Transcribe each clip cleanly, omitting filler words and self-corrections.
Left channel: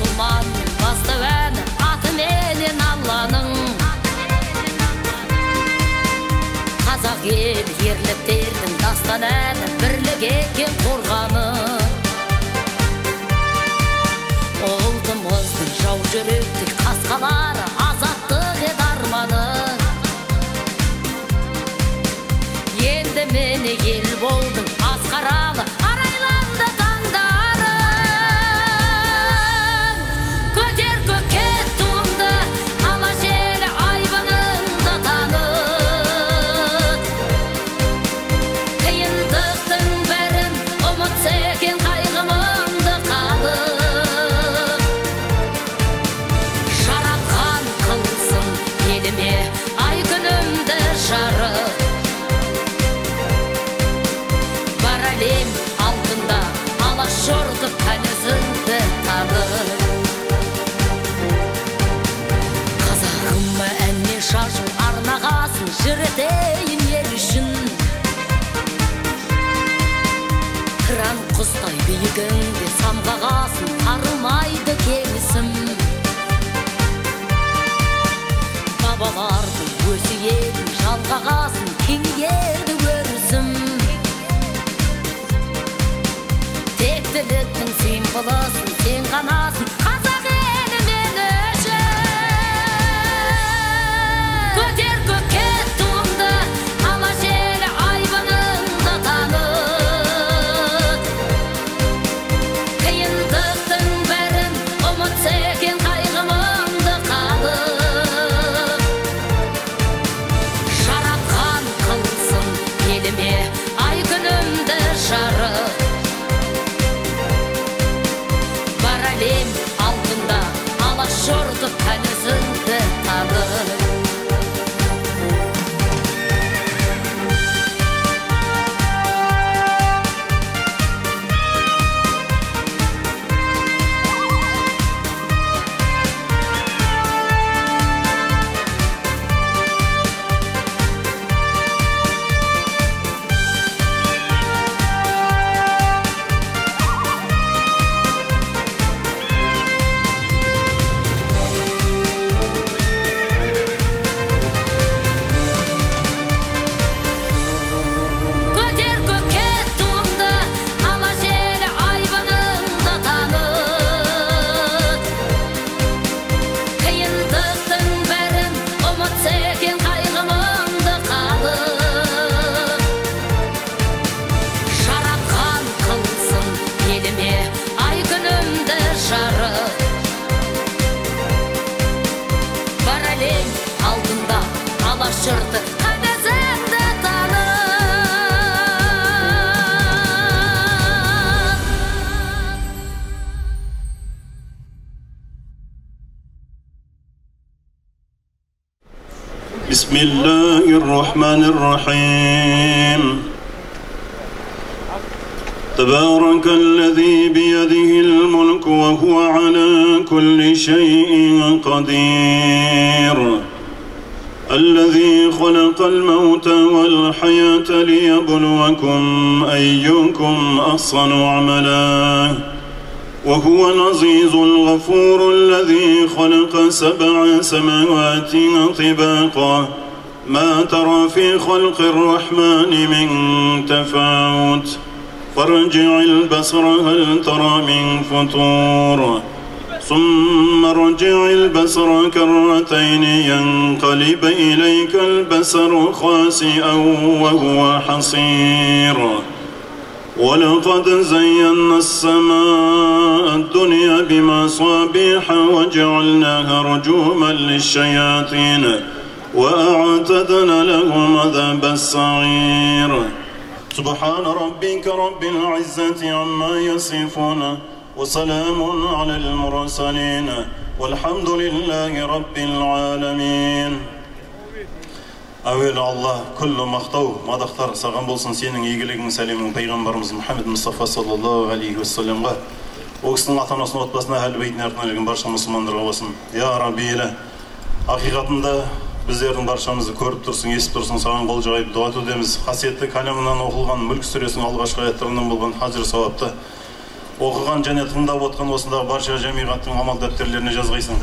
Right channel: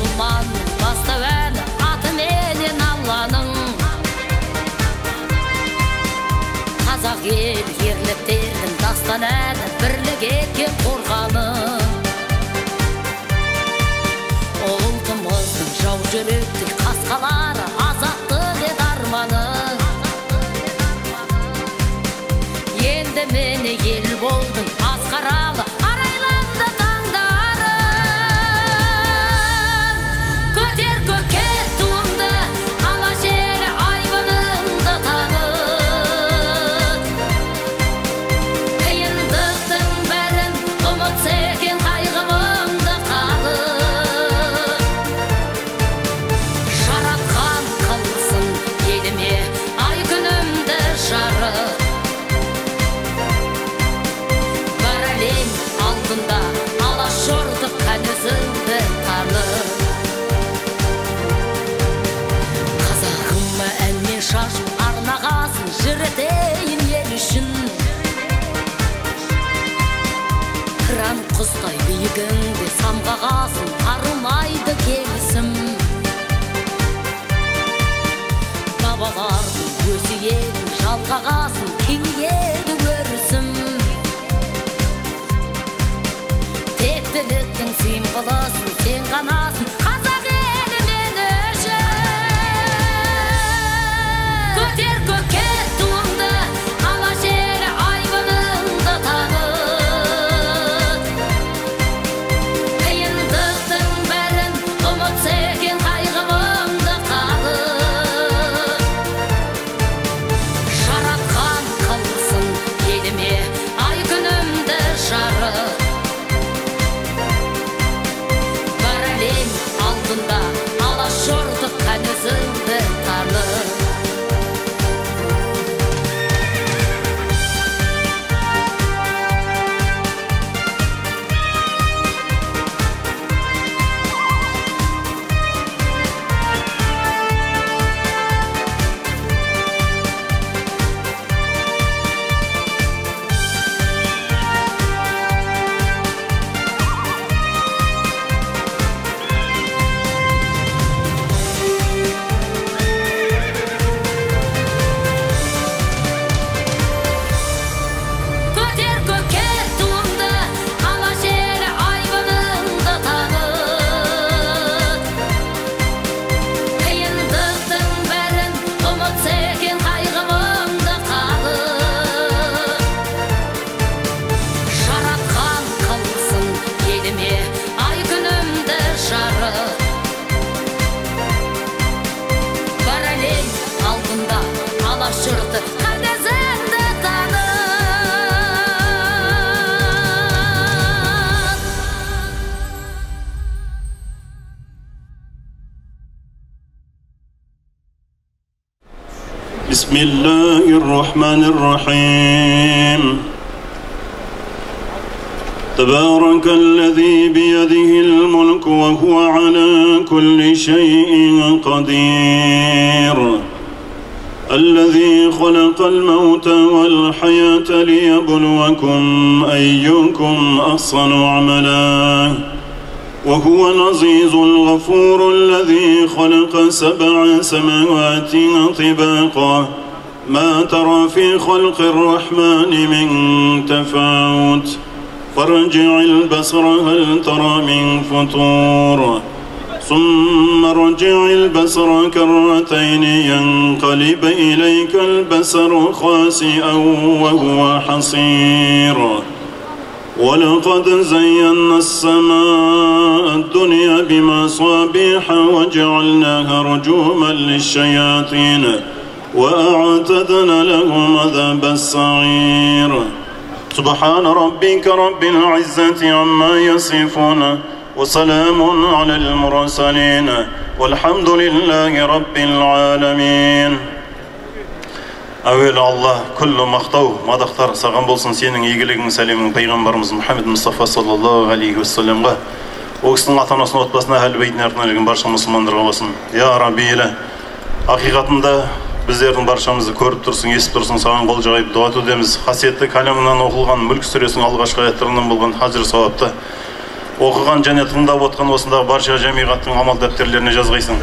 мұсылманның бастау әні аты менен Алланың. Қазақ ел ерліктердің дастан әні бірлік еткен қорғаны. Ұлтымыздың жау жүректік қасқалары азаттық ет арманы. Енді мені ел болдың асқаралы арайланды таңдарың. Көтер көкке туыңды ала желі айбыныңды таныт. Қиындықтың бәрін ұмытса екен қайғымыңды қалып. Жаратқан қылсын еліме ай күнімді жарық. Әлем алдында алашордық кәнізіңді танып. Қазағыма әнмен шашу арнағасын жыретейін ел үшін. Қыран құстай биігіңде самғағасын арымайды келісім. Бабалардың өсиетін жалғағасын кеңейеді өрісім. Тектіліктің символысын сен ғанасың қазақ елі мен үшін. Көтер көкке туыңды ала желі айбыныңды таныт. Қиындықтың бәрін ұмытса екен қайғымыңды қалып. Жаратқан қылсын еліме ай күнімді жарық. Әлем алдында алашордық кәнізіңді танып. Ай күнімді жарық. Бар әлем алдында алашордық кәнізіңді танып. Bismillahirrahmanirrahim. تبارك الذي بيده الملك وهو على كل شيء قدير. الذي خلق الموت والحياة ليبلوكم أيكم أحسن عملا وهو العزيز الغفور. الذي خلق 7 سماوات طباقا ما ترى في خلق الرحمن من تفاوت فارجع البصر هل ترى من فطور ثم ارجع البصر كرتين ينقلب إليك البصر خاسئا وهو حصير. ولقد زينا السماء الدنيا بمصابيح وجعلناها رجوما للشياطين وأعتدنا لهم عذاب السعير. سبحان ربك رب العزة عما يصفون وسلام على المرسلين والحمد لله رب العالمين. Әуелі Алла, күллі мақтау, мадақтар саған болсын сенің игілігің, сәлемің пайғамбарымыз Мұхаммед Мұстафа саллаллаху алейхи уассаламға, о кісінің ата-анасының отбасына, әл-бейтіне артынан барша мұсылмандарға болсын. Я Рабби елі, ақиқатында біздердің баршамызды көріп тұрсың, естіп тұрсың, саған қол жайып дұға етудеміз. Қасиетті кәлімінен оқылған Мүлк сүресінің алғашқы аяттарынан болған хажр сауапты Оқыған және тыңдап отқан осындағы барша жамиғаттың амал дәптерлеріне жазғайсың.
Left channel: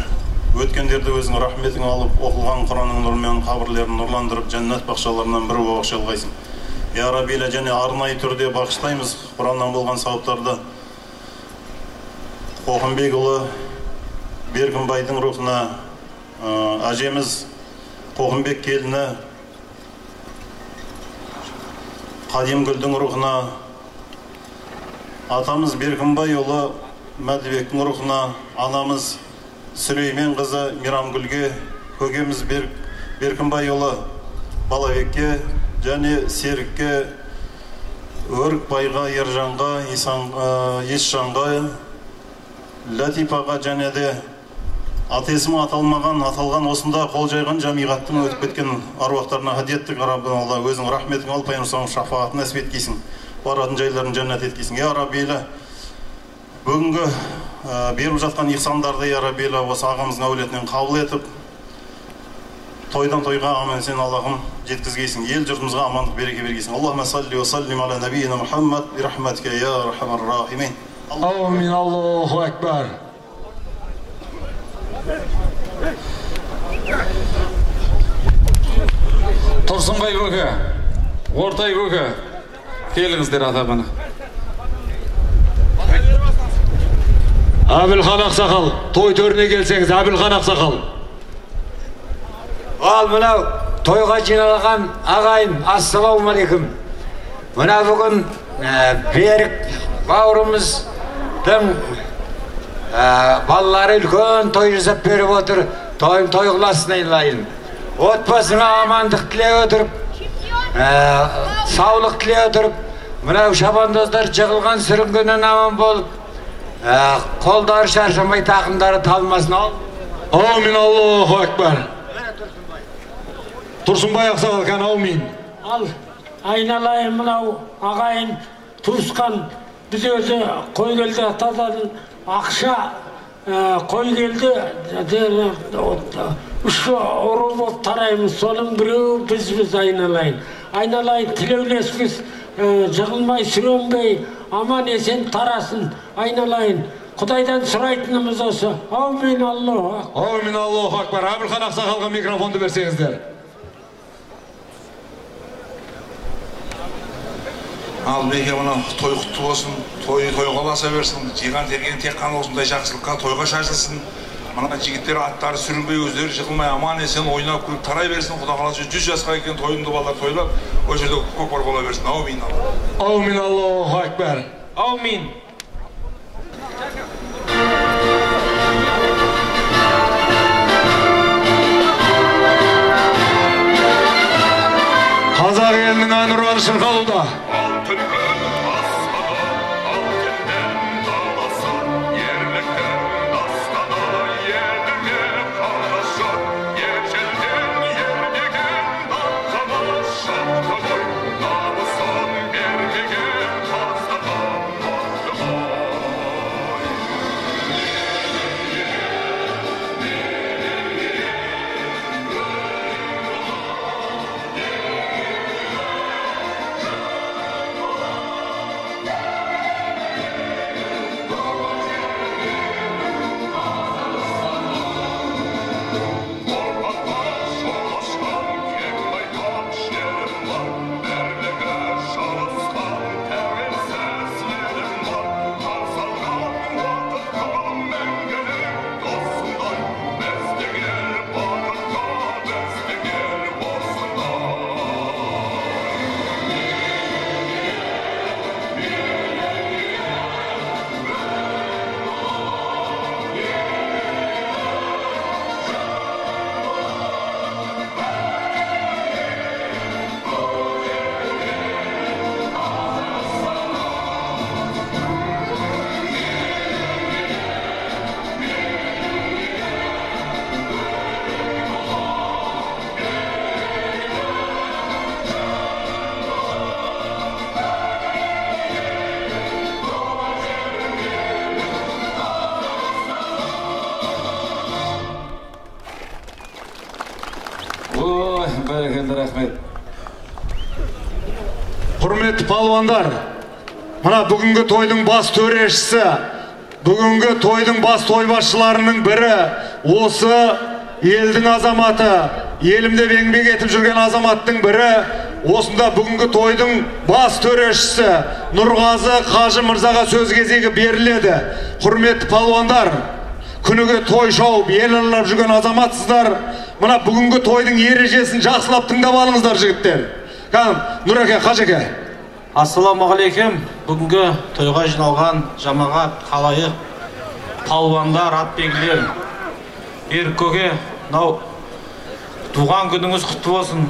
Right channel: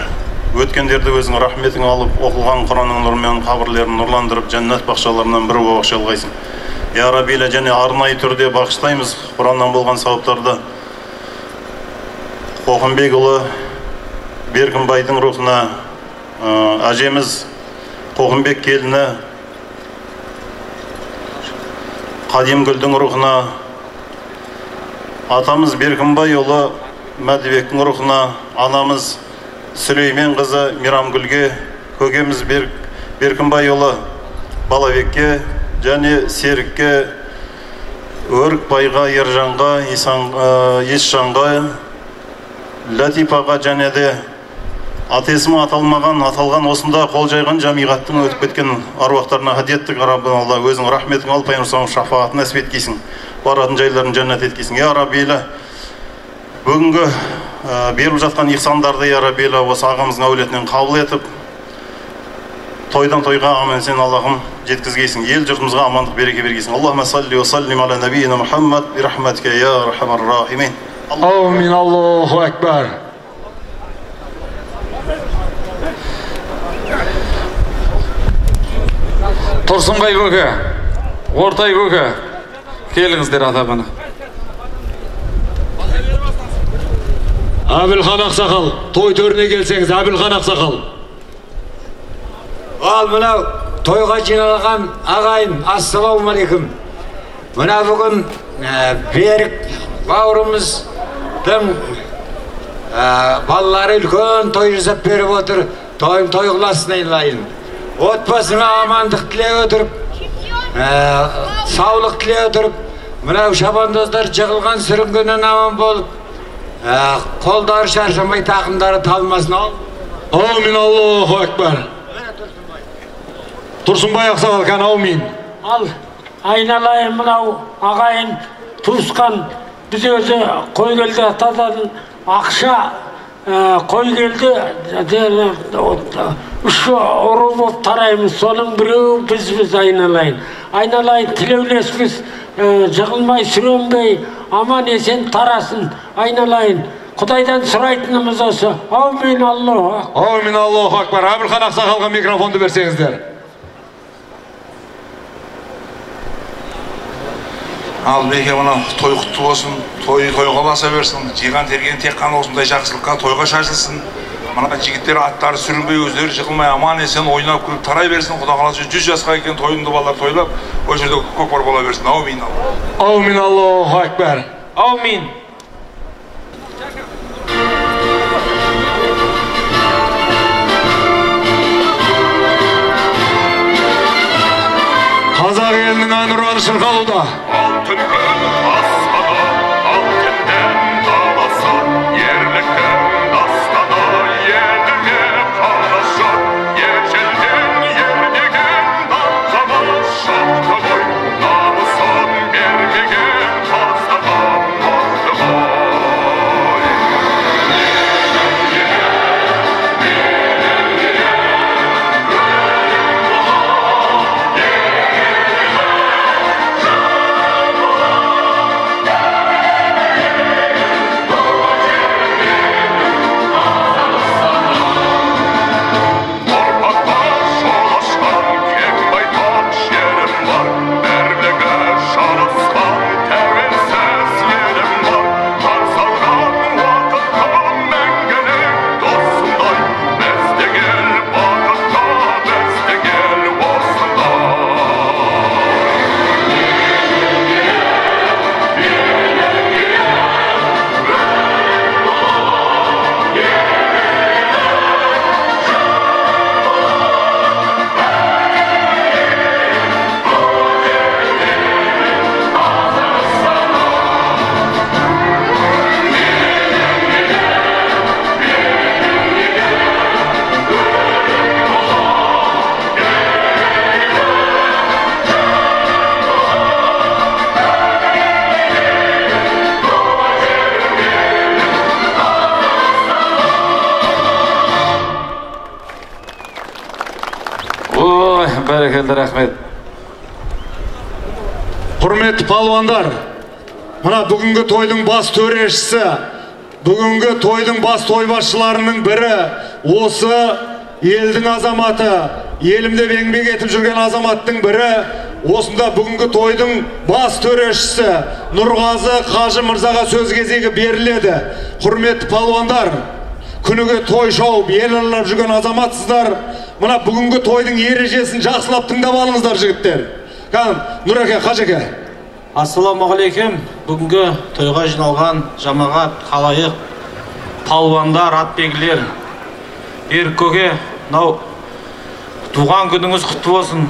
Өткендерді өзің рахметің алып, оқылған Құранның нұрымен қабірлерін нұрландырып, жәннат бақшаларынан бір бағшалғайсың. Я Раббилә, және арнайы түрде бағыштаймыз Құраннан болған сауаптарды Қоқымбекұлы Беркінбайдың рухына, әжеміз Қоқымбек келіні Қадимгүлдің рухына, атамыз Беркінбайұлы Мәдібектің рухына, анамыз Сүлеймен қызы Мирамгүлге, көкеміз Беркінбайұлы Балабекке және Серікке, Өрікбайға, Ержанға, Есжанға, Латипаға және де атесімі аталған осында қол жайған жамиғаттың өтіп кеткен аруақтарына хадиеттік Раббын Алла өзің рахметің алып, пайғамбар шафаатын нәсіп еткейсің, баратын жайларын жәннат еткейсің. Я Раббилә, бүгінгі беріп жатқан ихсандарды, Я Раббилә, осы ағамыздың әулетінен қабыл етіп, тойдан тойға аман сен Аллахым жеткізгейсің, ел жұртымызға амандық береке бергейсің. Аллахумма салли ва саллим аля набийина Мухаммад би рахматика я архамар рахимин. Амин. Аллаху акбар. Тұрсынбай көке, Ортай көке, келіңіздер атабына. Әбілхан Ақсақал, той төріне келсеңіз, Әбілхан Ақсақал. Ал мынау тойға жиналған ағайын, ассалаумалейкум. Мына бүгін Берік бауырымыздың балалары үлкен той жасап беріп отыр. Тойым той қыласын айналайын. Отбасыңа амандық тілей отырып, саулық тілей отырып, мынау шабандоздар жығылған сүрінгеннен аман болып, қолдары шаршамай, тақымдары талмасын. Амин. Аллаху акбар. Тұрсынбай Ақсақал қан, аумин. Ал айналайын мынау ағайын туысқан, біз өзі қой келді атадан ақша қой келді, үш ұры болып тараймыз, соның біреу біз айналайын. Айналайын тілеулеспіз, жығылмай сүренбей, аман есен тарасын, айналайын. Құдайдан сұрайтынымыз осы. Аумин. Аллаху. Аумин. Аллаху акбар. Әбілхан Ақсақалға микрофонды берсеңіздер. Ал беке, мына той құтты болсын, тойға баса берсін, жиған терген тек қана осындай жақсылыққа тойға шашылсын. Мына жігіттер аттары сүрінбей, өздері жығылмай, аман есен ойнап күліп тарай берсін. Құда қаласа 100 жасқа екен тойынды балалар тойлап, ол жерде көкпар бола берсін. Аумин. Аумин. Аллаху акбар. Аумин. Қазақ елінің әнұраны шырқалуда. Бәрекелді, рахмет. Құрметті палуандар, Мына бүгінгі тойдың бас төрешісі, бүгінгі тойдың бас тойбасшыларының бірі, осы елдің азаматы, елімде еңбек етіп жүрген азаматтың бірі, осында бүгінгі тойдың бас төрешісі Нұрғазы Қажы Мырзаға сөз кезегі беріледі. Құрметті палуандар, күніге той шауып, ел аралап жүрген азаматсыздар, мына бүгінгі тойдың ережесін жақсылап тыңдап алыңыздар жігіттер. Нұреке, Қажеке. Ассаламағалейкум. Бүгінгі тойға жиналған жамағат, халайық, палуандар, атбегілер, көке, туған күніңіз құтты болсын,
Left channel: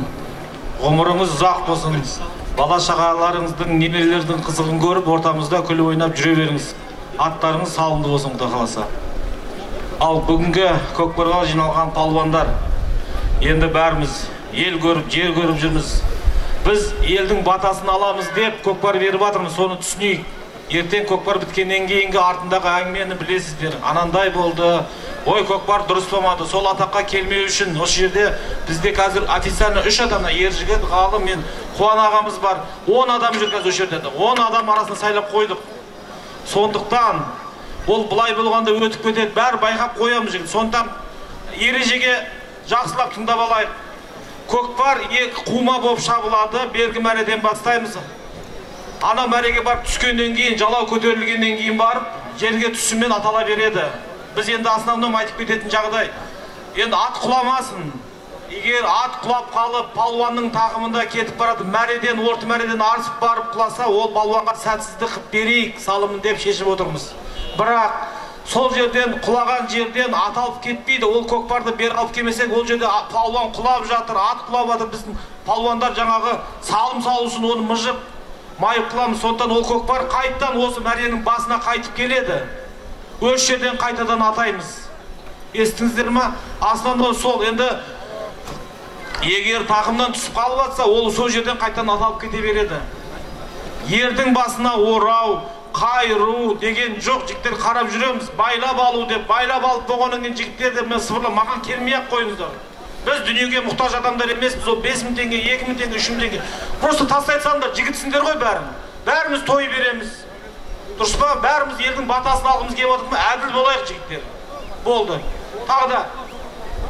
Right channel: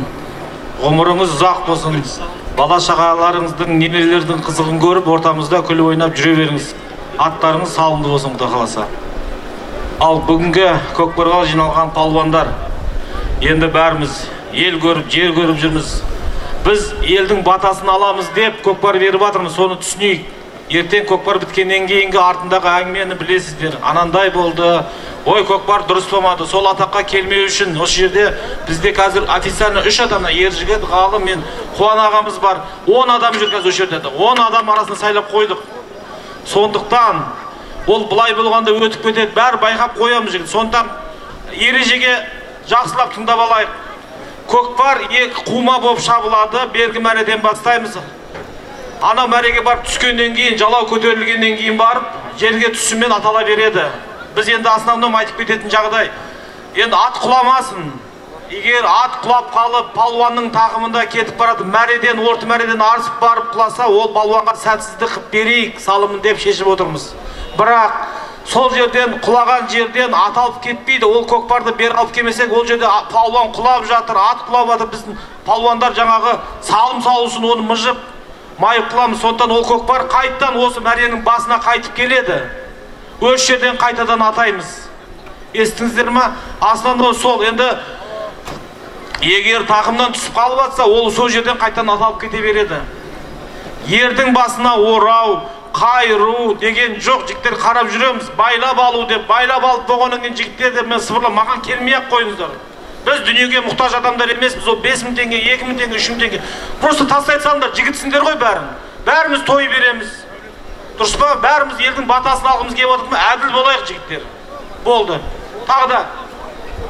ғұмырыңыз ұзақ болсын, бала шағаларыңыздың, немерелердің қызығын көріп, ортамызда күліп ойнап жүре беріңіз. Аттарыңыз салымды болсын, Құдай қаласа. Ал бүгінгі көкпарға жиналған палуандар, енді бәріміз ел көріп, жер көріп жүрміз. Біз елдің батасын аламыз деп көкпар беріп жатырмыз, соны түсінейік. Ертең көкпар біткеннен кейінгі артындағы әңгімені білесіздер. Анандай болды, ой көкпар дұрыс болмады, сол атаққа келмеу үшін осы жерде бізде қазір официально 3 адамнан Ержігіт, Ғалым, мен Қуан ағамыз бар. 10 адам жүр қазір осы жерде. 10 адам арасында сайлап қойдық. Сондықтан ол былай болғанда өтіп кетеді, бәрі байқап қоямыз жігіт. Сондықтан ережеге жақсылап тыңдап алайық. Көкпар екі қума болып шабылады, бергі мәреден бастаймыз. Ана мәреге барып түскеннен кейін, жалау көтерілгеннен кейін барып, жерге түсімен атала береді. Біз енді основном айтып кететін жағдай. Енді ат құламасын. Егер ат құлап қалып, палуанның тақымында кетіп барады, мәреден, орты мәреден арсып барып құласа, ол палуанға сәтсіздік қып берейік, салымын деп шешіп отырмыз. Бірақ сол жерден, құлаған жерден ат алып кетпейді. Ол көкпарды бер алып келмесек, ол жерде палуан құлап жатыр, ат құлап жатыр. Біздің палуандар жаңағы салым салусын, оны мыжып, майып қыламыз. Сондықтан ол көкпар қайттан осы мәренің басына қайтып келеді. Өз жерден қайтадан атаймыз. Естіңіздер ма? Основной сол. Енді егер тақымдан түсіп қалып жатса, ол сол жерден қайтадан аталып кете береді. Ердің басына орау, қайыру деген жоқ, жігіттер қарап жүреміз. Байлап алу деп, байлап алып болғаннан кейін жігіттер деп мен сыбырлап, маған келмей-ақ қойыңыздар. Біз дүниеге мұқтаж адамдар емеспіз. Ол 5000 теңге, 2000 теңге, 3000 теңге. Просто тастай салыңдар, жігітсіңдер ғой бәрін. Бәріміз той береміз. Дұрыс па? Бәріміз елдің батасын алғымыз келіп отырмыз. Әділ болайық жігіттер. Болды. Тағы да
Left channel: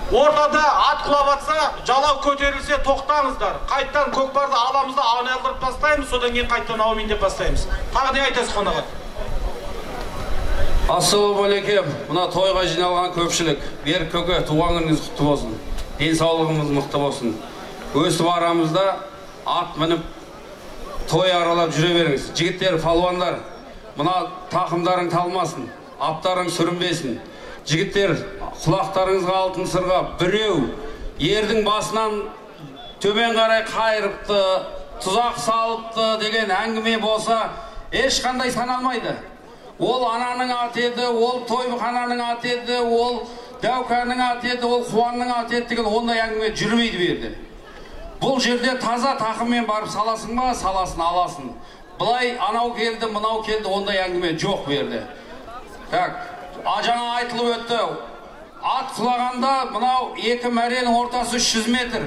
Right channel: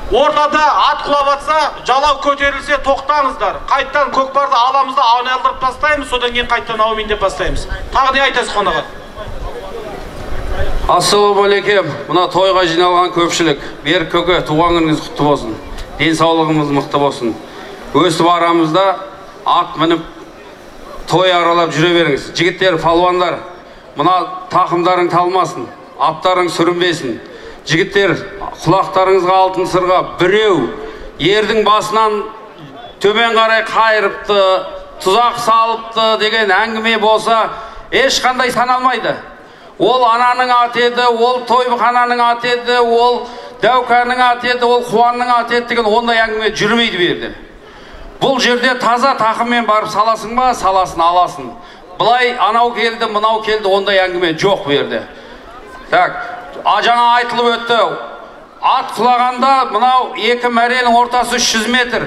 ортада ат құлап жатса, жалау көтерілсе тоқтаңыздар. Қайттан көкпарды аламыз да айналдырып тастаймыз, содан кейін қайттан аумин деп бастаймыз. Тағы не айтасыз қонаға? Ассалаумағалейкум. Мына тойға жиналған көпшілік, бер көке, туған күніңіз құтты болсын. Денсаулығымыз мықты болсын. Өстіп арамызда ат мініп той аралап жүре беріңіз. Жігіттер, палуандар, мына тақымдарың талмасын, аттарың сүрінбесін. Жігіттер, құлақтарыңызға алтын сырға, біреу ердің басынан төмен қарай қайырыпты, тұзақ салыпты деген әңгіме болса, ешқандай саналмайды. Ол ананың аты еді, ол тойхананың аты еді, ол Дәукәнің аты еді, ол Қуанның аты еді деген ондай әңгіме жүрмейді берді. Бұл жерде таза тақыммен барып саласың ба, саласын, аласын. Бұлай анау келді, мынау келді, ондай әңгіме жоқ берді. Так, жаңа айтылып өтті. Ат құлағанда мынау екі мәренің ортасы 300 метр.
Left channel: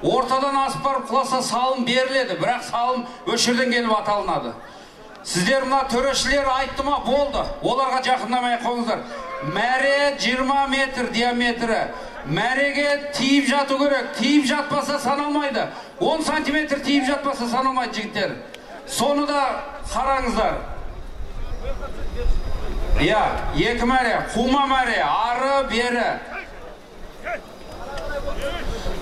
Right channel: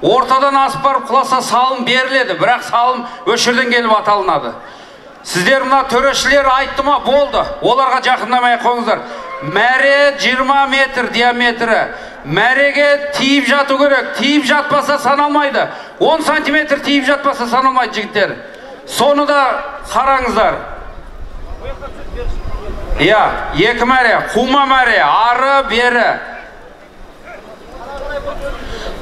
Ортадан асып барып құласа салым беріледі, бірақ салым өшірден келіп аталынады. Сіздер мына төрешілер айтты ма, болды. Оларға жақындамай қойыңыздар. Мәре 20 метр диаметрі. Мәреге тиіп жату керек. Тиіп жатпаса саналмайды. 10 сантиметр тиіп жатпаса саналмайды жігіттер. Соны да қараңыздар. Екі мәре, қума мәре, ары бері.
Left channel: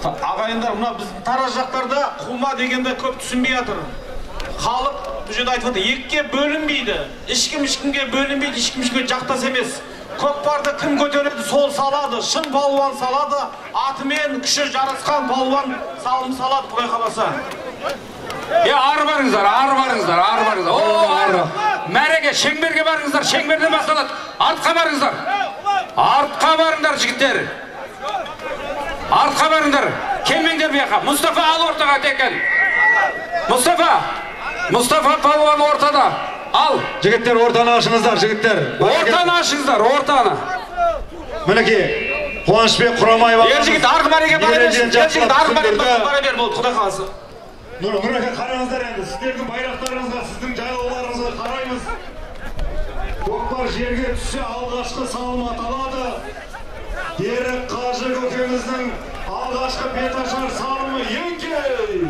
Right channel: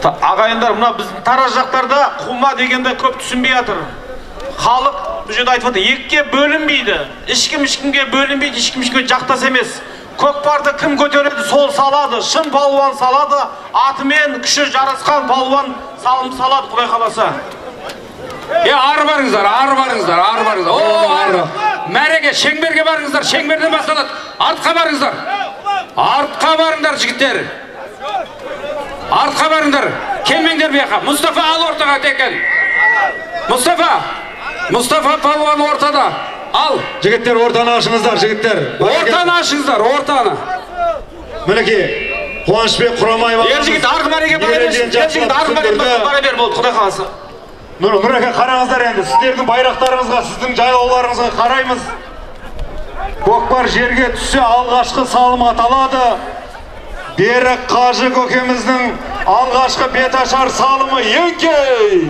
Ағайындар, мына біздің Тараз жақтарда қума дегенде көп түсінбей жатыр. Халық бұл жерде айтып отыр, екіге бөлінбейді. Ешкімге бөлінбейді, ешкімге жақтас емес. Көкпарды кім көтереді, сол салады. Шын палуан салады, атымен күші жарасқан палуан салым салады, Құдай қаласа. Ары барыңыздар. Мәреге, шеңберге барыңыздар, шеңберден басталады. Артқа барыңдар жігіттер. Артқа барыңдар. Келмеңдер бияқа. Мұстафа ал ортаға текен. Мұстафа палуан ортада. Ал. Жігіттер, ортаны ашыңыздар, жігіттер. Ортаны ашыңыздар, ортаны. Мінекей, Қуанышбек Құрамаев ағамыз. Ержігіт арғы мәреге бара бер, болды, Құдай қаласа. Нұреке қараңыздар енді, сіздердің байрақтарыңызға, сіздің жайлауларыңызға қараймыз. Көкпар жерге түссе алғашқы салым аталады. Берік Қажы көкеміздің алғашқы беташар салымы еңкей!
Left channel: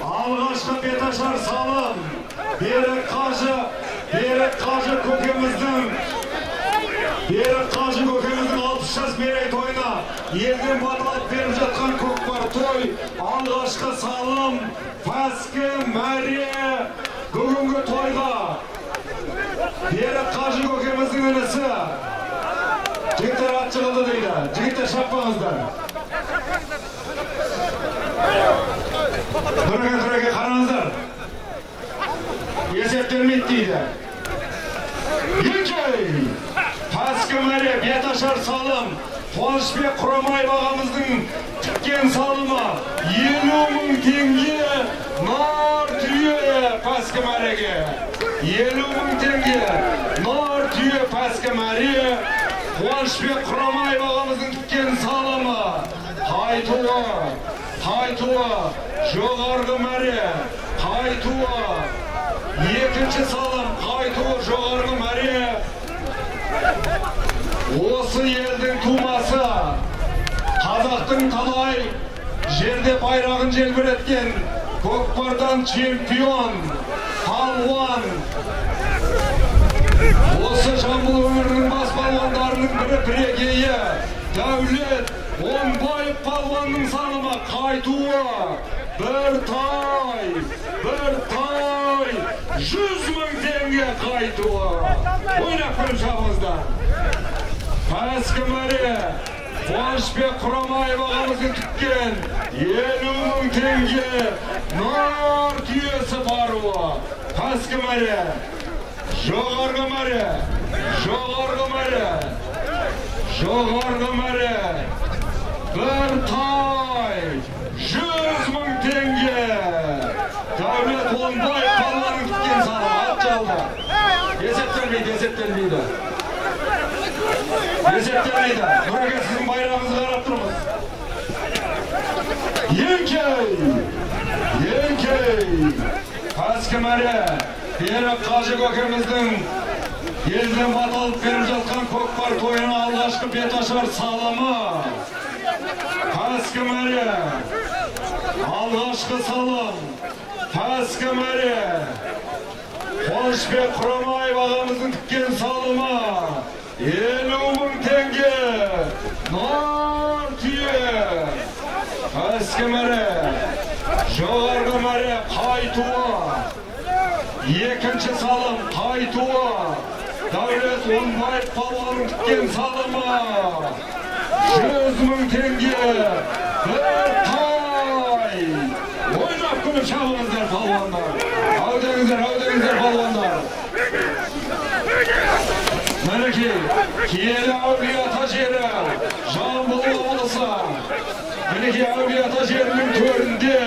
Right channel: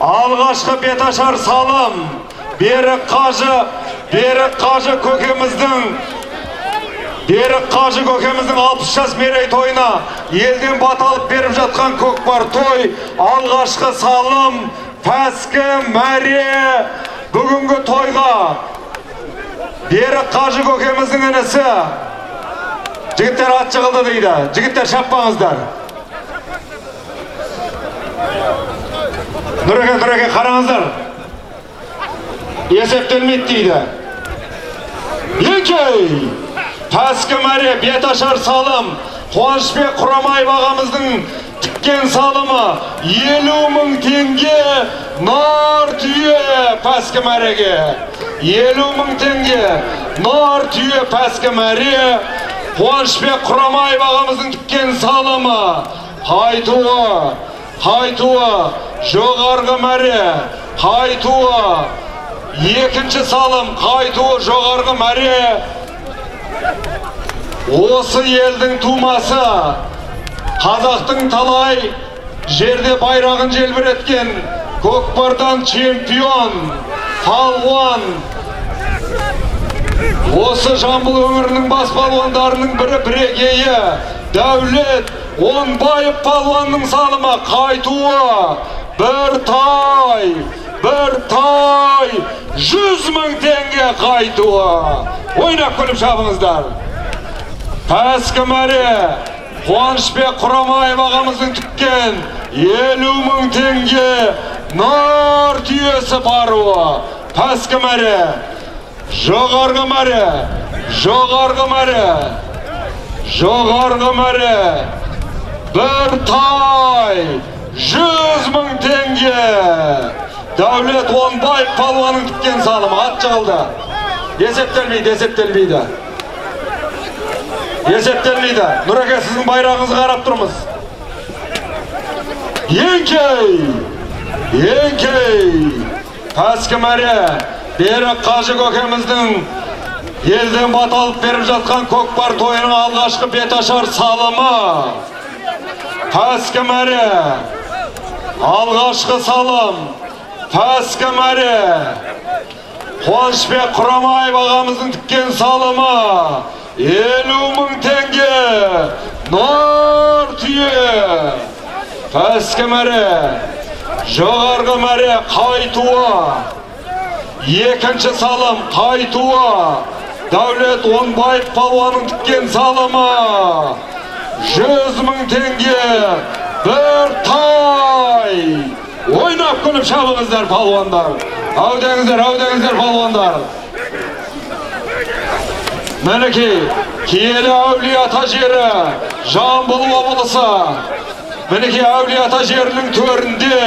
Алғашқы беташар салым Берік Қажы көкеміздің 60 жас мерейтойына елден баталып беріп жатқан көкпар той. Алғашқы салым Пәскі мәре бүгінгі тойға Берік Қажы көкеміздің інісі. Жігіттер ат жығылды дейді. Жігіттер шаппаңыздар. Нұреке қараңыздар. Есептелмейді дейді. Еңкей! Пәскі мәре беташар салым Қуанышбек Құрамаев ағамыздың тіккен салымы 50.000 теңге нар түйе Пәскі мәреге. 50.000 теңге нар түйе Пәскі мәре Қуанышбек Құрамаев ағамыздың тіккен салымы. Қайтуы жоғарғы мәре. Қайтуы екінші салым. Қайтуы жоғарғы мәре. Осы елдің тумасы, қазақтың талай жерде байрағын желбіреткен көкпардан чемпион, палуан. Осы Жамбыл өңірінің бас палуандарының бірегейі Дәулет Оңбаев палуанның салымы. Қайтуы бір тай 100.000 теңге қайтуы. Ойнап күліп шабыңыздар. Пәскі мәре Қуанышбек Құрамаев ағамыздың тіккен 50.000 теңге нар түйесі паруы. Пәскі мәре. Жоғарғы мәре. Бір тай 100.000 теңге. Дәулет Оңбаев палуанның тіккен салымы. Ат жығылды. Есептелмейді. Нұреке, сіздің байрағыңызға қарап тұрмыз. Еңкей! Пәскі мәре Берік Қажы көкеміздің елден баталып беріп жатқан көкпар тойының алғашқы беташар салымы. Пәскі мәре. Алғашқы салым Пәскі мәре. Қуанышбек Құрамаев ағамыздың тіккен салымы. 50.000 теңге нар түйе. Пәскі мәре. Жоғарғы мәре. Қайтуы. Екінші салым қайтуы. Дәулет Оңбаев палуанның тіккен салымы. 100.000 теңге. Бір тай. Ойнап күліп шабыңыздар палуандар. Әудеңіздер палуандар. Мінекей, киелі Әулиеата жері, Жамбыл облысы. Мінекей Әулиеата жерінің төрінде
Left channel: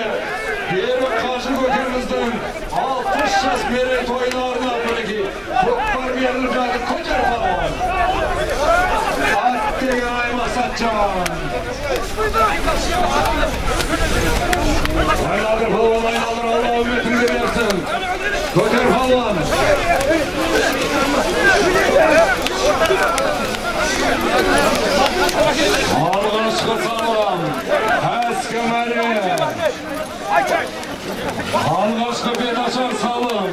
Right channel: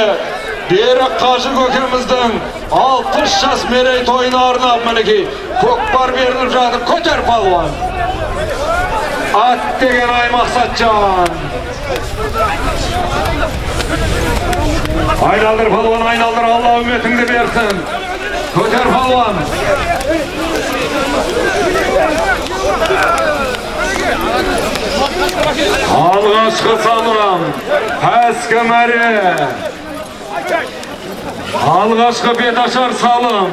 Берік Қажы көкеміздің 60 жас мерейтойына арнап мінекей көкпар беріліп жатыр. Көтер палуан. Ат деген Аймақсатжан. Айналдыр палуан, айналдыр, Алла үмметіңді берсін. Көтер палуан. Алғашқы салым Пәскі мәре. Алғашқы беташар салым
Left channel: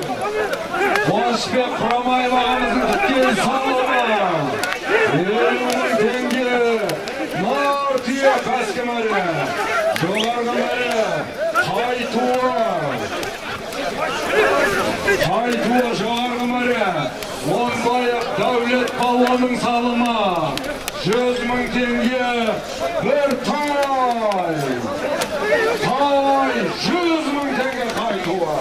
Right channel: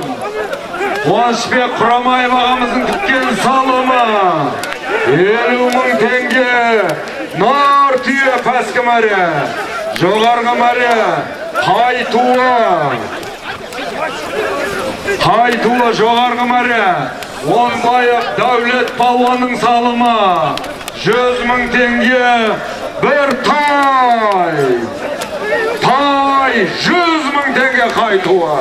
Қуанышбек Құрамаев ағамыздың тіккен салымы. 50.000 теңге нар түйе Пәскі мәре. Жоғарғы мәре. Қайтуы жоғарғы мәре. Оңбаев Дәулет палуанның салымы. 100.000 теңге. Бір тай. 100.000 теңге қайтуы.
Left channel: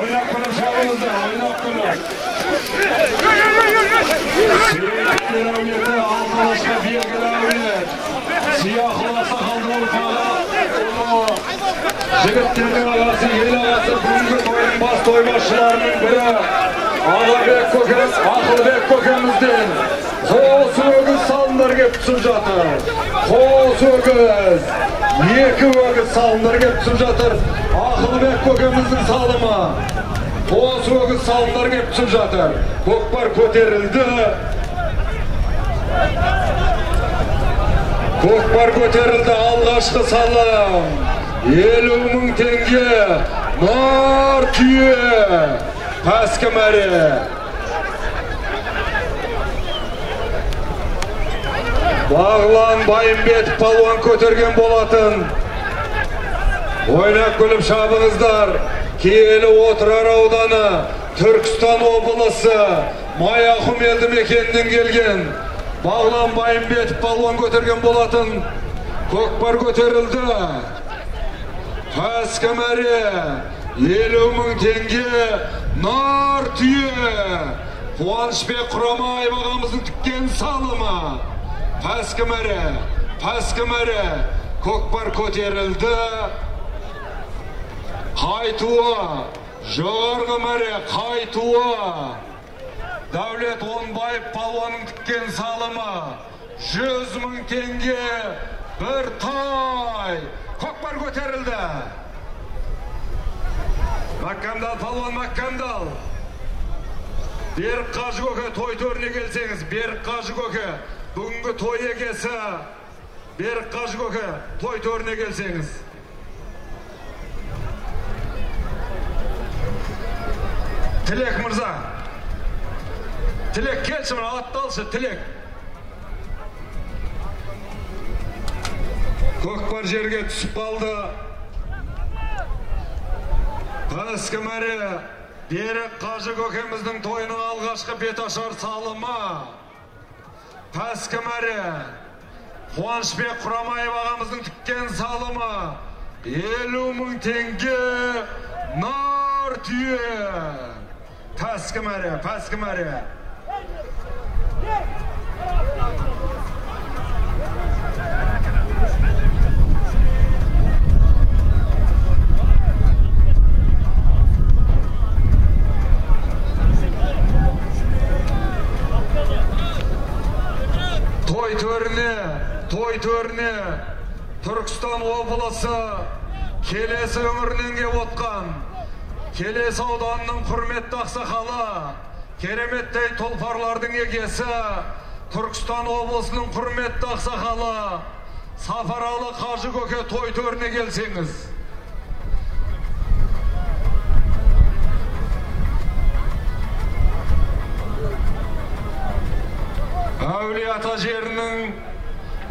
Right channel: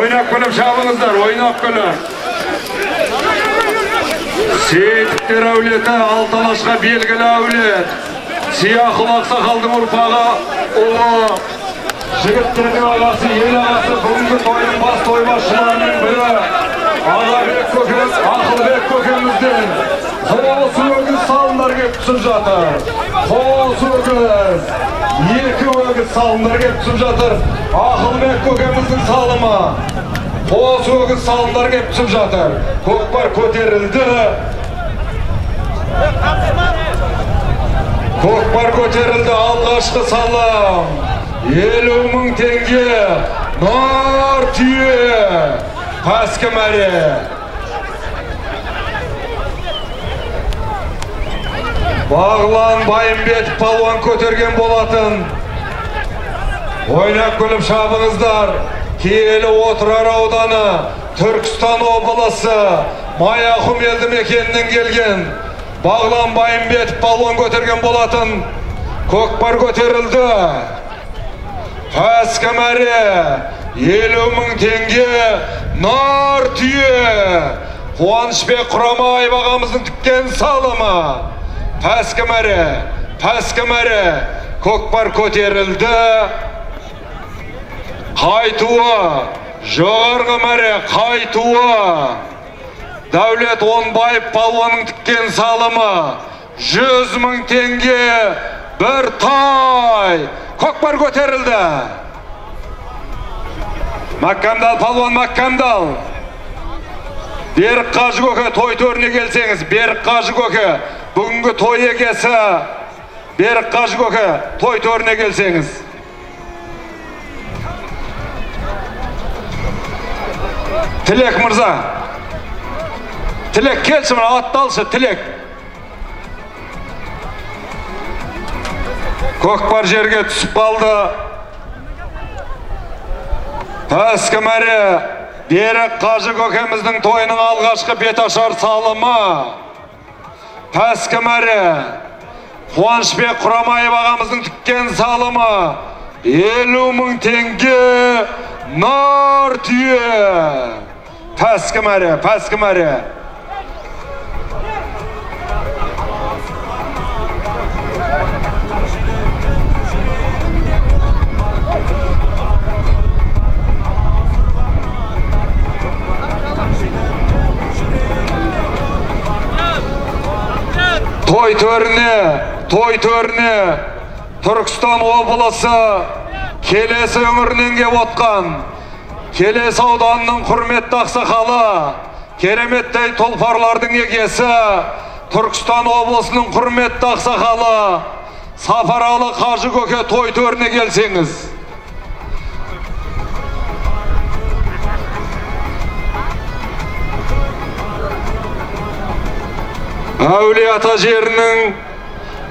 Ойнап күліп шабыңыздар, ойнап күліп. Сейіттер әулеті Алталашқа белгілі әулет. Сияқыл ақсақалдың ұрпағы ұлы. Жігіттердің ағасы, ел ағасы, бүгінгі тойдың бас тойбасшыларының бірі Ақылбек көкемізден қос өгіз салындар кеп түсіп жатыр. Қос өгіз, екі өгіз salımдар kep түсіп жатыр. Ақылбек көкеміздің салымы. Қос өгіз салымдар кеп түсіп жатыр. Көкпар көтерілді. Көкпар көтерілді. Алғашқы салым. 50.000 теңге. Нар түйе. Пәскі мәре. Бағлан Байымбетов палуан көтерген болатын. Ойнап күліп шабыңыздар. Киелі Отырар ауданы, Түркістан облысы, Маяқұм елді мекенінен келген. Бағлан Байымбетов палуан көтерген болатын. Көкпар көтерілді. Пәскі мәре. 50.000 теңге. Нар түйе. Қуанышбек Құрамаев ағамыздың тіккен салымы. Пәскі мәре, көкпар көтерілді. Қайтуы, жоғарғы мәре, қайтуы. Дәулет Онбаев палуанның тіккен салымы. 100.000 теңге, бір тай. Көкпар көтерілді. Маккамдал, палуан Маккамдал. Берік Қажы көке, той төріне келсеңіз. Берік Қажы көке. Бүгінгі той егесі Берік Қажы көке, той төріне келсеңіз. Тілек мырза. Тілек келші, мұна атталшы, Тілек. Көкпар жерге түсіп қалды. Пәскі мәре. Берік Қажы көкеміздің тойының алғашқы беташар салымы. Пәскі мәре. Қуанышбек Құрамаев ағамыздың тіккен салымы. 50.000 теңге. Нар түйе. Пәскі мәре. Той төріне Түркістан облысы Келес өңірінен кеп отқан Келес ауданының құрметті ақсақалы, кереметтей тұлпарлардың егесі, Түркістан облысының құрметті ақсақалы, Сапаралы Қажы көке той төріне келсеңіз. Әулие-ата жерінің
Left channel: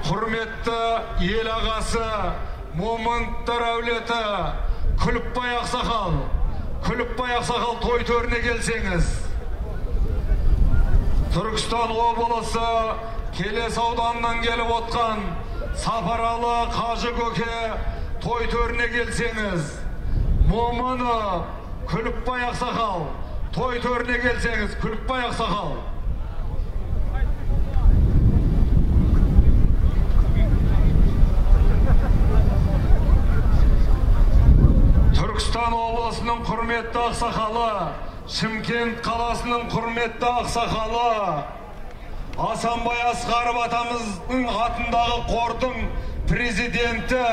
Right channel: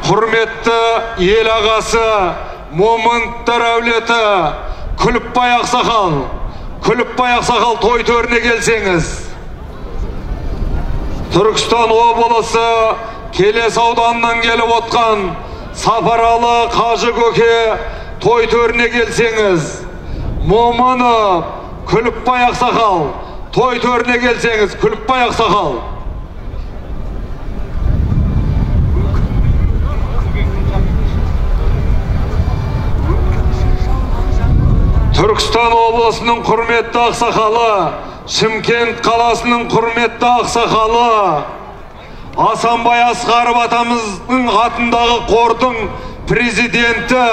құрметті ел ағасы, Момынттар әулеті, Күліпбай ақсақал той төріне келсеңіз. Түркістан облысы Келес ауданынан келіп отқан Сапаралы Қажы көке той төріне келсеңіз. Момынов Күліпбай ақсақал той төріне келсеңіз. Күліпбай ақсақал. Түркістан облысының құрметті ақсақалы, Шымкент қаласының құрметті ақсақалы, Асанбай Асқаров атамыздың атындағы қордың президенті,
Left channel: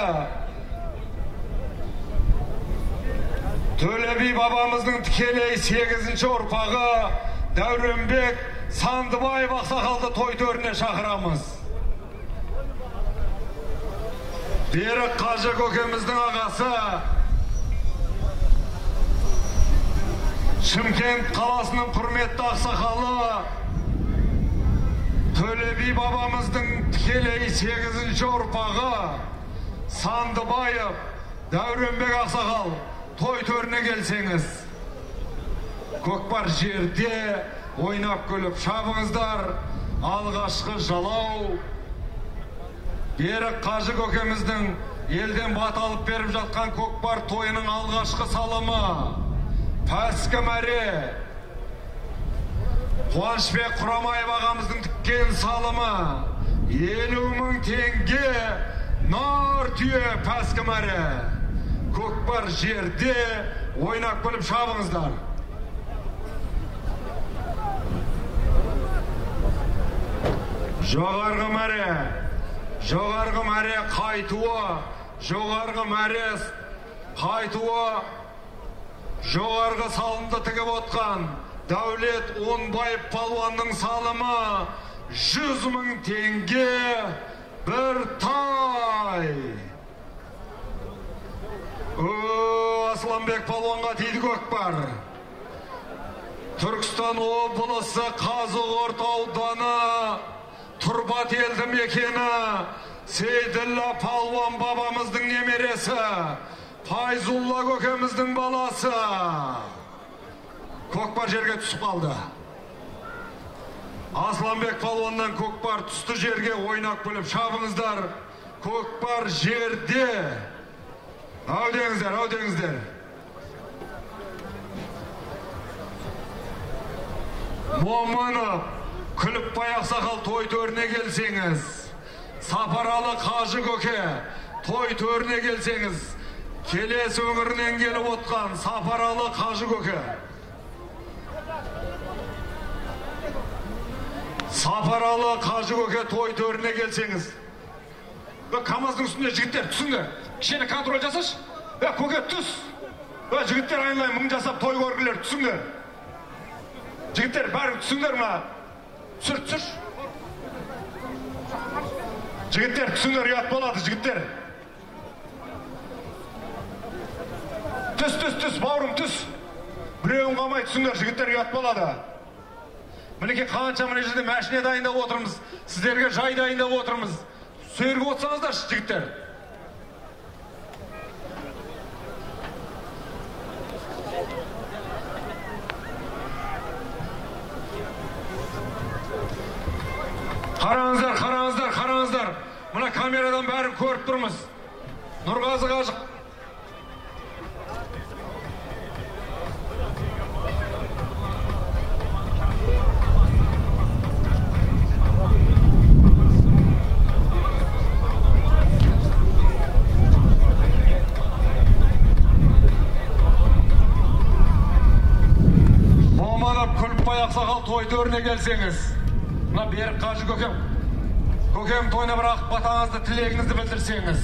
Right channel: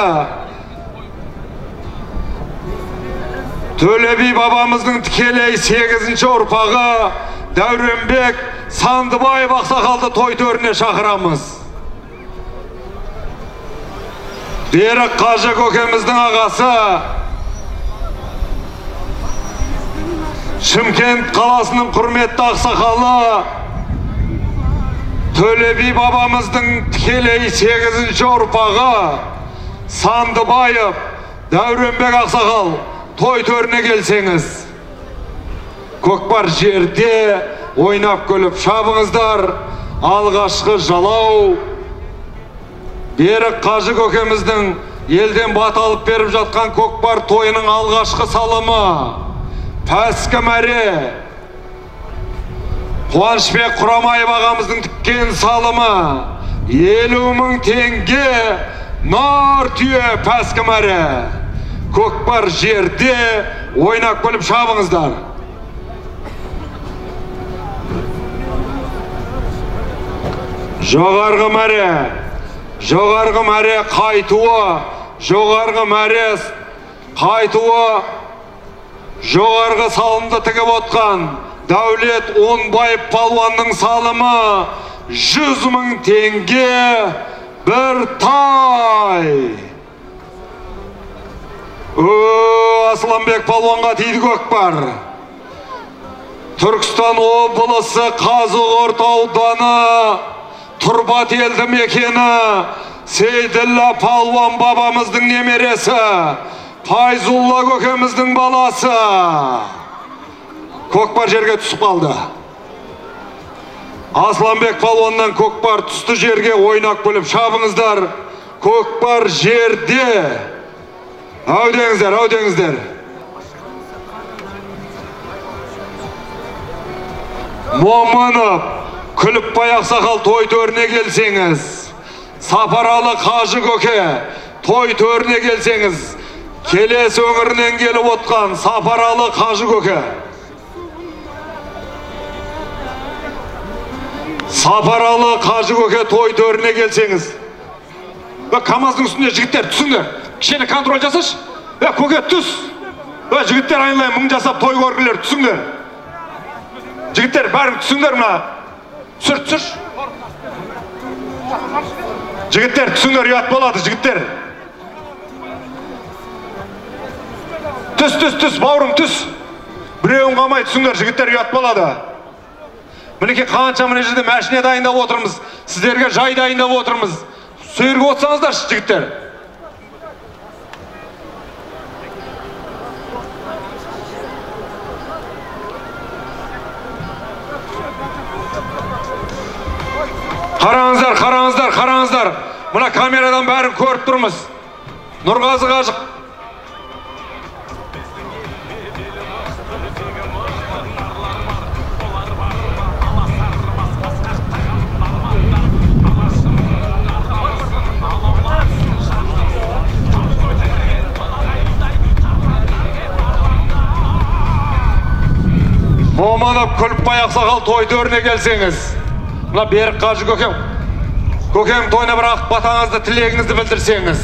Төлеби бабамыздың тікелей 8-ші ұрпағы Дәуренбек Сандыбаев ақсақалды той төріне шақырамыз. Берік Қажы көкеміздің ағасы, Шымкент қаласының құрметті ақсақалы, Төлеби бабамыздың тікелей 8-ші ұрпағы Сандыбаев Дәуренбек ақсақал той төріне келсеңіз. Көкпар жерде ойнап көліп шабыңыздар. Алғашқы жалау Берік Қажы көкеміздің елден бат алып беріп жатқан көкпар тойының алғашқы салымы. Пәскі мәре. Қуанышбек Құрамаев ағамыздың тіккен салымы. 50.000 теңге. Нар түйе. Пәскі мәре. Көкпар жерде ойнап көліп шабыңыздар. Жоғарғы мәре. Қайтуы жоғарғы мәрес қайтуы жоғарғы салымды тігіп отқан Дәулет Онбаев палуанның салымы 100 000 теңге бір тай. Асланбек палуанға тиді көкпар. Түркістан облысы Қазығұрт ауданы Тұрбат елді мекені Сейділла палуан бабамыздың немересі, Файзулла көкеміздің баласы. Көкпар жерге түсіп қалды. Асланбек палуаннан көкпар түсті жерге ойнақ бөліп шабыңыздар. Көкпар жерде. Әудеңіздер, әудеңіздер. Момынов, Күліпбай ақсақал той төріне келсеңіз. Сапаралы Қажы көке, той төріне келсеңіз. Келес өңірінен келіп отқан Сапаралы Қажы көке. Сапаралы Қажы көке той төріне келсеңіз. КамАЗдың үстінде жігіттер түсіңдер. Кішкене контроль жасашы. Көке түс. Жігіттер айналайын мың жасап той көргілер түсіңдер. Жігіттер бәрін түсіңдер мұна. Түсір. Жігіттер түсіңдер, ұят болады жігіттер. Түс, бауырым түс. Біреуін қамай түсіңдер, жігіттер ұят болады. Мінеке қанша міне жерде мәшіне дайындап отырмыз. Сіздерге жай дайындап отырмыз. Сүйірге отсаңыздар жігіттер. Қараңыздар. Мұна камерадан бәрін көріп тұрмыз. Нұрғазы Қажық. Моманов, Күліпбай ақсақал той төріне келсеңіз. Мұна Берік Қажы көкем. Көкем тойына бір ақ батаңызды, тілегіңізді білдірсеңіз.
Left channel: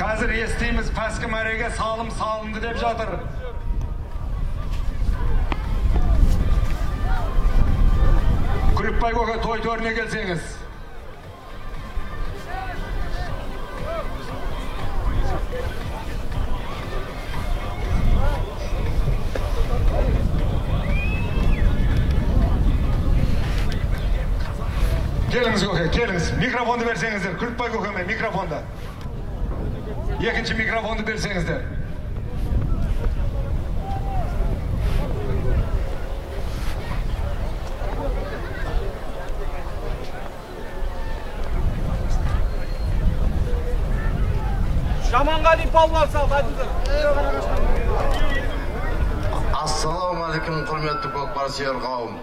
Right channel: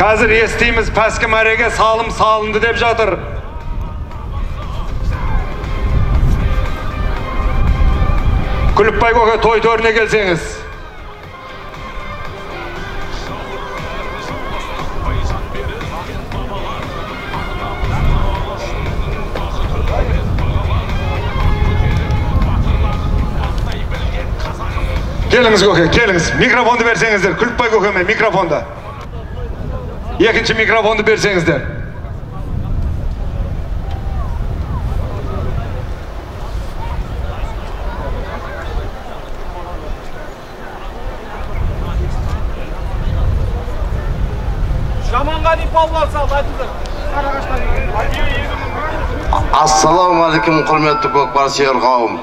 Қазір естейміз, пәскі мәреге салым салынды деп жатыр. Күліпбай көке той төріне келсеңіз. Келіңіз көке, келіңіз. Микрофонды берсеңіздер. Күліпбай көкеме микрофонды. Екінші микрофонды берсеңіздер. Жаманғали палуан салды, айтыңыздар. Ассаламағалейкум, құрметті көкпар сүйер қауым.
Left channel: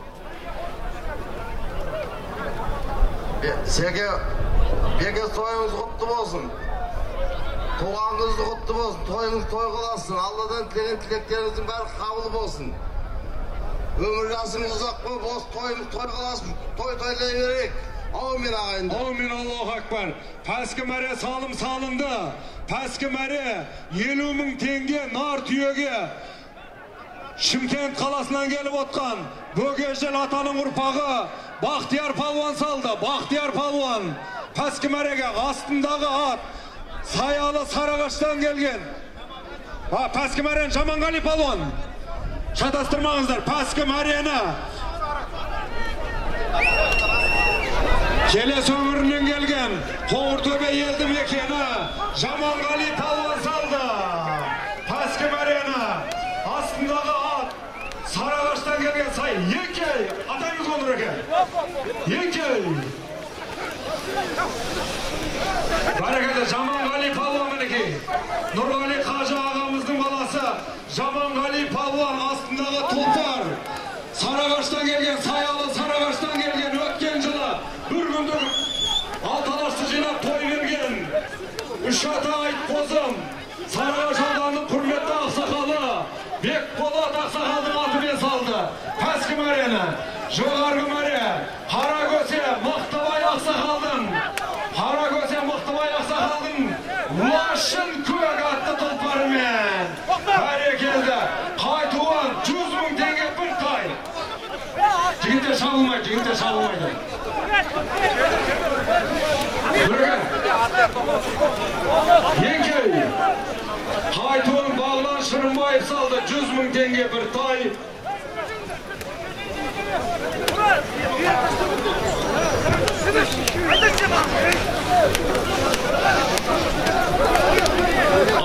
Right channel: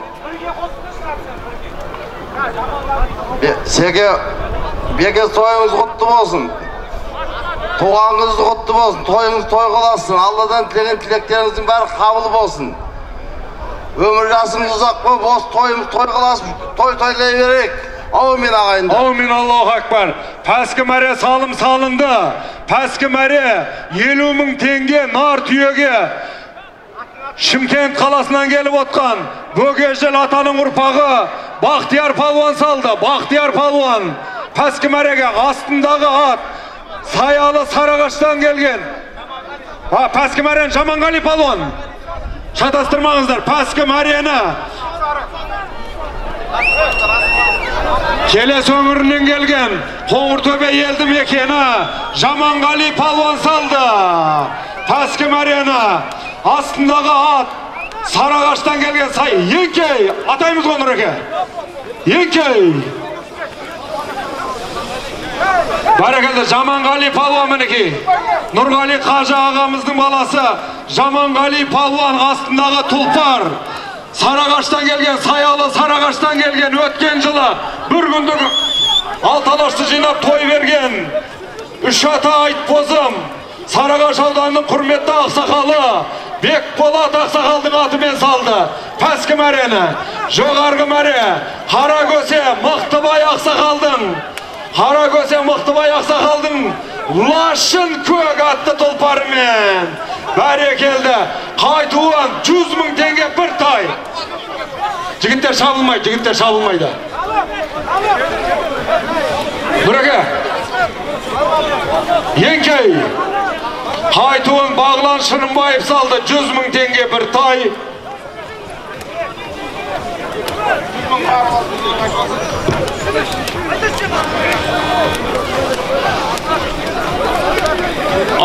Беке тойыңыз құтты болсын. Туғаныңыз құтты болсын. Тойыңыз той қаласын. Алладан тілеген тілектеріңіздің бәрі қабыл болсын. Өмір жасымыз ұзақ болып, осы тойымыз той қаласын. Той тойлай берейік. Аумин ағайындар. Аумин, Аллаху акбар. Пәскі мәре салым салынды. Пәскі мәре 50 000 теңге нар түйеге Шымкент қаласынан келіп отқан Бөгежел атаның ұрпағы Бақтияр палуан салды. Бақтияр палуан пәскі мәреге астындағы ат Саялы Сарағаштан келген. Пәскі мәрен Жаманғали палуан. Шатастырмаңыздар. Пәскі мәрені Келес өңірінен келген Қоңыртөбе елді мекені Жаманғали палуан салды. Пәскі мәрені астындағы ат Сарағаштан келген сай Еңкей, атаймыз ғой Нұреке. Еңкей. Бәрекелді Жаманғали палуан мінеки. Нұрғали Қажы ағамыздың баласы Жаманғали палуан астындағы тұлпар. Сарағаштан келген, Саялы Сарағаштан келген, өткен жылы бір күндік алталашты жинап той берген. Үш ата Айтбозым, Сарағаш ауданының құрметті ақсақалы Бекболат ақсақалдың атымен салды. Пәскі мәрені, жоғарғы мәре, Қаракөсе, Мақтыбай ақсақалдың Hara köse Mıhtıbay Aksakaldın Laşın Kök attı tulparымен. Bәрекелді. Qaytuğan 100.000 tenge bir tay. Jigitler şabılmaydı. Buraya. Yenkey. Qaytuğan Bağlan Şırınbayıp saldı 100.000 tenge bir tay.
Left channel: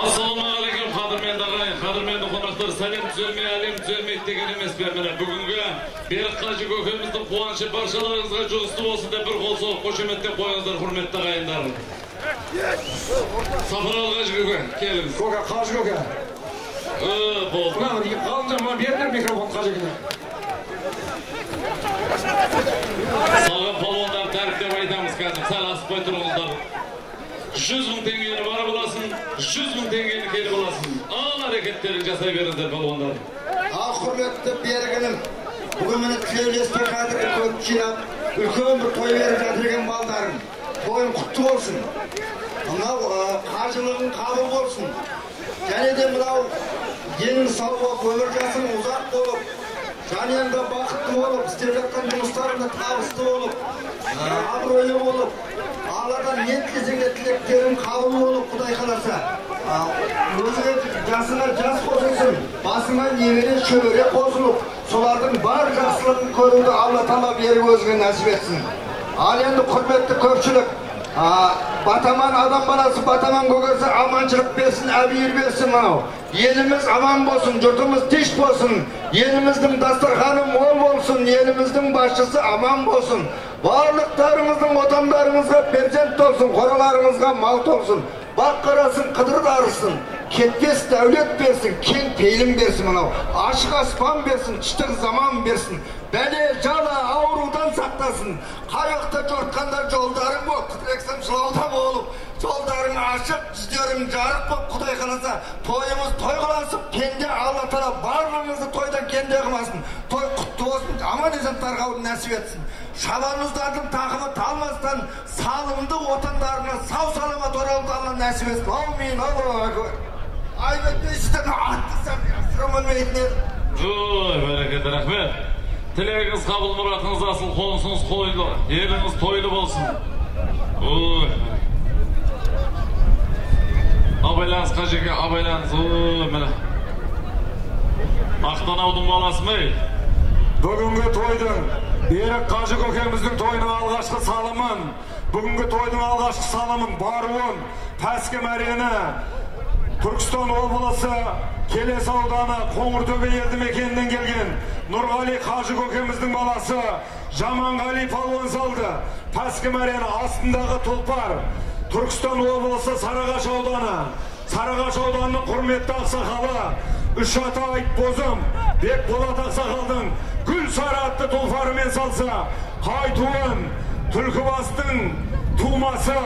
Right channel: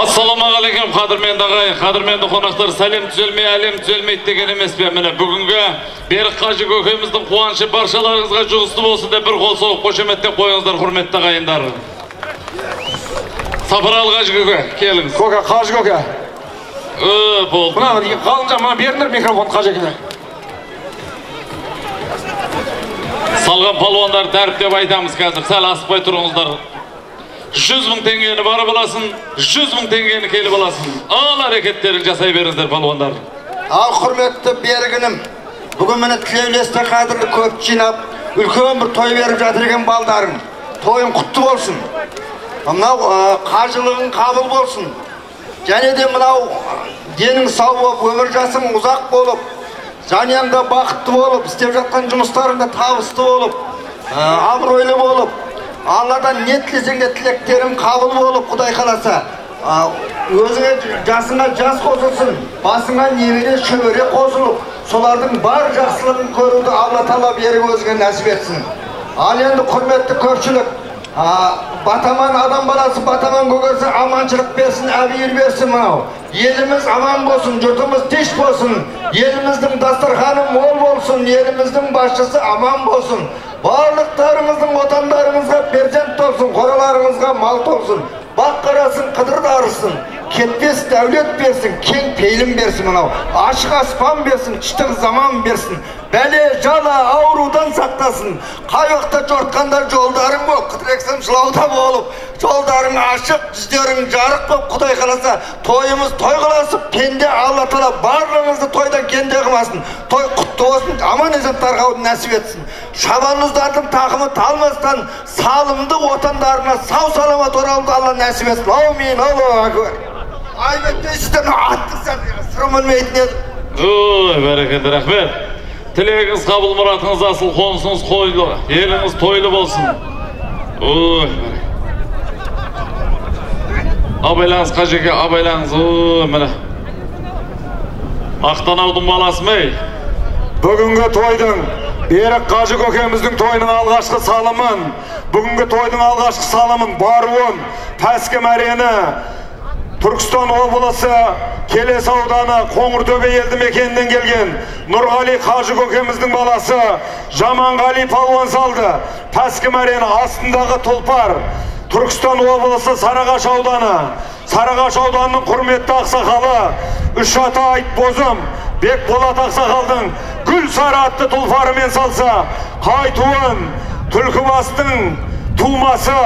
Assalamu alaikum qadırmenді ағайын, qadırmenді қонақтар, сәлем түзелмей, әлем түзелмейді деген емес пе? Міне бүгінгі Берік Қажы көкеміздің қуанышы баршаларыңызға жұғысты болсын деп бір қол соғып қошеметтеп қойыңыздар, құрметті ағайындар. Сапаралы Қажы көке, келіңіз. Көке, Қажы көке. Болды. Мына қалынжа, мына беріңдер микрофон Қажы көке. Салған палуандар дәріптеп айтамыз қазір, сәл асықпай тұрыңыздар. 100.000 теңгені барып аласың, 100.000 теңгені келіп аласың. Ал әрекеттерін жасай беріңіздер палуандар. Ал құрметті Берігінім, бүгін мені тілеулесте қадірлі көп жинап, үлкен бір той беріп жатыр екен балдарың. Тойың құтты болсын. Мынау қажылығың қабыл болсын. Және де мынау денің сау болып, өмір жасың ұзақ болып, жаныңда бақытты болып, істеп жатқан жұмыстарыңда табысты болып, абыройлы болып, Алладан не тілесең де тілектерің қабыл болып, Құдай қаласа, өзіңе жасыңа жас қосылсын, басыңа немере шөбере қосылып, солардың бар жақсылығын көруді Алла Тағала беріп өзіңе нәсіп етсін. Ал енді құрметті көпшілік, батаман адам баласы, батаман көкесі аманшылық берсін, әбейір берсін мынау. Еліміз аман болсын, жұртымыз тиш болсын, еліміздің дастарханы мол болсын, еліміздің басшысы аман болсын. Барлықтарыңыздың отандарыңызға перзент толсын, қораларыңызға мал толсын, бақ қарасын, қыдыр дарысын, кетпес дәулет берсін, кең пейілім берсін мынау, ашық аспан берсін, іштің заман берсін, бәле жала аурудан сақтасын, қай уақытта жортқандар жолдарың болып, қыдырексем жылауда болып, жолдарың ашық, жүздерің жарық болып, Құдай қаласа, тойымыз той қаласып, пенде Алла Тағала барлығыңызды тойдан кенде қылмасын, той құтты болсын, аман есен тарқауды нәсіп етсін. Шабандоздардың тақымы талмастан, салымды отандарына сау саламат оралуды Алла нәсіп етсін. Аумин, Аллаху акбар. Айбеттейсізден аттық сұрым өлмейтін еді. Ой, бәрекелді, рахмет. Тілегіңіз қабыл, мұратыңыз асыл, қонысыңыз қойлы, еліңіз тойлы болсын. Ой, абайлаңыз Қажеке, абайлаңыз. Ой, міне. Ақтанаудың баласы мей. Бүгінгі тойдың, Берік Қажы көкеміздің тойының алғашқы салымын, бүгінгі тойдың алғашқы салымын баруын, Пәске мәрені, Түркістан облысы, Келес ауданы, Қоңыртөбе елді мекенінен келген Нұрғали Қажы көкеміздің баласы Жаманғали палуан салды. Пәске мәрені астындағы тұлпар, Түркістан облысы Сарыағаш ауданы, Сарыағаш ауданының құрметті ақсақалы, үш ата айт бозым, Бекболат ақсақалдың гүл сары атты тұлпарымен салса, Қайтуын, Түлкібастың тумасы,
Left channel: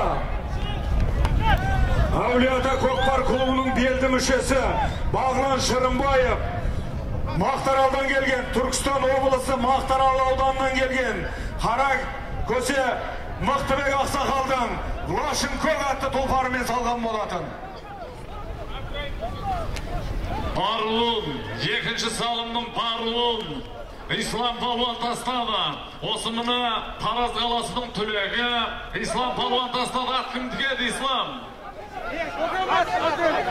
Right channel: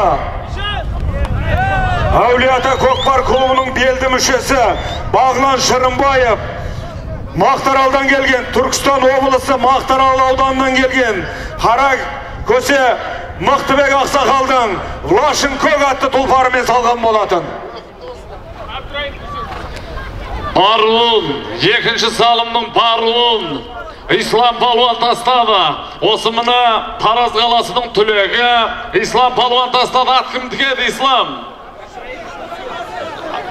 Әулиеата көкпар клубының белді мүшесі Бағлан Шырынбаев, Мақтаралдан келген, Түркістан облысы Мақтарал ауданынан келген Қара көсе Мықтыбек ақсақалдың Лашын Көк атты тұлпарымен салған болатын. Паруын, екінші салымның паруын, Ислам палуан тастады. Осы мына Тараз қаласының түлегі, Ислам палуан тастады. Ат кімдікі еді Ислам?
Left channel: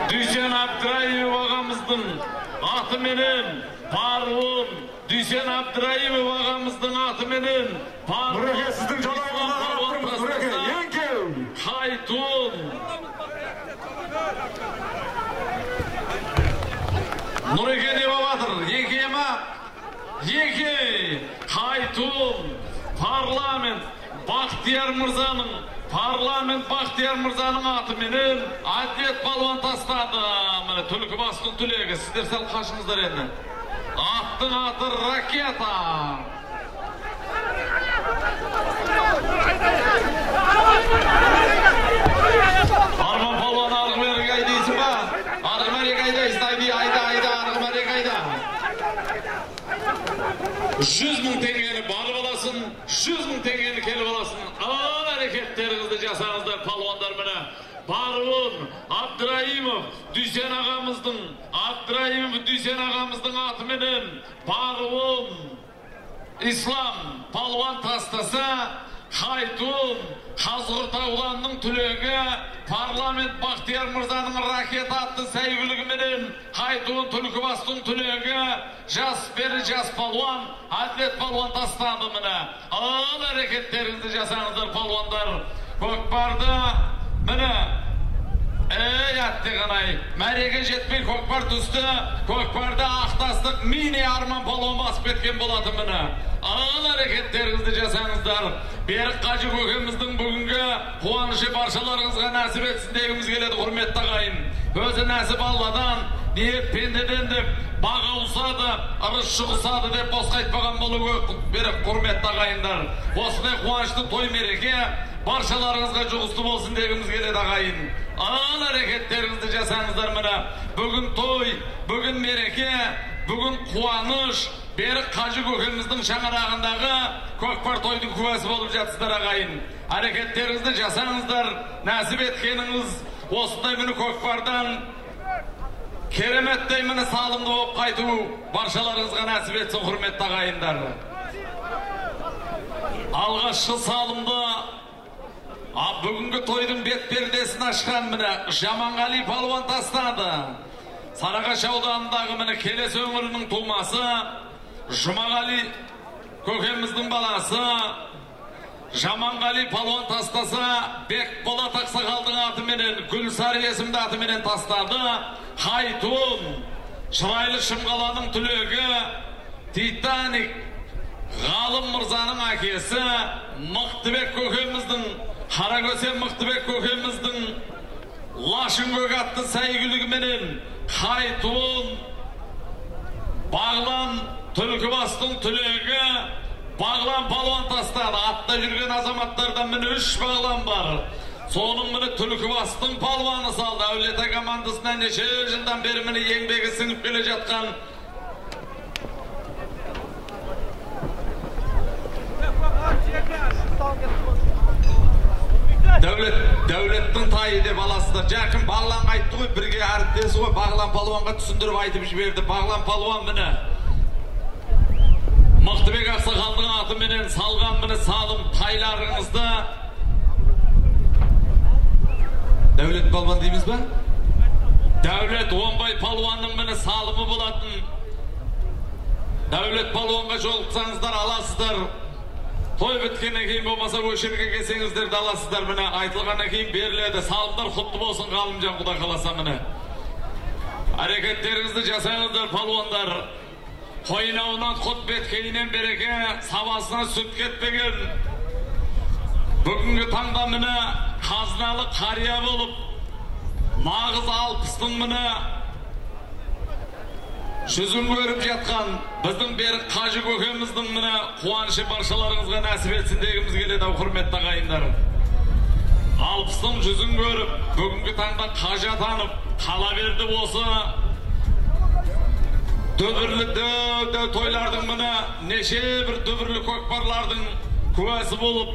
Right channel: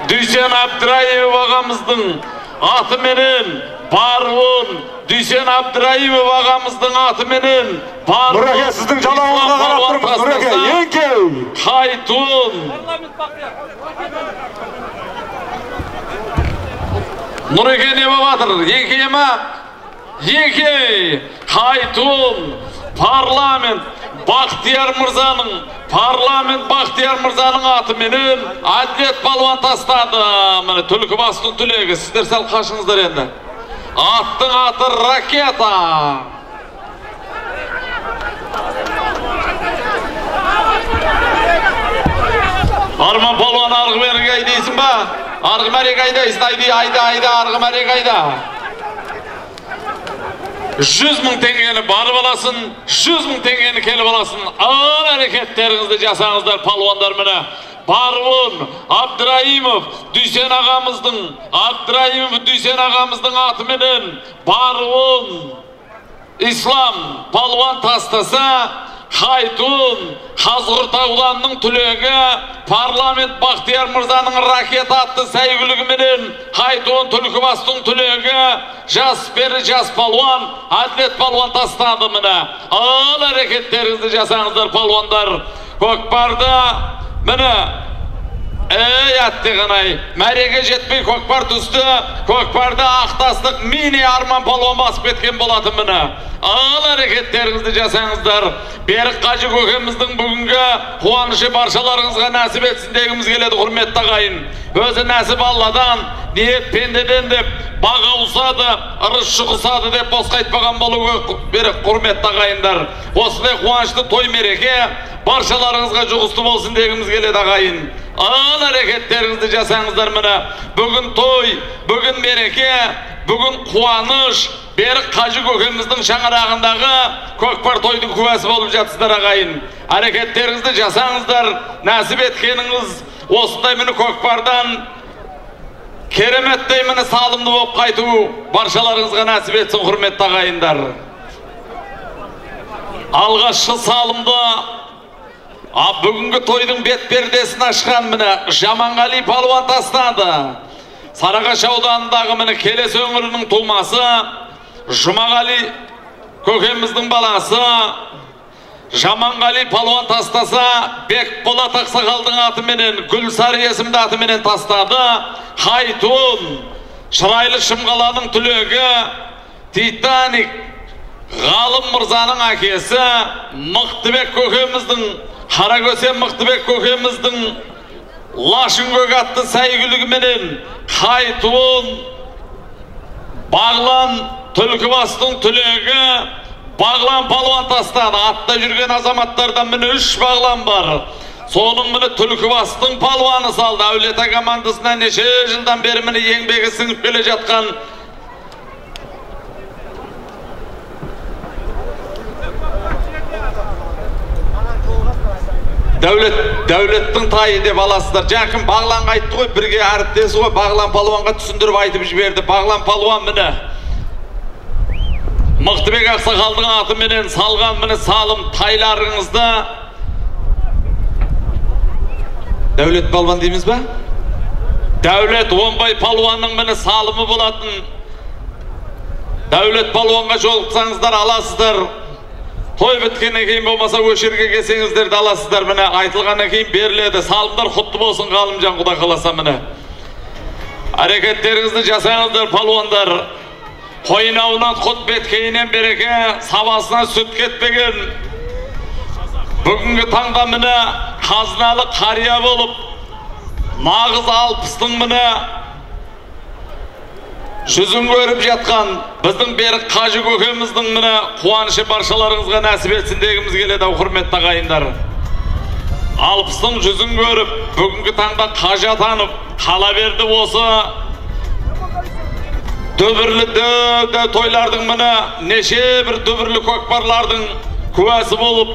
Дүйсен Абдыраимов ағамыздың атыменен паруын, Дүйсен Абдыраимов ағамыздың атыменен паруын, Нұреке, сіздің жалауыңызға қарап тұрмыз, Нұреке, еңкеу! Қайтуын. Нұреке не бабатыр? Еңкей ма? Еңкей! Қайтуын! Парламент Бақтияр Мырзаның атыменен Әділет палуан тастады. Міне Түлкібастың түлегі. Сіздер сәл қашыңыздар енді. Аттың аты ракета. Арман палуан арғымәрі қайдайсың ба? Арғымәрі қайдайсың? Айда, арғымәрі қайда? 100.000 tengeni barıp alasın, 100.000 tengeni kelip alasın. Ağır hareketlerinizi jasаңыздар palvonlar mene. Barvun Abdurayimov Düsen ağamыздың аты менен Barvun İslam palvon tastasa Haytun Hazırtaulanның түлегі парламент Бақтияр Мырзаның ракет атты сәйгүлігі менен Haytun Түлкібастың түлегі жас бері жас палуан атлет палуан тастады міне. Ağır әрекеттеріңізді жасаңыздар палуандар. Көкпарды міне аттығынай мәреге жетпей көкпар түсті. Көкпарды ақтастық мини арман палуан басып кеткен болатын міне. Ağır әрекеттеріңізді жасаңыздар. Берік Қажы көкеміздің бүгінгі қуанышы баршаларыңызға нәсіп етсін дегіміз келеді, құрметті ағайын. Өзі нәсіп Алладан, ниет пендеден деп баға ұсады, ырыс шығысады деп босқа айтпаған болуы берік, құрметті ағайындар. Осындай қуанышты той мереке баршаларыңызға жұғысты болсын дегіміз келеді, ағайын. Ağır әрекеттеріңізді жасаңыздар міне. Бүгін той, бүгін мереке, бүгін қуаныш, Берік Қажы көкеміздің шаңырағындағы көкпар тойдың куәсі болып жатсыздар ағайын. Әрекеттеріңізді жасаңыздар, нәсіп еткеніңіз осындай мені көкпардан кереметтей мені салымды болып қайту баршаларыңызға нәсіп етсін, құрметті ағайындар. Алғашқы салымды бүгінгі тойдың бет пердесін ашқан мені Жаманғали палуан тастады. Сарыағаш ауданындағы мені Келес өңірінің тумасы Жұмағали көкеміздің баласы Жаманғали палуан тастаса, Бекболат Ақсақалдың атыменен, Гүлсары есімді атыменен тастады. Хайтун Шырайлы Шымғаланың түлегі Титаник Ғалым Мырзаның әкесі Мықтыбек көкеміздің, Қарагөсен Мықтыбек көкеміздің Лашын көк атты сәйгүлігіменен Хайтун Бағлан Түлкібастың түлегі Бағлан палуан тастады. Атта жүрген азаматтардан міне 3 бағлан бар. Соның міне Түлкібастың палуаны салды. Әулета командасына неше жылдан бері міне еңбегі сіңіп келе жатқан Дәулеттің тайы деп аласыздар. Жақын Бағланға айтты ғой, бірге әріптесі ғой, Бағлан палуанға түсіндіріп айтып жіберді. Бағлан палуан міне Мықтыбек Ақсақалдың атыменен салған міне салым тайларыңызды. Дәулет палуан дейміз ба? Дәулет Оңбай палуанның міне салымы болатын. Дәулет палуанға жолықсаңыздар аласыздар. Той біткеннен кейін болмаса өшерге келсеңіздерді аласыздар міне. Айтылғаннан кейін беріледі. Салымдар құтты болсын Ғалымжан, Құда қаласа міне. Әрекеттеріңізді жасаңыздар палуандар. Қойнауынан құт беткейінен береке, сабасына сүт кетпеген. Бүгінгі таңда міне қазыналы қария болып, нағыз алпыстың міне жүзін көріп жатқан біздің Берік Қажы көкеміздің міне қуанышы баршаларыңызға нәсіп етсін дегіміз келеді, құрметті ағайындар. Алпыстың жүзін көріп, бүгінгі таңда қажы атанып, қала берді осы дүбірлі тойлардың міне неше бір дүбірлі көкпарлардың куәсі болып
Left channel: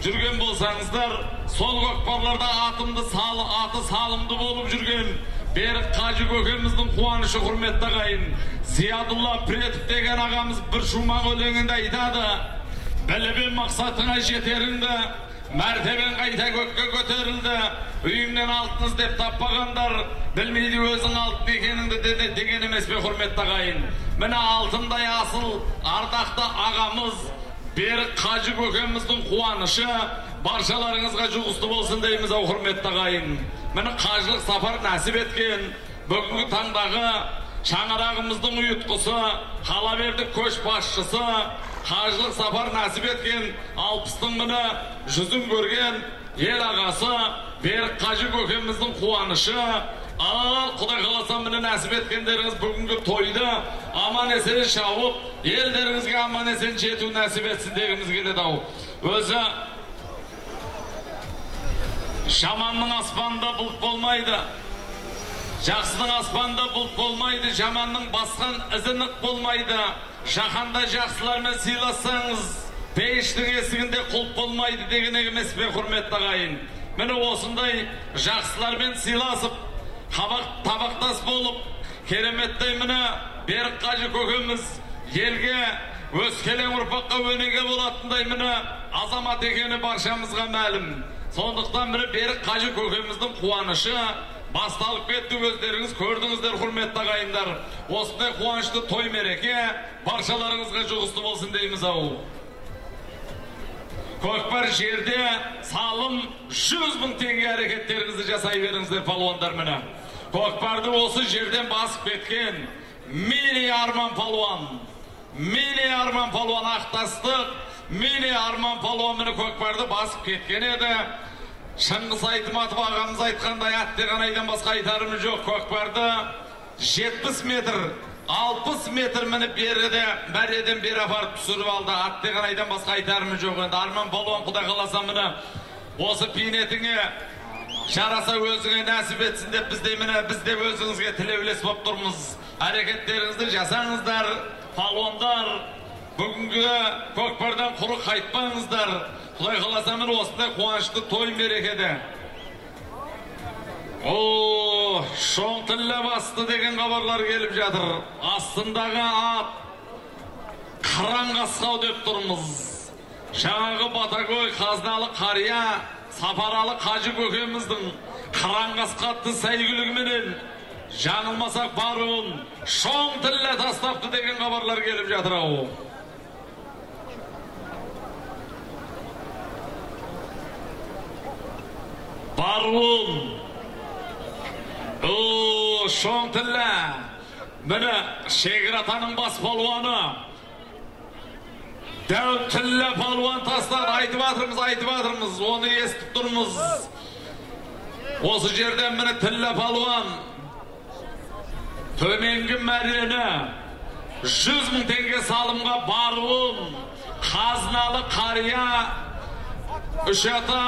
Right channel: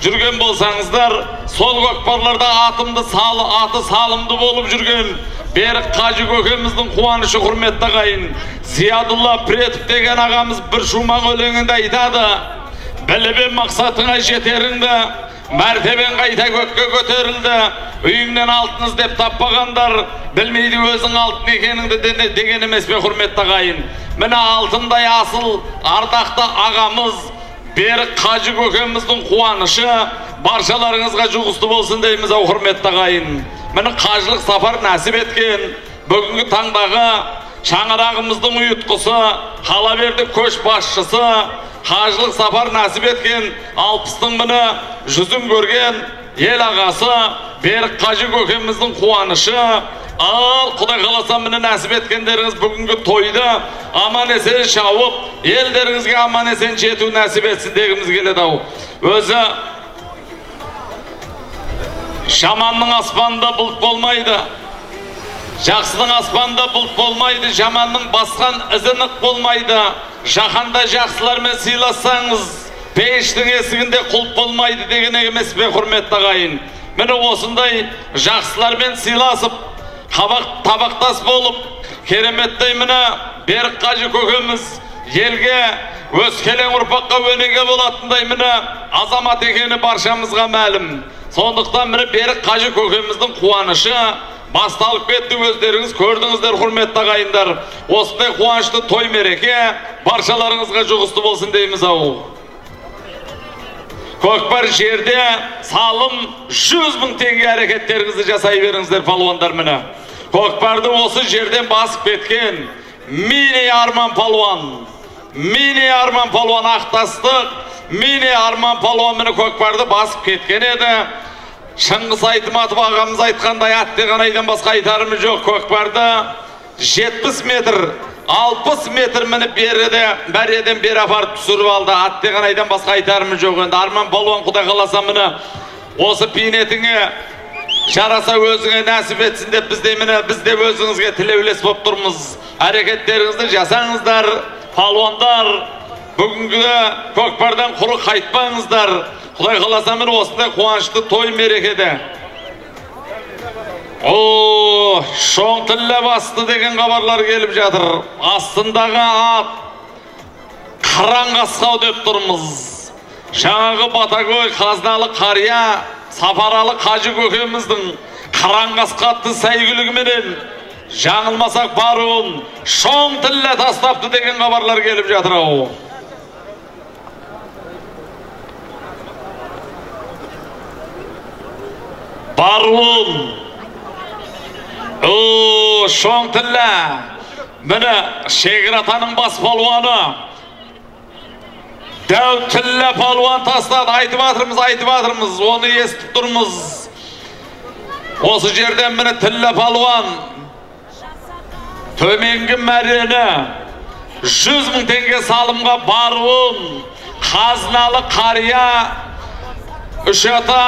жүрген болсаңыздар, сол көкпарларда аты салымды болып жүрген Берік Қажы көкеміздің қуанышы, құрметті ағайын. Зиядулла Претов деген ағамыз бір шумақ өлеңінде айтады: білібен мақсатыңа жетеріңді, мәртебен қайта көкке көтерілді, үйіңнен алтын іздеп таппағандар білмейді өзің алтын екеніңді деген емес пе, құрметті ағайын. Міне алтындай асыл ардақты ағамыз Берік Қажы көкеміздің қуанышы баршаларыңызға жұғысты болсын дейміз, құрметті ағайын. Міне қажылық сапар нәсіп еткен бүгінгі таңдағы шаңырағымыздың ұйытқысы, Қалаберді көш басшысы, қажылық сапар нәсіп еткен алпыстың міне жүзін көрген ел ағасы Берік Қажы көкеміздің қуанышы. Ал Құдай қаласа міне нәсіп еткендеріңіз бүгінгі тойды аман есен шауып, елдеріңізге аман есен жету нәсіп етсін дегіміз келеді. Өзі жаманның аспанында бұлт болмайды, Жақсының аспанда бұлт болмайды, жаманның басқан ізінік болмайды. Жаһанда жақсылармен сыйлассаңыз, пейіштің есігінде құлып болмайды деген емес пе, құрметті ағайын? Міне осындай жақсылармен сыйласып, табақтас болып, кереметтей міне Берік Қажы көкеміз елге өскелең ұрпаққа өнеге болатындай міне азамат екені баршамызға мәлім. Сондықтан міне Берік Қажы көкеміздің қуанышы басталып кетті, өздеріңіз көрдіңіздер, құрметті ағайындар. Осындай қуанышты той мереке баршаларыңызға жұғысты болсын дейміз ау. Көкпар жерде салым 100 000 теңге әрекеттеріңізді жасай беріңіздер палуандар міне. Көкпарды осы жерден басып кеткен Мини Арман палуан, ақтастық, Мини Арман палуан міне көкпарды басып кеткен еді. Шыңғыс Айтматов ағамыз айтқандай аттаған айдан басқа айтарымыз жоқ. Көкпарды 70 метр, 60 метр мініп бәріден бері апарып түсіріп алды. Аттаған айдан басқа айтарымыз жоқ. Енді Арман палуан құдай қаласа міне осы пейнетіңе жараса өзіңе нәсіп етсін деп біз де өзіңізге тілеулес болып тұрмыз. Әрекеттеріңізді жасаңыздар, палуандар, бүгінгі көкпардан құр қайтпаңыздар. Құдай қаласа міне осындай қуанышты той мерекеде. Шоңтілі басты деген хабарлар келіп жатыр. Астындағы ат Қараңғасқау деп тұрмыз. Жаңағы Батагөй қазыналы қария Сапаралы Қажы көкеміздің Қараңғасқа атты сәйгүлігіменен жаңылмасақ баруын Шоңтілі тастапты деген хабарлар келіп жатыр ау. Баруын Шоңтілі міне Шегіратаның бас палуаны Дәутілі палуан тастады. Айтып атырмыз, оны естіп тұрмыз. Осы жерден міне Тілі палуан төменгі мәрені 100 000 теңге салымға баруын қазыналы қария үш ата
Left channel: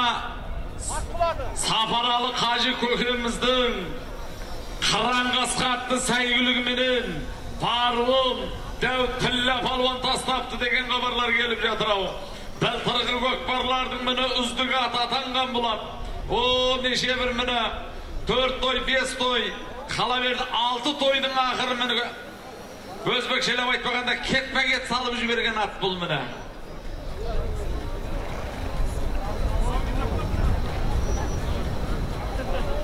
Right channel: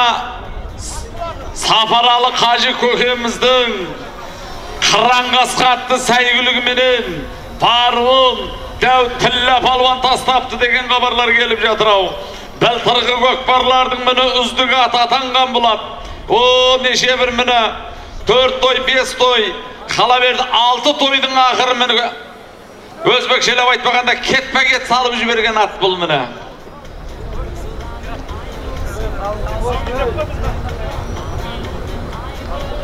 Сапаралы Қажы көкеміздің Қараңғасқа атты сәйгүлігіменен баруын Дәутілі палуан тастапты деген хабарлар келіп жатыр ау. Былтырғы көкпарлардың міне үздігі атанған болады. Неше бір міне 4 той, 5 той, қала берді 6 тойдың ақыры міне өзбекшелеп айтпағанда кетпе-кет салып жіберген ат бұл міне.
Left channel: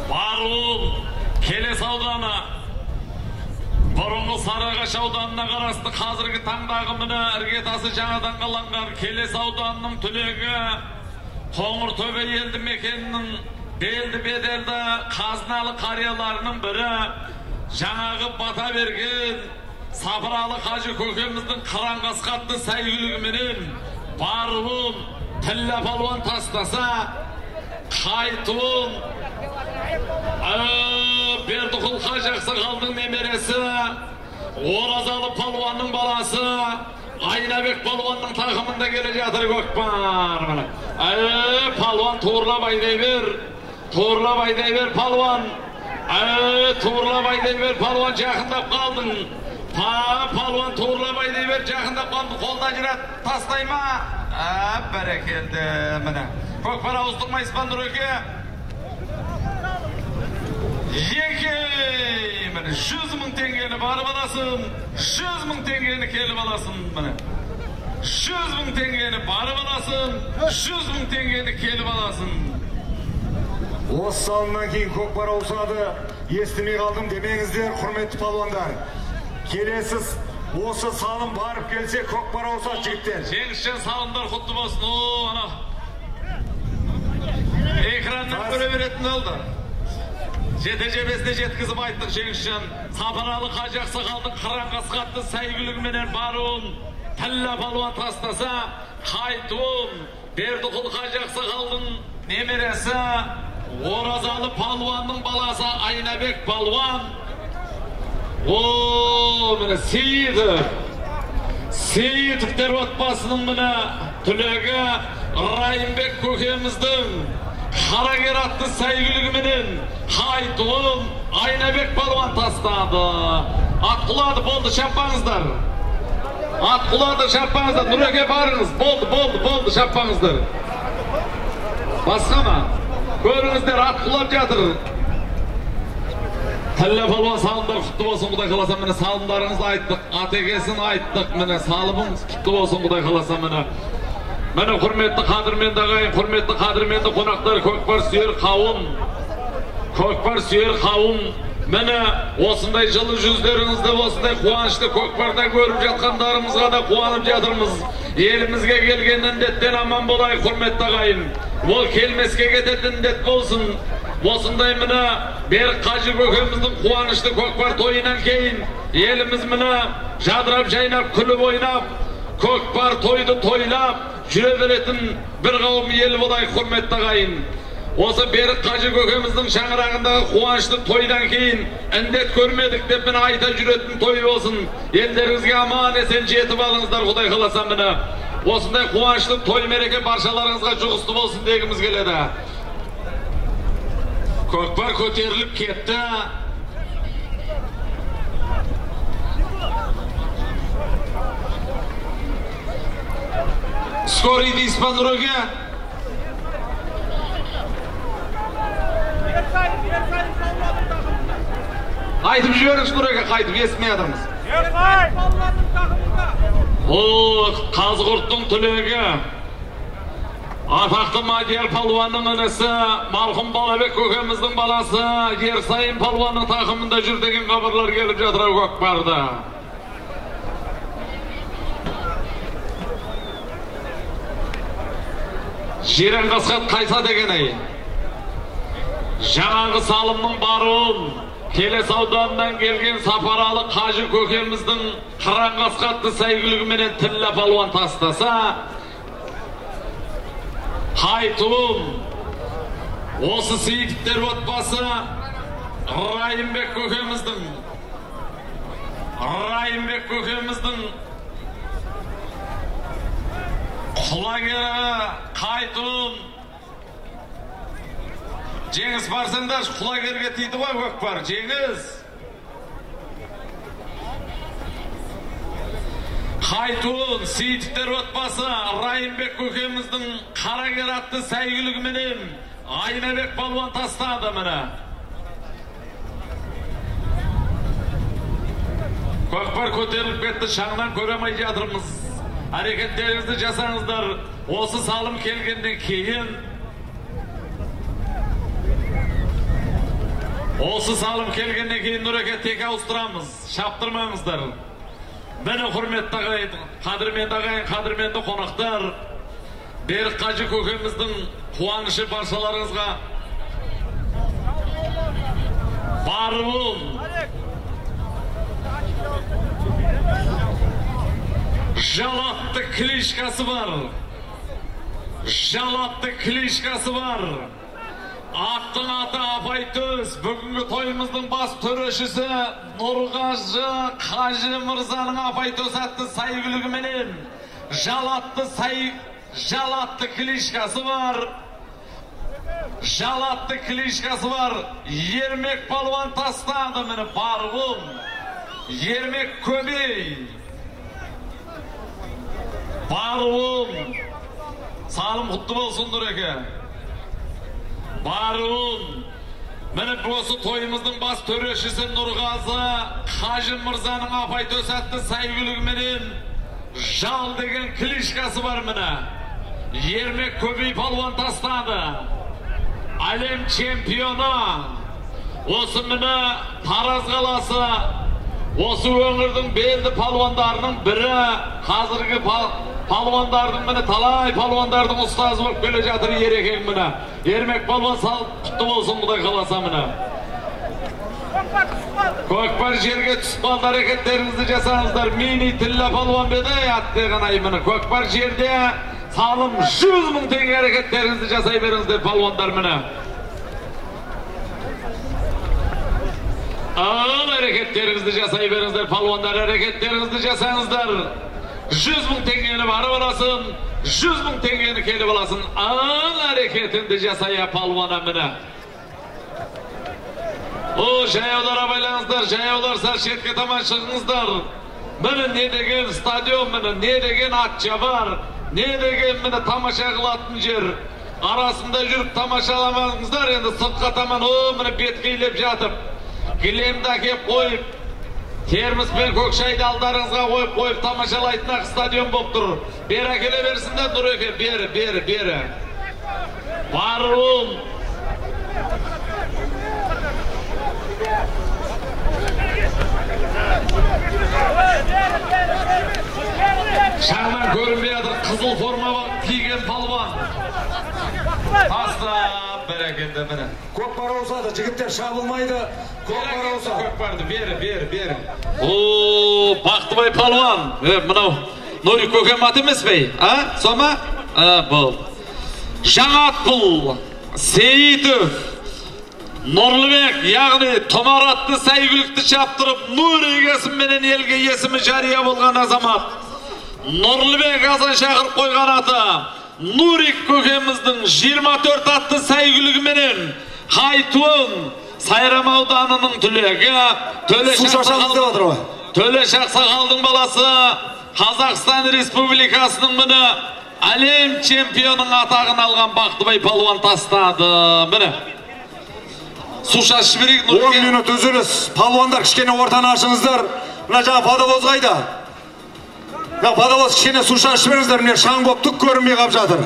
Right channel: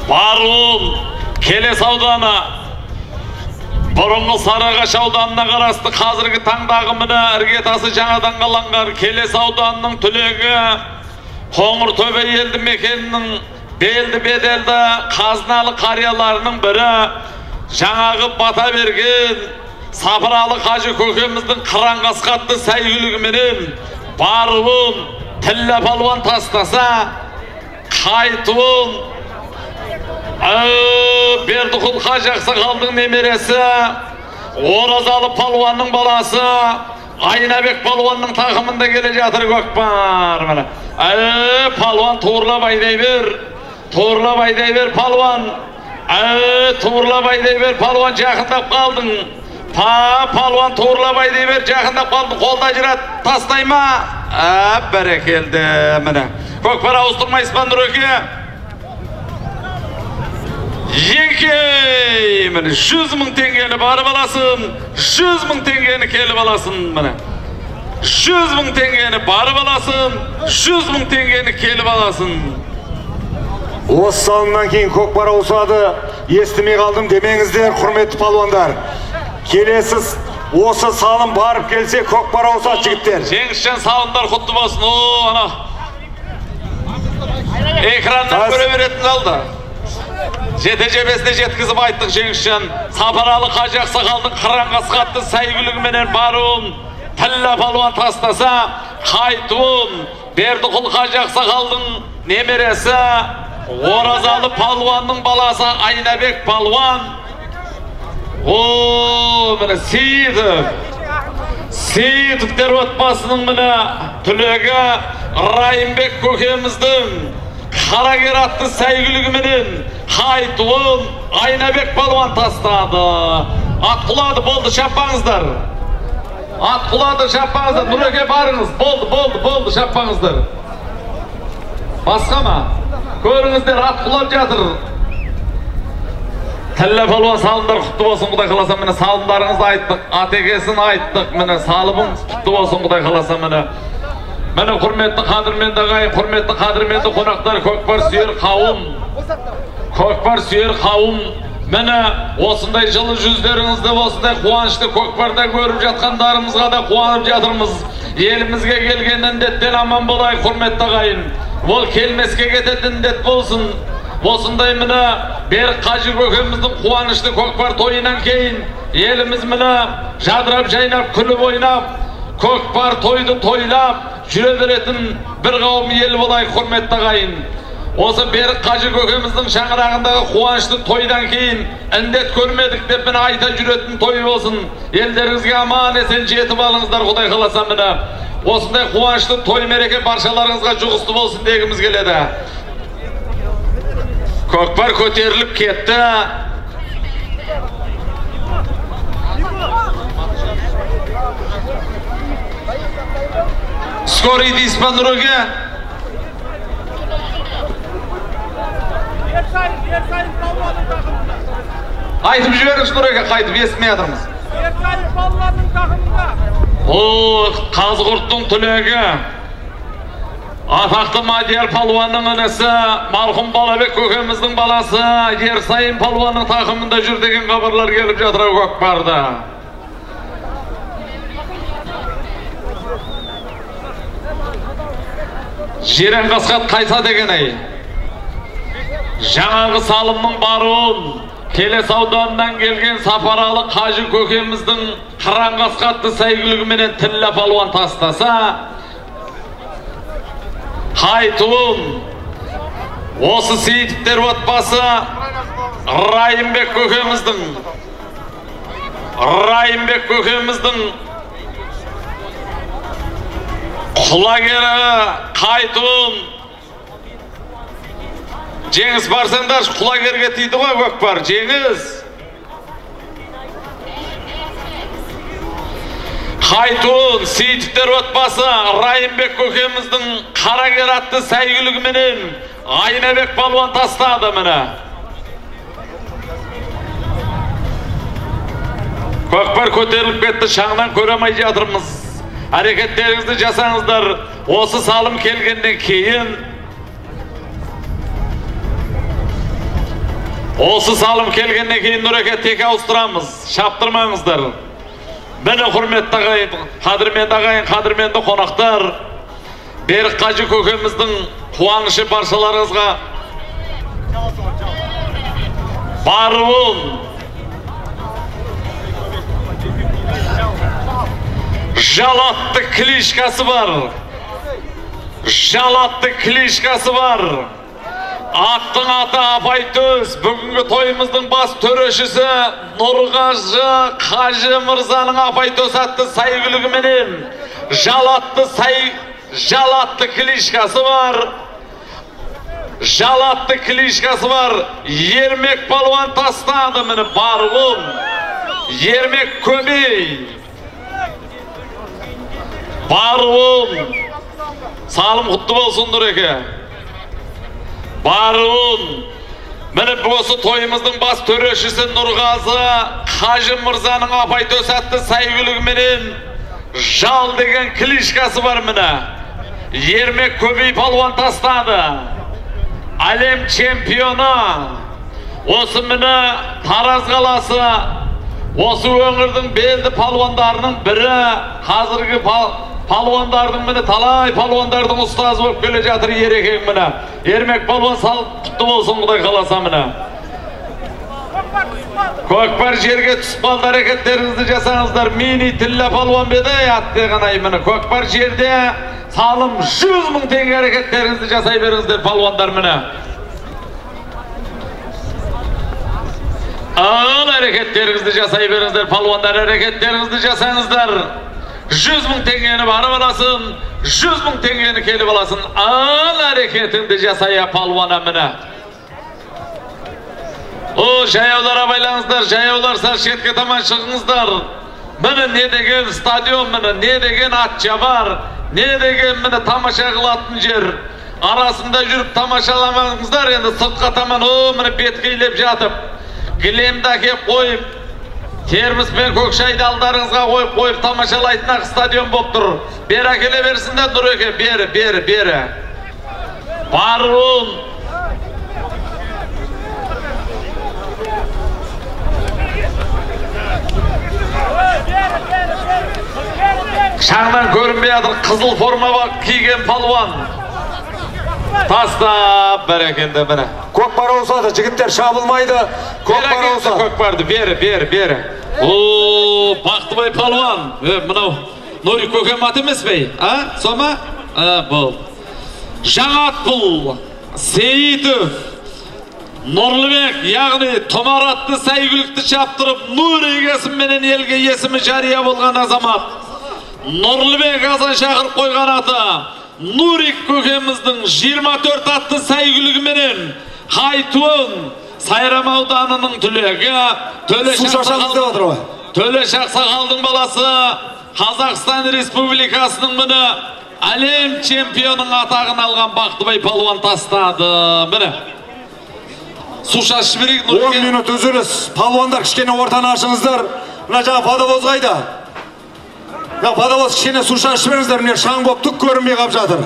Баруын Келес ауданы, бұрынғы Сарыағаш ауданына қарасты қазіргі таңдағы міне іргетасы жаңадан қаланған Келес ауданының түлегі Қоңыртөбе елді мекенінің белді беделді қазыналы қарияларының бірі жаңағы бата берген Сапаралы Қажы көкеміздің Қараңғасқа атты сәйгүлігіменен баруын Тілі палуан тастаса қайтуын Бердіқұл Қажы Ақсақалдың немересі Оразалы палуанның баласы Айнабек палуанның тақымында келе жатыр көкпар. Палуан туырлап айдай бер палуан. Туырлап айдай бер палуан, жақындап қалдың. Палуан туырлап айдай бер, жақындап қалдың. Қолда жүрет тастай ма? Бәрекелді міне. Көкпар ауыстырмай Испан Нұреке. Еке, міне 100 000 теңгені барып аласын, 100 000 теңгені келіп аласын, міне. 100 000 теңгені барып аласын, 100 000 теңгені келіп аласын. Осы салымнан кейін көкпар ауысады, естімей қалдым демеңіздер, құрметті палуандар. Келесі осы салым барып келсе көкпар ауысады жігіттер. Жеңісжан салымдар құтты болсын. Ана экраннан көре беретін алды. Жете-жебесіне жеткізіп айттық Жеңісжан. Сапаралы Қажы Ақсақалдың Қараңғасқа атты сәйгүлігіменен баруын Тілі палуан тастаса қайтуын Бердіқұл Қажы Ақсақалдың немересі Оразалы палуанның баласы Айнабек палуан. Міне Сейітовтер отбасының міне түлегі Райымбек көкеміздің Қарагер атты сәйгүлігіменен Haytuğun Aynabek balvan tasladı. At kuladı boldu şapağınızlar. At kuladı şapağınızlar. Nurege barınız. Boldu şapağınızlar. Başka mı? Görünüzler at kulab jatır. Telle balvan salımlar kutlu olsun Kuday kalasa mene salımlarınızı ayttık. ATG'sini ayttık mene salımın kutlu olsun Kuday kalasa mene. Mene hurmetli kadirmendi ağayın, hurmetli kadirmendi konaklar, kökbar süyer kavum. Kökbar süyer kavum. Mene osындай жылы жүздеріңізді, осындай қуанышты көкпарда көріп жатқандарымызға да қуанып жатырмыз. Елімізге келген індеттен аман болайық, құрметті ағайын. Ол келмеске кететін індет болсын. Осындай міне Берік Қажы көкеміздің қуанышты көкпар тойынан кейін еліміз міне жадырап жайнап күліп ойнап көкпар тойды тойлап жүре беретін бір қауым ел болайық, құрметті ағайын. Осы Берік Қажы көкеміздің шаңырағындағы қуанышты тойдан кейін індет көрмедік деп міне айта жүретін той болсын. Елдеріңізге аман есен жетіп алыңыздар, Құдай қаласа міне. Осындай қуанышты той мереке баршаларыңызға жұғысты болсын дегіміз келеді. Көкпар көтеріліп кетті. Скорый дейсіз ба Нұреге? Айтып жіберіңіз Нұреге, қайтып естімей жатырмыз. О, Қазығұрттың түлегі. Атақты Мадияр палуанның інісі, марқұм Балабек көкеміздің баласы, Ерсайын палуанның тақымында жүр деген хабарлар келіп жатыр көкпарда. Жерен қасқат қайса деген ай. Жаңағы салымның баруын, Келес ауданынан келген Сапаралы Қажы көкеміздің қыран қасқатты сәйгілігіменен тілі палуан тастаса, Haytuğum, осы Сейітовтер отбасы Райымбек көкеміздің құлагері Қайтуым. Жеңіс барсаңдар, құлагерге тиді ғой көкпар, жеңіс. Haytuğun, Сейітовтер отбасы Райымбек көкеміздің қарагер атты сәйгілігіменен Айнабек балуан тастады міне. Көкпар көтеріліп кетті, шаңнан көремей жатырмыз. Әрекеттеріңізді жасаңыздар. Осы салым келгеннен кейін Нұреке тек ауыстырамыз. Шаптырмаңыздар. Мені құрметті ағайын, қадірменді қонақтар, Берік Қажы көкеміздің қуанышы баршаларыңызға баруын, жалатты клишкасы бар. Аттың аты Апайтөз, бүгінгі тойымыздың бас төрешісі Нұрғажы Қажы Мырзаның Апайтөз атты сәйгілігіменен жалатты клишкасы бар. Ермек палуан тастады мені баруым. Ермек көмей. Баруым. Салым құтты болсын Нұреке. Баруын. Мені осы тойымыздың бас төрешісі Нұрғазы Қажы Мырзаның Апайтөз атты сәйгілігіменен жал деген клишкасы бар міне. Ермек көбей палуан тастады. Әлем чемпионы. Осы міне Тараз қаласы. Осы өңірдің белді палуандарының бірі. Қазіргі палуандардың міне талай палуандардың ұстазы болып келе жатыр ерекең міне. Ермек палуан салып құтты болсын Құдай қаласа міне. Көкпар жерге түсіп қалды, әрекеттеріңізді жасаңыздар. Мини тілі палуан беді атты ғанай міне. Көкпар жерде салым 100 мың теңге, әрекеттеріңізді жасай беріңіздер палуандар міне. Ал әрекеттеріңізді жасай беріңіздер палуандар, әрекеттеріңізді жасаңыздар. 100 мың теңгені барып аласын, 100 мың теңгені келіп аласын. Ал әрекетіңді жасая палуана міне. O jayavlara baylanızlar, jayavlar sal şetke taman çıkыңыздар. Mene ne degen stadion mene, ne degen atça var, ne degen mene tamaşa kılatın jer. Arasında yürüp tamaşalamаңыздар, endi sırtqa taman o mene betkeylep jatıp, gilemde kep koyup, termos ben Kökşay'da aldarыңызға koyup tamaşalaytın stadion bop durur. Beri akele versinler Nureke, beri. Barun. Şahman görünmeyedir, kızıl forma var, kiygen palvan. Tastap berekende bana. Көкпар olsa da jigitler şabılmaydı. Көкпар olsa. Көкпарды beri. Oo, Baqtыбай palvan. Mınau Nuri Kökem at emes bey? Ha? Soma? Bu. Жаңат бұл. Seyitov. Nurlubek, yani tomaratlı saygılıklı çaptırıp Nuri esiminin elge esimi jariya bolgan azamat. Nurlubek Hasan Şakır koygan atı. Nuri Kökemizдің 24 atlı saygılıgımenen Haytuğun Sayram Audanının tülegi Töle Şaksakal'dың balası Қазақстан Республикасының mini Alem çempiyonun atağını algan Baqtыбай palvan tastadı. Mini Suşa Şibirik 10 minut üzülüz. Palvanlar kişkene ortana açыңыздар. Mına жаңа Padavoz qayda. Ya Padavoz kişkene Suşa Şibiriңіздер. Mine şaң boп түк көрінбей қап жатыр.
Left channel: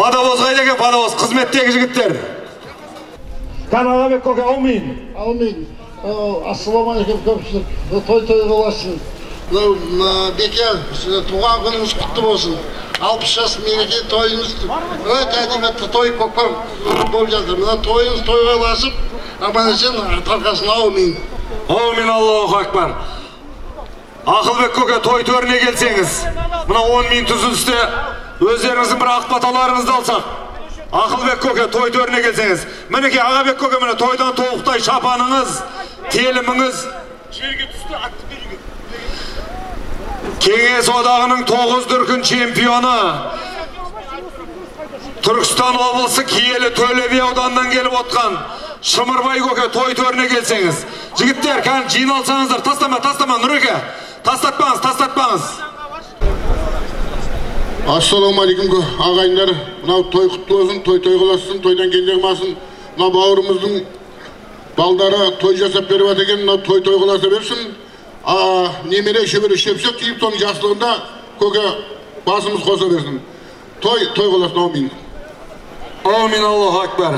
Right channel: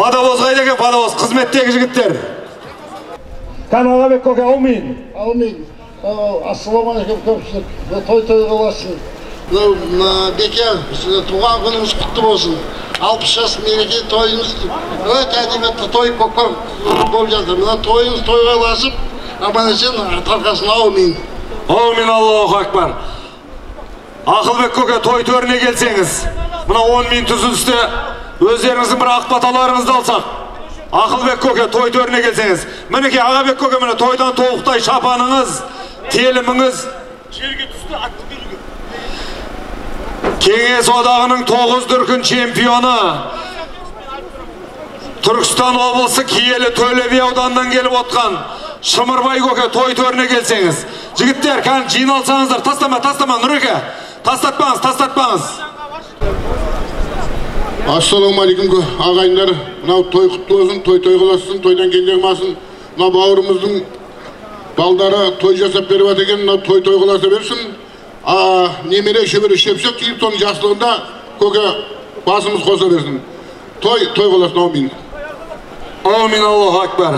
Padavoz qayda eкен, Padavoz қызметтегі жігіттер. Тан Ағабек көке, аумин. Ассаламалейкум көпшілік. Той боласын. Беке, туған күніңіз құтты болсын. 60 жас мереке тойыңыз өте әдебиетті той көкпар болып жатыр. Мына тойыңыз тойға ұласып, аман-есен тарқасын. Аумин. Аумин, Аллаху акбар. Ақылбек көке, той төріне келсеңіз. Мына 10 минут үзілісте өздеріңіздің бір ақпаталарыңызды алсақ. Ақылбек көке, той төріне келсеңіз. Мінеке Ағабек көке, міне тойдан толықтай шапаныңыз, теліміңіз. Жерге түсті атты беруге. Кеңес одағының 9 дүркін чемпионы. Түркістан облысы Киелі Төлеби ауданынан келіп отқан Шымырбай көке, той төріне келсеңіз. Жігіттер, кән жиналсаңыздар. Тастама, Нұреке. Тастатпаңыз. Ассаламалейкум ағайындар. Мынау той құтты болсын, той қыласын, тойдан келдегімасын. Мына бауырымыздың балдары той жасап беріп атекен, мынау той қыласа берсін. Немере шебері шепсек кейіп соның жақсылығында көке басымыз қоса берсін. Той қыласын, аумин. Аумин, Аллаху акбар.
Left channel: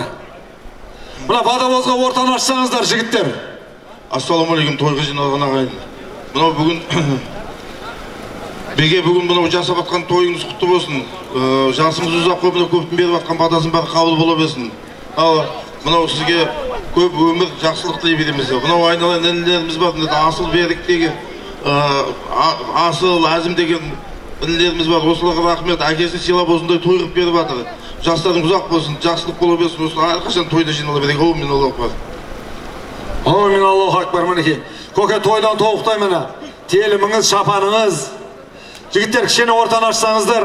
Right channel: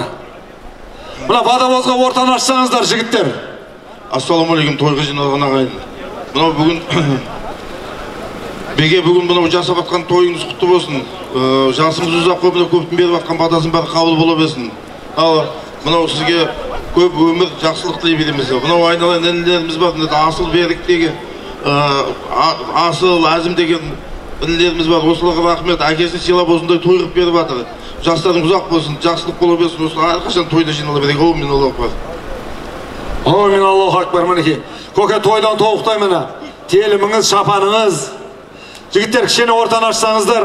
Мына Падавозға ортан ашсаңыздар, жігіттер. Ассаламалейкум, тойға жиналған ағайын. Мынау бүгін Беге бүгін мынау жасап атқан тойыңыз құтты болсын. Жасыңыз ұзақ көпіне көптің беріп атқан батасын бәрі қабыл бола берсін. Мынау сізге көп өмір жақсылық тілей береміз. Мынау айналайын інілеріміз бар. Асыл беріктегі, асыл әзім деген інілеріміз бар. Осыларға рахмет. Әкесін сыйлап осындай той қылып беріп жатыр. Жастардың ұзақ болсын, жақсылық бола берсін. Осы әрқашан тойда жинала берейік. Аумин, Аллаху акбар. Аумин, Аллаху акбар. Мінекей. Көке, тойдан толықтай міне. Теліміңіз, шапаныңыз. Жігіттер, кішкене ортан ашсаңыздар.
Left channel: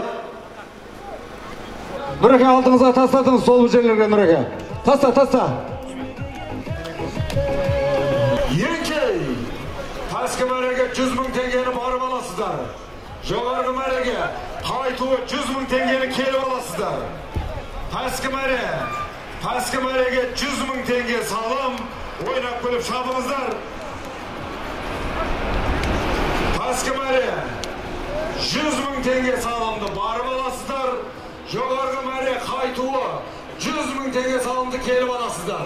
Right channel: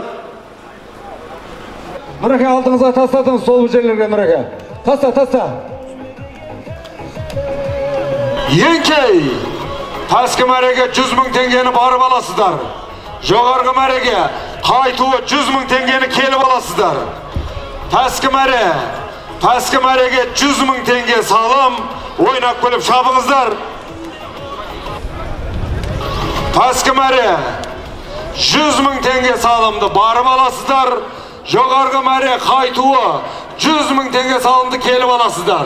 Нұреке, алдыңызға тастадыңыз сол жерлерге, Нұреке. Таста. Еңкей, тәскі мәреге 100 мың теңгені барып аласыздар. Жоғарғы мәреге қайтуы 100 мың теңгені келіп аласыздар. Тәскі мәреге 100 мың теңге салым, ойнап көліп шабыңыздар. Тәскі мәре 100 мың теңге салымды барып аласыздар. Жоғарғы мәре қайтуы 100 мың теңге салымды келіп аласыздар.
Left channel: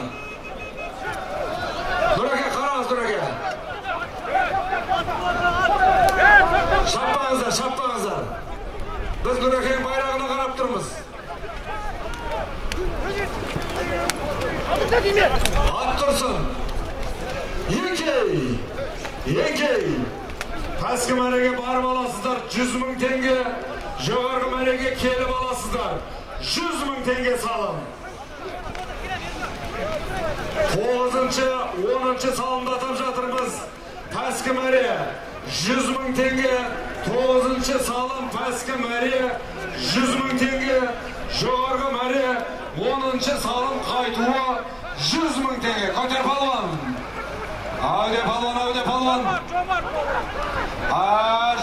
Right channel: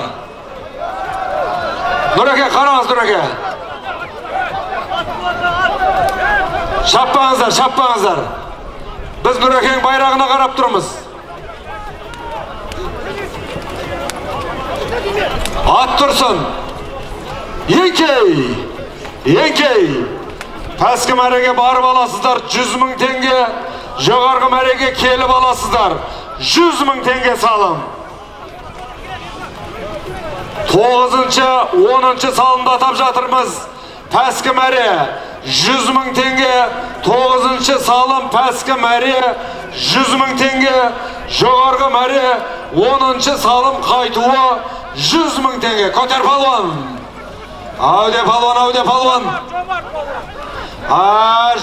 Нұреке, қараңыз, Нұреке. Шаппаңыздар. Біз Нұрекенің байрағына қарап тұрмыз. Ат тұрсын. Еңкей. Тәскі мәреге барып аласыздар, 100 мың теңге. Жоғарғы мәреге келіп аласыздар, 100 мың теңге салым. 9-10 салымды атап жатырмыз. Тәскі мәре 100 мың теңге, 9 салым тәскі мәре 100 мың теңге, жоғарғы мәре 10-шы салым қайтуы 100 000 теңге. Көтер палуан. Ауде палуан.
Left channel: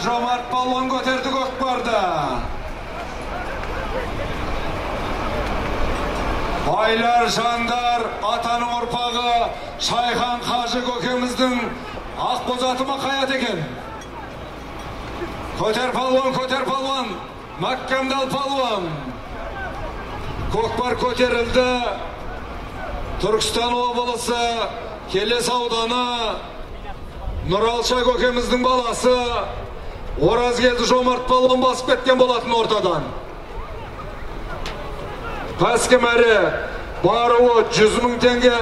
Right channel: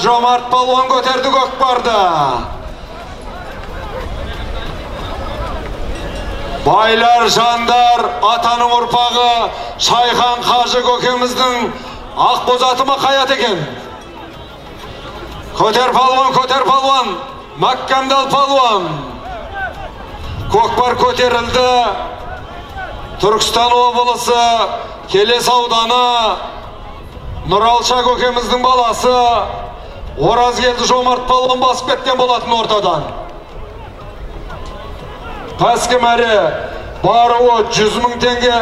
Жомарт палуан көтерді көкпарды. Байлар, жандар, атаның ұрпағы Шайхан Қажы көкеміздің Ақбоз атымы қаят екен. Көтер палуан, Маккамдал палуан. Көкпар көтерілді. Түркістан облысы, Келес ауданы, Нұралша көкеміздің баласы Оразгелді Жомарт палуан басып кеткен болатын ортадан. Пәскі мәре баруы 100 000 теңге.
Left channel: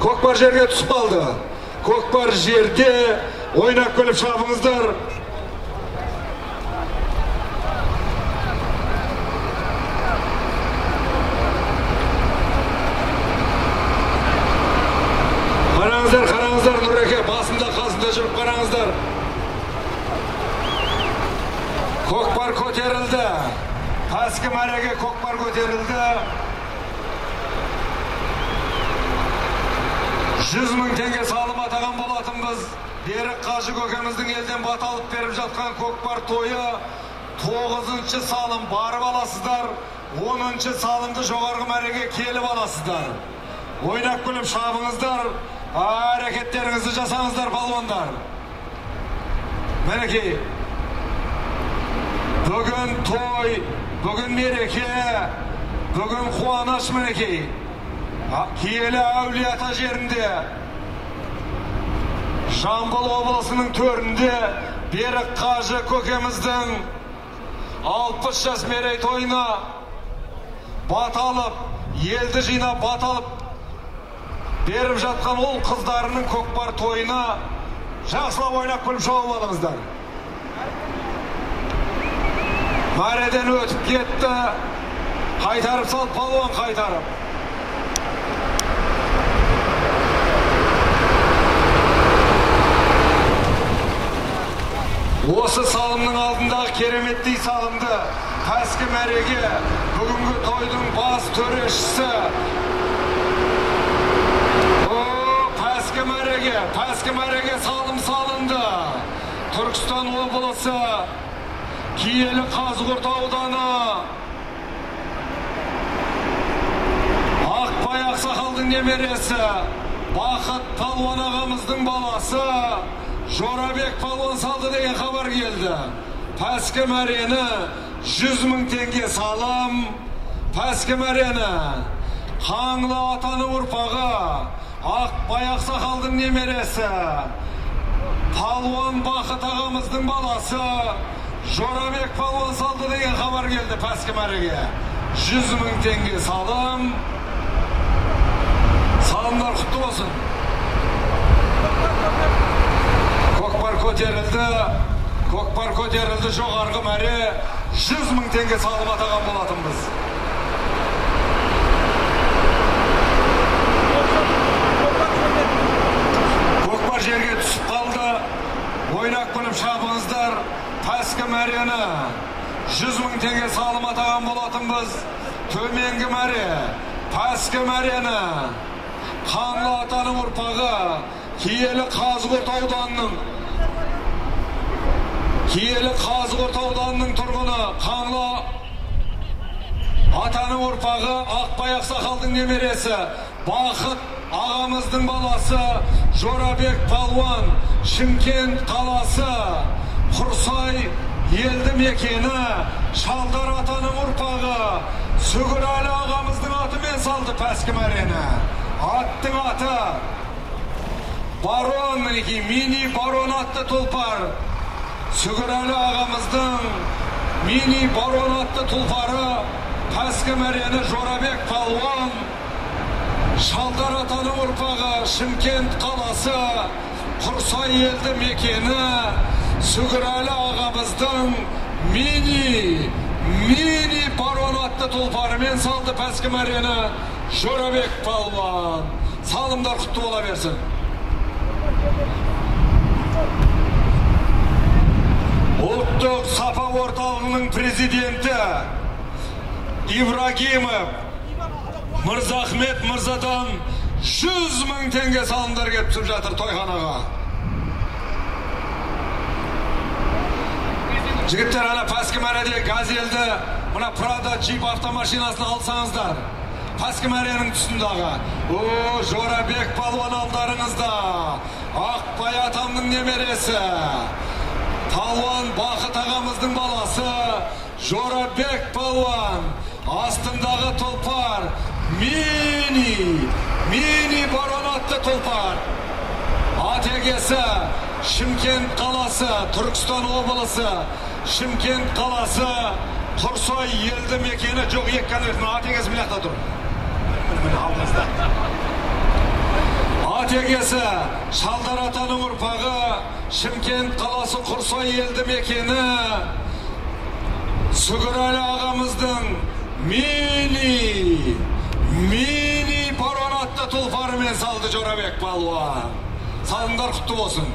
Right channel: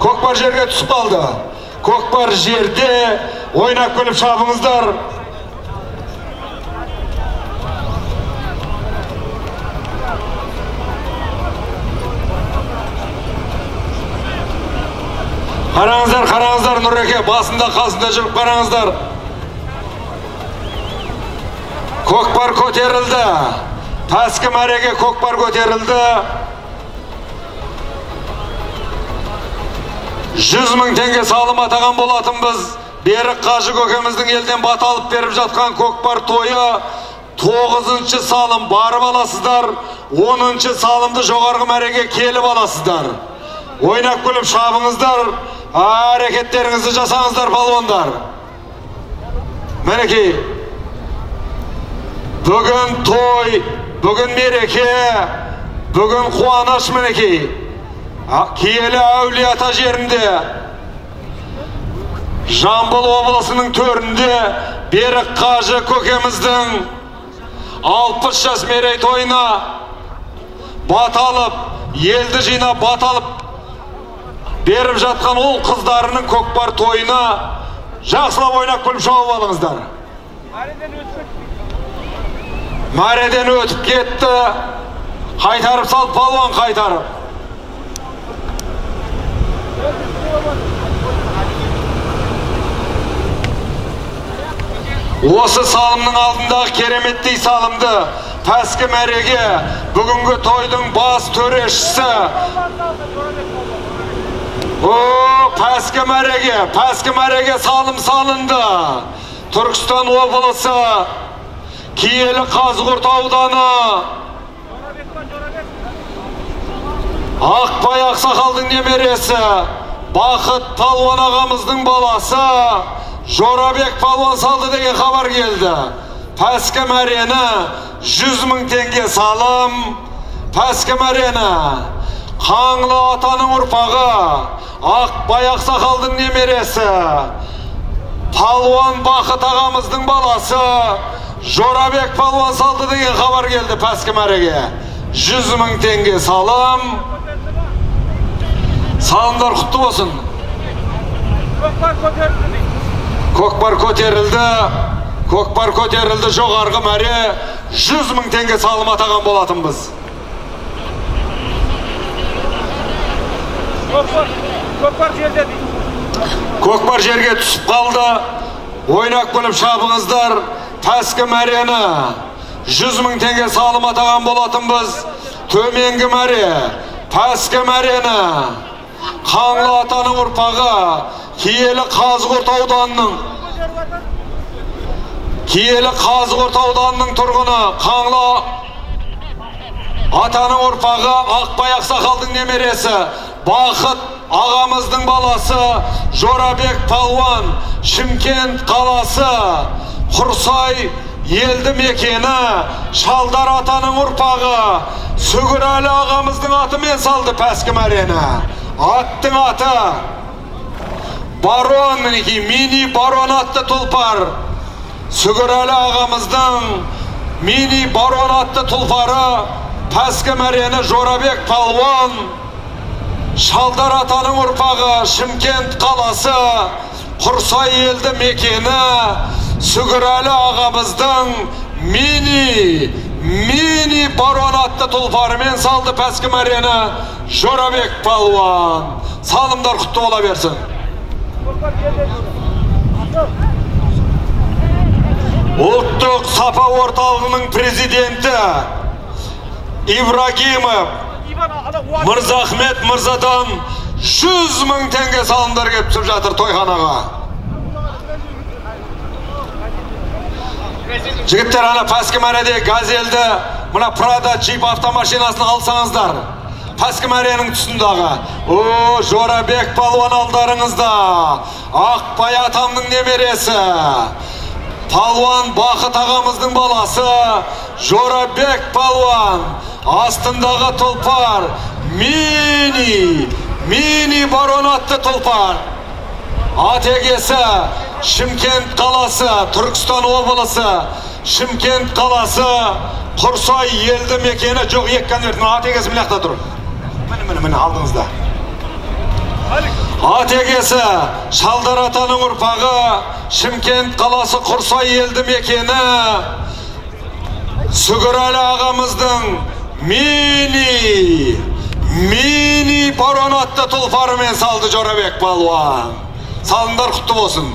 Көкпар жерге түсіп қалды. Көкпар жерде ойнап күліп шабыңыздар. Қараңыздар, Нұреке басында қасында жүріп қараңыздар. Көкпар көтерілді. Пәскі мәреге көкпар көтерілді. 100 000 теңге салым атаған болатынбыз. Берік Қажы көкеміздің елден бат алып беріп жатқан көкпар тойы 9-шы салым барып аласыздар. 10-шы салымды жоғарғы мәреге келіп аласыздар. Ойнап күліп шабыңыздар. Әрекеттеріңізді жасаңыздар палуандар. Мінекей, бүгін той, бүгін мереке, бүгін қуаныш мінекей. Киелі Әулиеата жерінде, Жамбыл облысының төрінде Берік Қажы көкеміздің 60 жас мерейтойына баталып, елді жинап баталып беріп жатқан ол қыздарының көкпар тойына жақсылап ойнап күліп шауып алыңыздар. Мәреден өтіп кетті. Қайтарып сал палуан қайтарып. Осы салымның алдындағы кереметтей салымды Пәскі мәреге бүгінгі тойдың бас төрешісі Пәскі мәреге салым салынды. Түркістан облысы, Киелі Қазығұрт ауданы, Ақбай Ақсақалдың немересі, Бақыт палуан ағамыздың баласы, Жорабек палуан салды деген хабар келді. Пәскі мәрені 100 000 теңге салым. Пәскі мәрені Қаңлы атаның ұрпағы, Ақбай Ақсақалдың немересі, палуан Бақыт ағамыздың баласы, Жорабек палуан салды деген хабар келді Пәскі мәреге. 100 000 теңге салым. Салымдар құтты болсын. Көкпар көтерілді, жоғарғы мәре 100 000 теңге салым атаған болатынбыз. Көкпар жерге түсіп қалды. Ойнап күліп шабыңыздар. Пәскі мәрені 100 000 теңге салым атаған болатынбыз. Төменгі мәре Пәскі мәрені Қаңлы атаның ұрпағы, Киелі Қазығұрт ауданының тұрғыны, Қаңлы атаның ұрпағы, Ақбай Ақсақалдың немересі, Бақыт ағамыздың баласы, Жорабек палуан, Шымкент қаласы, Құрсай елді мекені, Шалдар атаның ұрпағы, Сүгірәлі ағамыздың атымен салды Пәскі мәрені. Аттың аты Барон, мінекей, мини барон атты тұлпар. Сүгірәлі ағамыздың мини барон атты тұлпары. Пәскі мәрені Жорабек палуан, Шалдар атаның ұрпағы, Шымкент қаласы, Құрсай елді мекені, Сүгірәлі ағамыздың мини барон атты тұлпарымен салды Пәскі мәрені Жорабек палуан. Салымдар құтты бола берсін. Ұлттық сапа орталығының президенті, Ибрагимов, Мырзахмет Мырзадан 100 мың теңге салымдар келіп түсіп жатыр тойханаға. Жігіттер, ана Пәскімәреде газелді, мұна Прада джип автомашинасын алсаңыздар. Пәскімәренің тұсындағы. О, Жорабек палуан алдарыңызда. Ақбай атамның немересі. Палуан Бақыт ағамыздың баласы. Жорабек палуан. Астындағы тұлпар. Мини барон атты тұлпар. Атегесі Шымкент қаласы, Түркістан облысы, Шымкент қаласы, Құрсай елді мекені жоқ еккен өртін. Атегесі білақта тұр. Міне алдыңызда. Атегесі Шалдар атаның ұрпағы, Шымкент қаласы, Құрсай елді мекені, Сүгірәлі ағамыздың мини барон атты тұлпарымен салды Жорабек палуан. Салындар құтты болсын.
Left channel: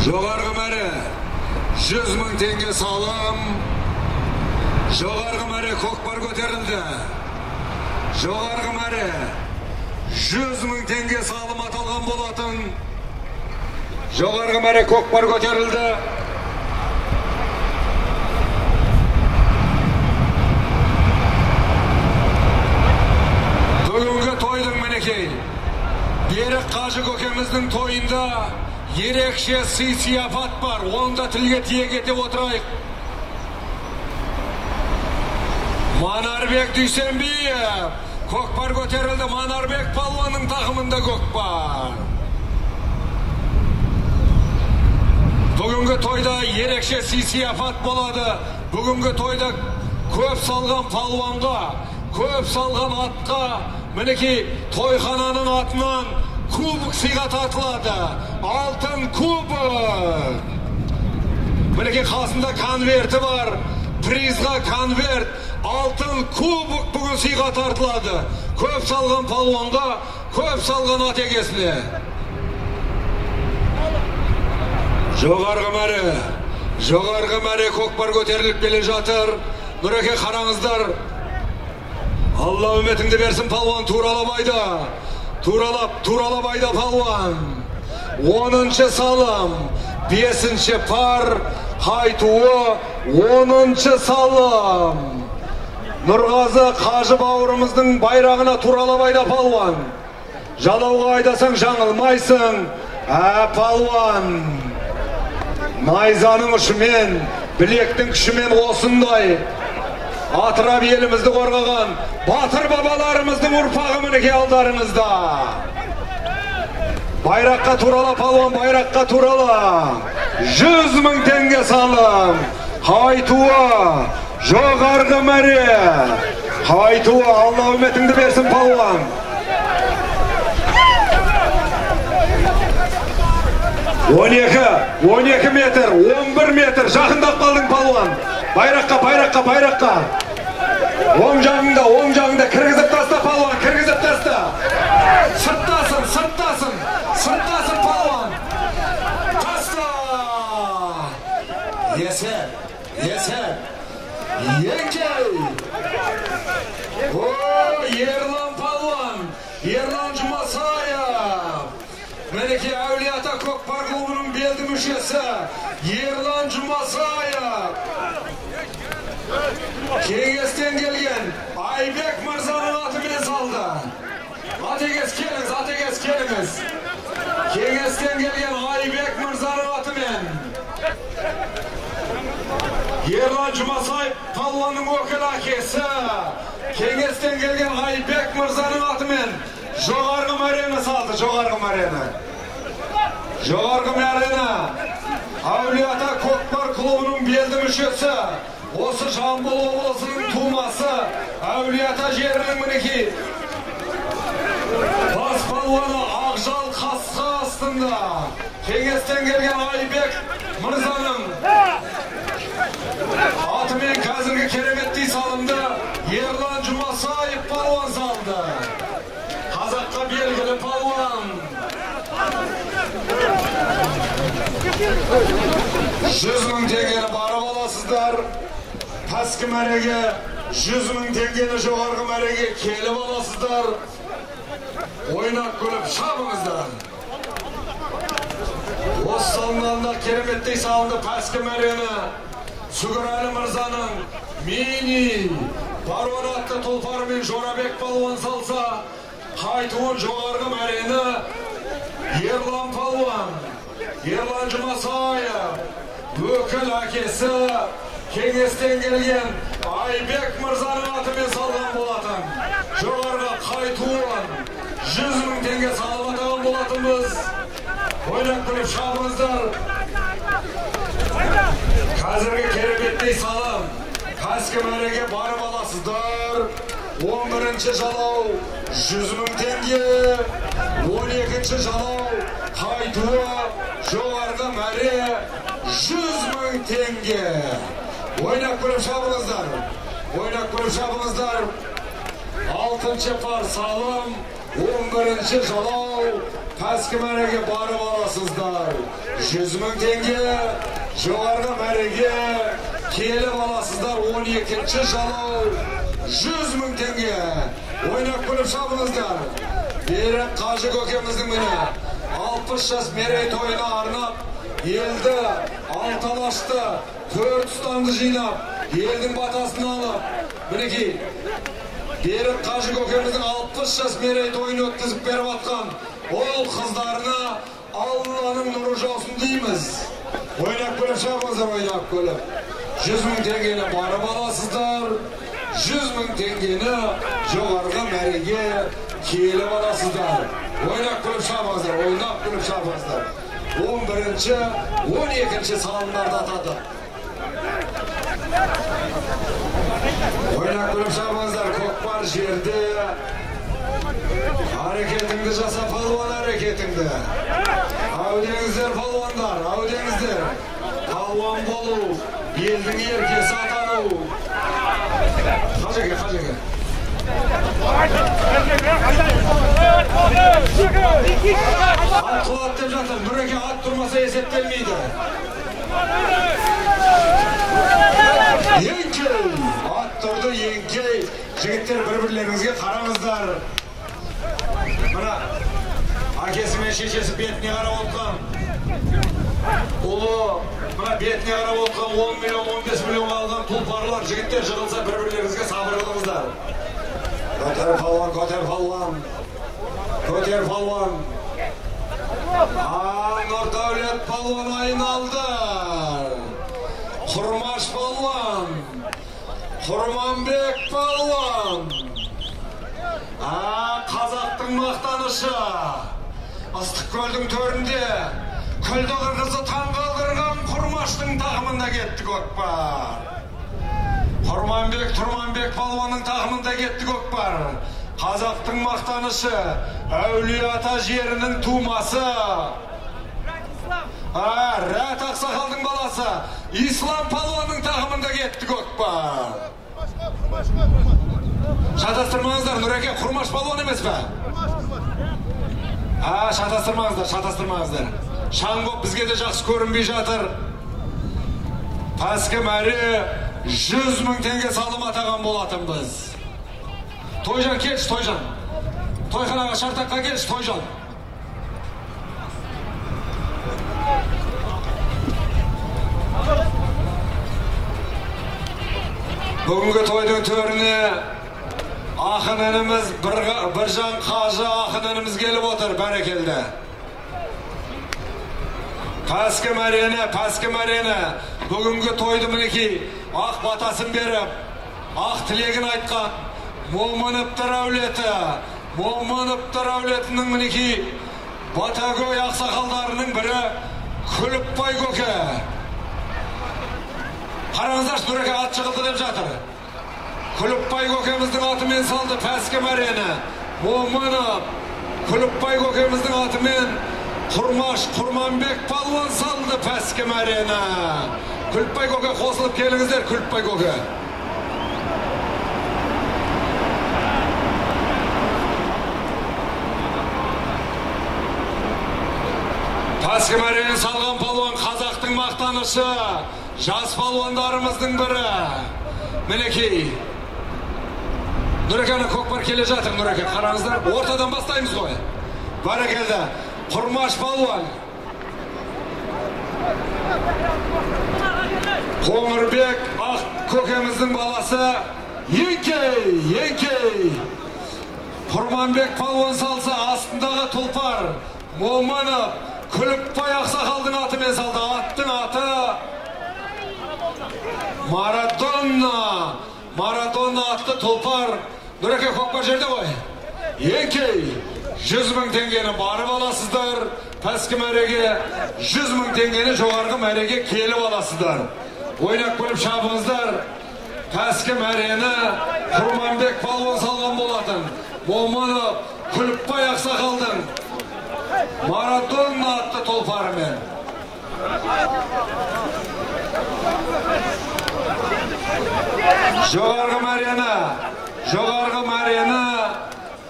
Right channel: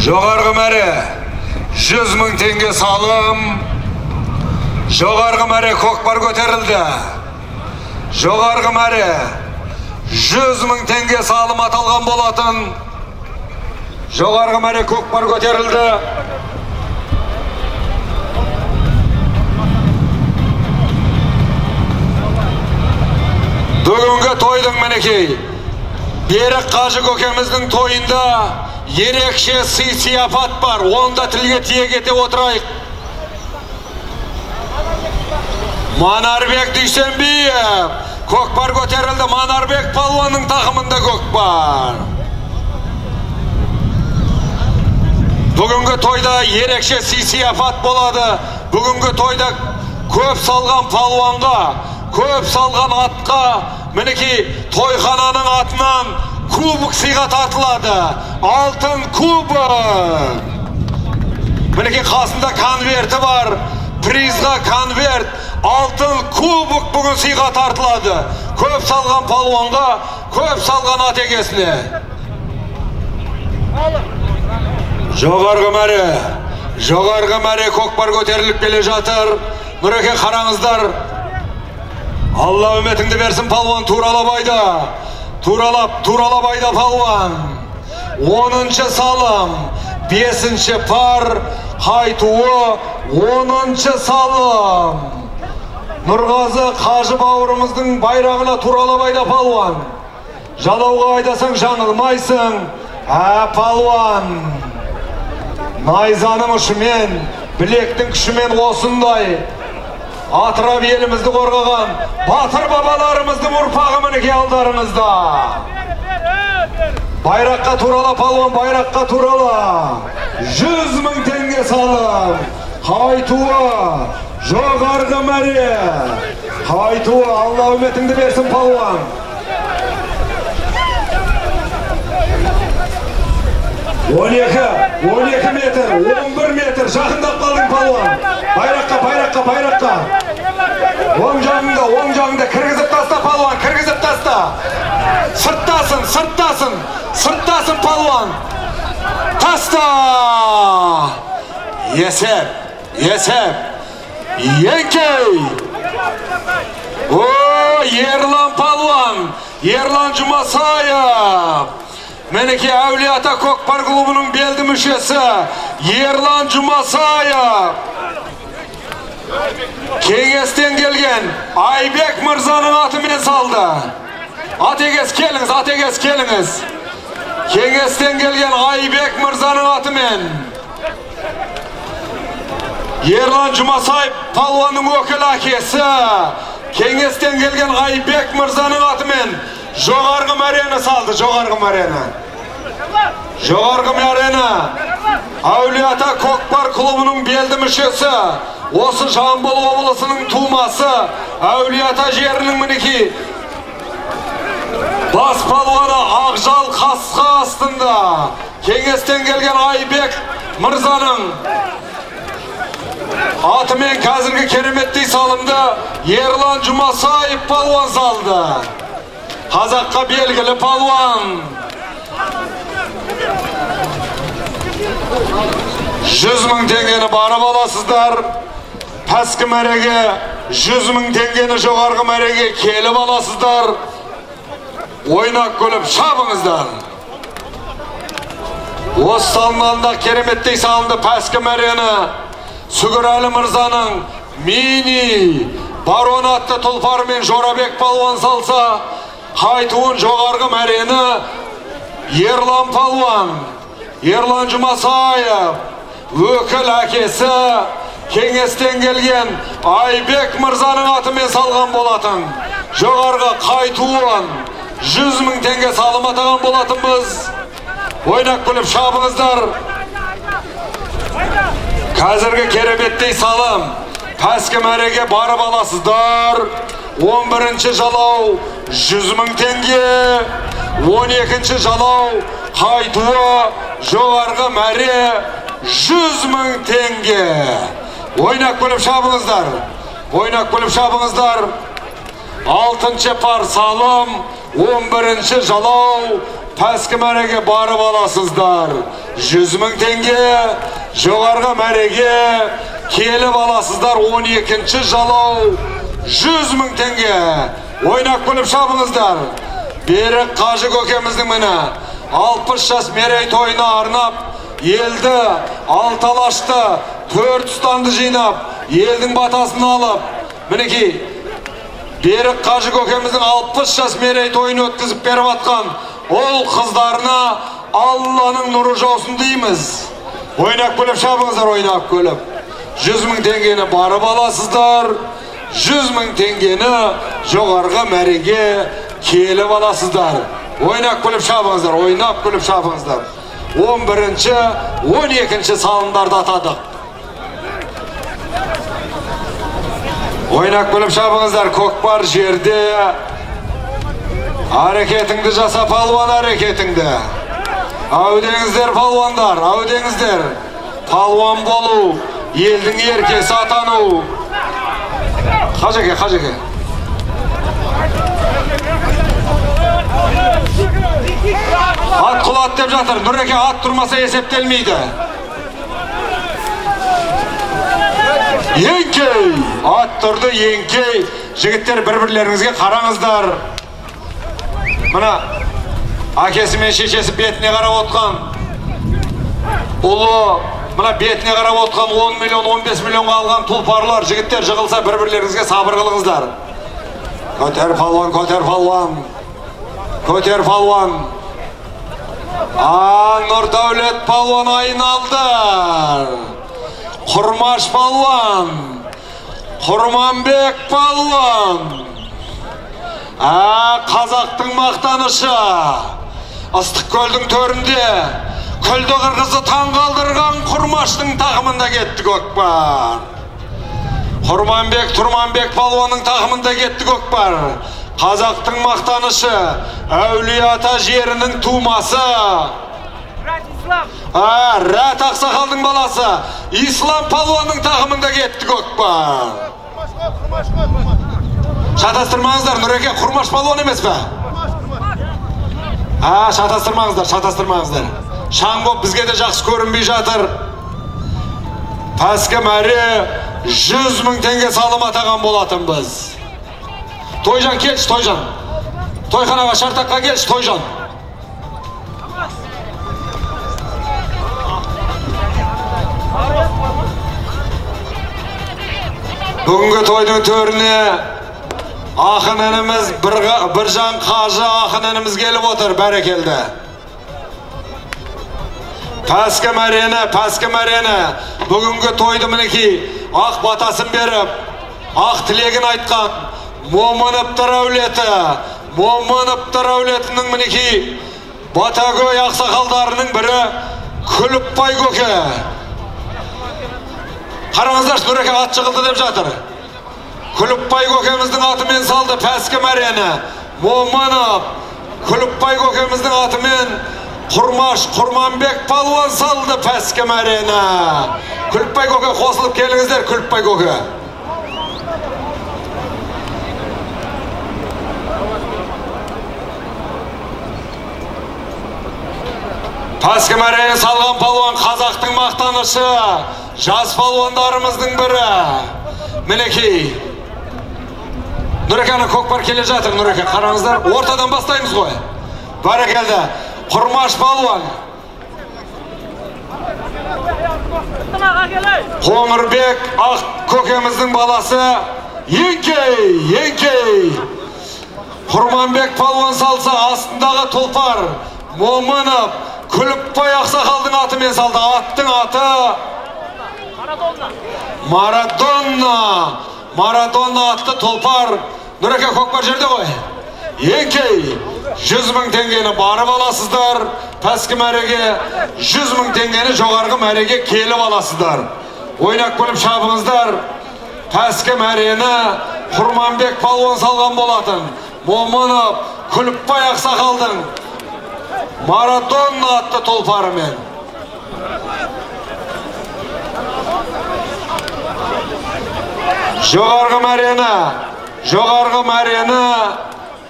Жоғарғы мәре 100 мың теңге салым. Жоғарғы мәре көкпар көтерілді. Жоғарғы мәре 100 мың теңге салым аталған болатын. Жоғарғы мәре көкпар көтерілді. Бүгінгі тойдың мінекей Берік Қажы көкеміздің тойында ерекше сый-сияпат бар. Онда тілге тиек ете отырайық. Манарбек Дүйсенбиев көкпар көтерілді. Манарбек палуанның тақымында көкпар. Бүгінгі тойда ерекше сый-сияпат болады. Бүгінгі тойда көп салған палуанға, көп салған атқа, мінекей тойхананың атынан кубок сыйға тартылады. Алтын кубок. Мінекей қасында конверті бар. Призға конверт. Алтын кубок бүгін сыйға тартылады. Көп салған палуанға, көп салған атегесіне. Жоғарғы мәре көкпар көтеріліп келе жатыр. Нұреке қараңыздар. Алла үмітіңді берсін палуан Туралабайда. Туралабайда палуан. 10-шы салым, 5-шы пар, қайтуы 10-шы салым. Нұрғазы Қажы бауырымыздың байрағына Туралабайда палуан. Жалауға айдасаң жаңылмайсың. Палуан. Найзаның ұшымен, білектің күшімен осындай атырап елімізді қорғаған батыр бабаларымыздың ұрпағы мінекей алдарыңызда. Байраққа турала палуан, байраққа турала. 100 мың теңге салым. Қайтуы, жоғарғы мәре. Қайтуы, Алла үмітіңді берсін палуан. 12 метр, 11 метр, жақындап қалдың палуан. Байраққа. Оң жағында, кіргізіп таста палуан, кіргізіп таста. Сырттасын палуан. Таста. Есеп. Енкей. О, Ерлан палуан, Ерлан Жұмасаев. Мінекей Әулие-ата көкпар клубының белді мүшесі Ерлан Жұмасаев. Кеңестен келген Айбек Мырзаның атымен салды. Атегес келіңіз. Кеңестен келген Айбек Мырзаның атымен. Ерлан Жұмасаев палуанның өкіл әкесі. Кеңестен келген Айбек Мырзаның атымен жоғарғы мәрені салды, жоғарғы мәрені. Әулие-ата көкпар клубының белді мүшесі. Осы Жамбыл облысының тумасы. Әулие-ата жерінің мінекей Бас палуаны Ақжал қасқа астында кеңестен келген Айбек Мырзаның атымен қазіргі кереметтей салымды Ерлан Жұмасаев палуан салды. Қазаққа белгілі палуан. 100.000 теңгені барып аласыздар. Пәскі мәреге 100.000 теңгені жоғарғы мәреге келіп аласыздар. Ойнақ көліп шабыңыздар. Осы салынғанда кереметтей салынды пәскі мәрені Сүгірәлі Мырзаның мини барон атты тұлпарымен Жорабек палуан салса, қайтуын жоғарғы мәрені Ерлан палуан, Ерлан Жұмасаев, өкіл әкесі кеңестен келген Айбек Мырзаның атымен салған болатын. Жоғарғы қайтуын 100.000 теңге салым атаған болатынбыз. Ойнақ күліп шабыңыздар. Қазіргі кереметтей салым пәскі мәреге барып аласыздар. 11-ші жалау 100.000 теңге, 12-ші жалау қайтуы жоғарғы мәре 100.000 теңге. Ойнақ күліп шабыңыздар. Ойнақ күліп шабыңыздар. 6-ші пар салым 11-ші жалау пәскі мәреге барып аласыздар. 100.000 теңге, жоғарғы мәреге келіп аласыздар. 12-ші жалау 100.000 теңге. Ойнақ күліп шабыңыздар. Берік Қажы көкеміздің міне 60 жас мерейтойына арнап, елді алталашты, 4 ұстанды жинап, елдің батасын алып, мінекей Берік Қажы көкеміздің 60 жас мерейтойын өткізіп беріп атқан ол қыздарына Алланың нұры жаусын дейміз. Ойнақ көліп шабыңыздар, ойнақ көліп. 100.000 теңгені барып аласыздар. 100.000 теңгені жоғарғы мәреге келіп аласыздар. Ойнақ көліп шабыңыздар, ойнақ көліп шабыңыздар. 11-ші, 12-ші салымдарды атадық. Ойнақ көліп шабыңыздар, көкпар жерде. Әрекетіңді жаса, палуан, әрекетіңді. Әудеңіздер, палуандар, әудеңіздер. Палуан болу, елдің еркесі атану. Қажеке, қажеке. Ат құлат деп жатыр, Нұреке ат тұрмаса есептелмейді. Еңкей, ат тұрды, еңкей. Жігіттер бір-бірлеріңізге қараңыздар. Мына әкесі мен шешесі бетіне қарап отқан. Ұлы, мына бетіне қарап отқан 10 миллион, 15 миллионға алған тұлпарлар. Жігіттер жығылса бір-бірлеріңізге сабыр қылыңыздар. Көтер палуан, көтер палуан. Көтер палуан. Нұрдәулет палуан айналды. Құрмаш палуан. Құрманбек палуан. Қазақтың мақтанышы. Ыстықкөлдің төрінде күлді қырғызы таң қалдырған Құрмаштың тақымында кетті көкпар. Құрманбек, Тұрманбек палуанның тақымында кетті көкпар. Қазақтың мақтанышы, Әулиеата жерінің тумасы. Рәт Ақсақалдың баласы, Ислам палуанның тақымында кетті көкпар. Шатастырмаңыздар, Нұреке Құрмаш палуан емес пе? Шатастырмаңыздар, шатастырмаңыздар. Шаң боп бізге де жақсы көрінбей жатыр. Пәскі мәре 100.000 теңге салым атаған болатын біз. Тойжан келші, Тойжан. Тойханаға шартаққа келші, Тойжан. Бүгінгі тойдың төріне ақын ініміз Біржан Қажы ақын ініміз келіп отыр, бәрекелді. Пәскі мәрені, бүгінгі тойды мінекей ақ батасын беріп, ақ тілегін айтқан Момыновтар әулетінің мінекей Батагөй ақсақалдарының бірі Күліпбай көке. Қараңыздар, Нұреке ат жығылды деп жатыр. Күліпбай көкеміздің атымен салды пәскі мәрені. Момынов Күліпбай көкеміздің атымен Құрмаш Құрманбек палуан салды пәске мәрені. Күліпбай көке қосылып келіңіздер, Күліпбай көке. Пәске мәрені салған палуан қазақтың мақтанышы, жас палуандарымыздың бірі. Мінекей. Нұрекені көкпар келе жатыр, Нұреке, қараңыздар. Ортадан бастаймыз ғой. Бәрекелді. Құрмаш палуан. Қоңырбек ақ көкеміздің баласы. Еңкей. Құрманбек палуан салса астындағы тұлпар. Момынып, Күліпбай ақсақалдың атымен салды. Аттың аты Марадонна атты тұлпар. Нұреке, көкпар жерде ғой. Еңкей, 100 мың теңгені барып аласыздар. Пәскі мәреге 100 мың теңгені жоғарғы мәреге келіп аласыздар. Ойнақ күліп шабыңыздар. Пәскі мәрені Құрманбек палуан салған болатын. Момынып, Күліпбай ақсақалдың Марадонна атты тұлпарымен. Жоғарғы мәрені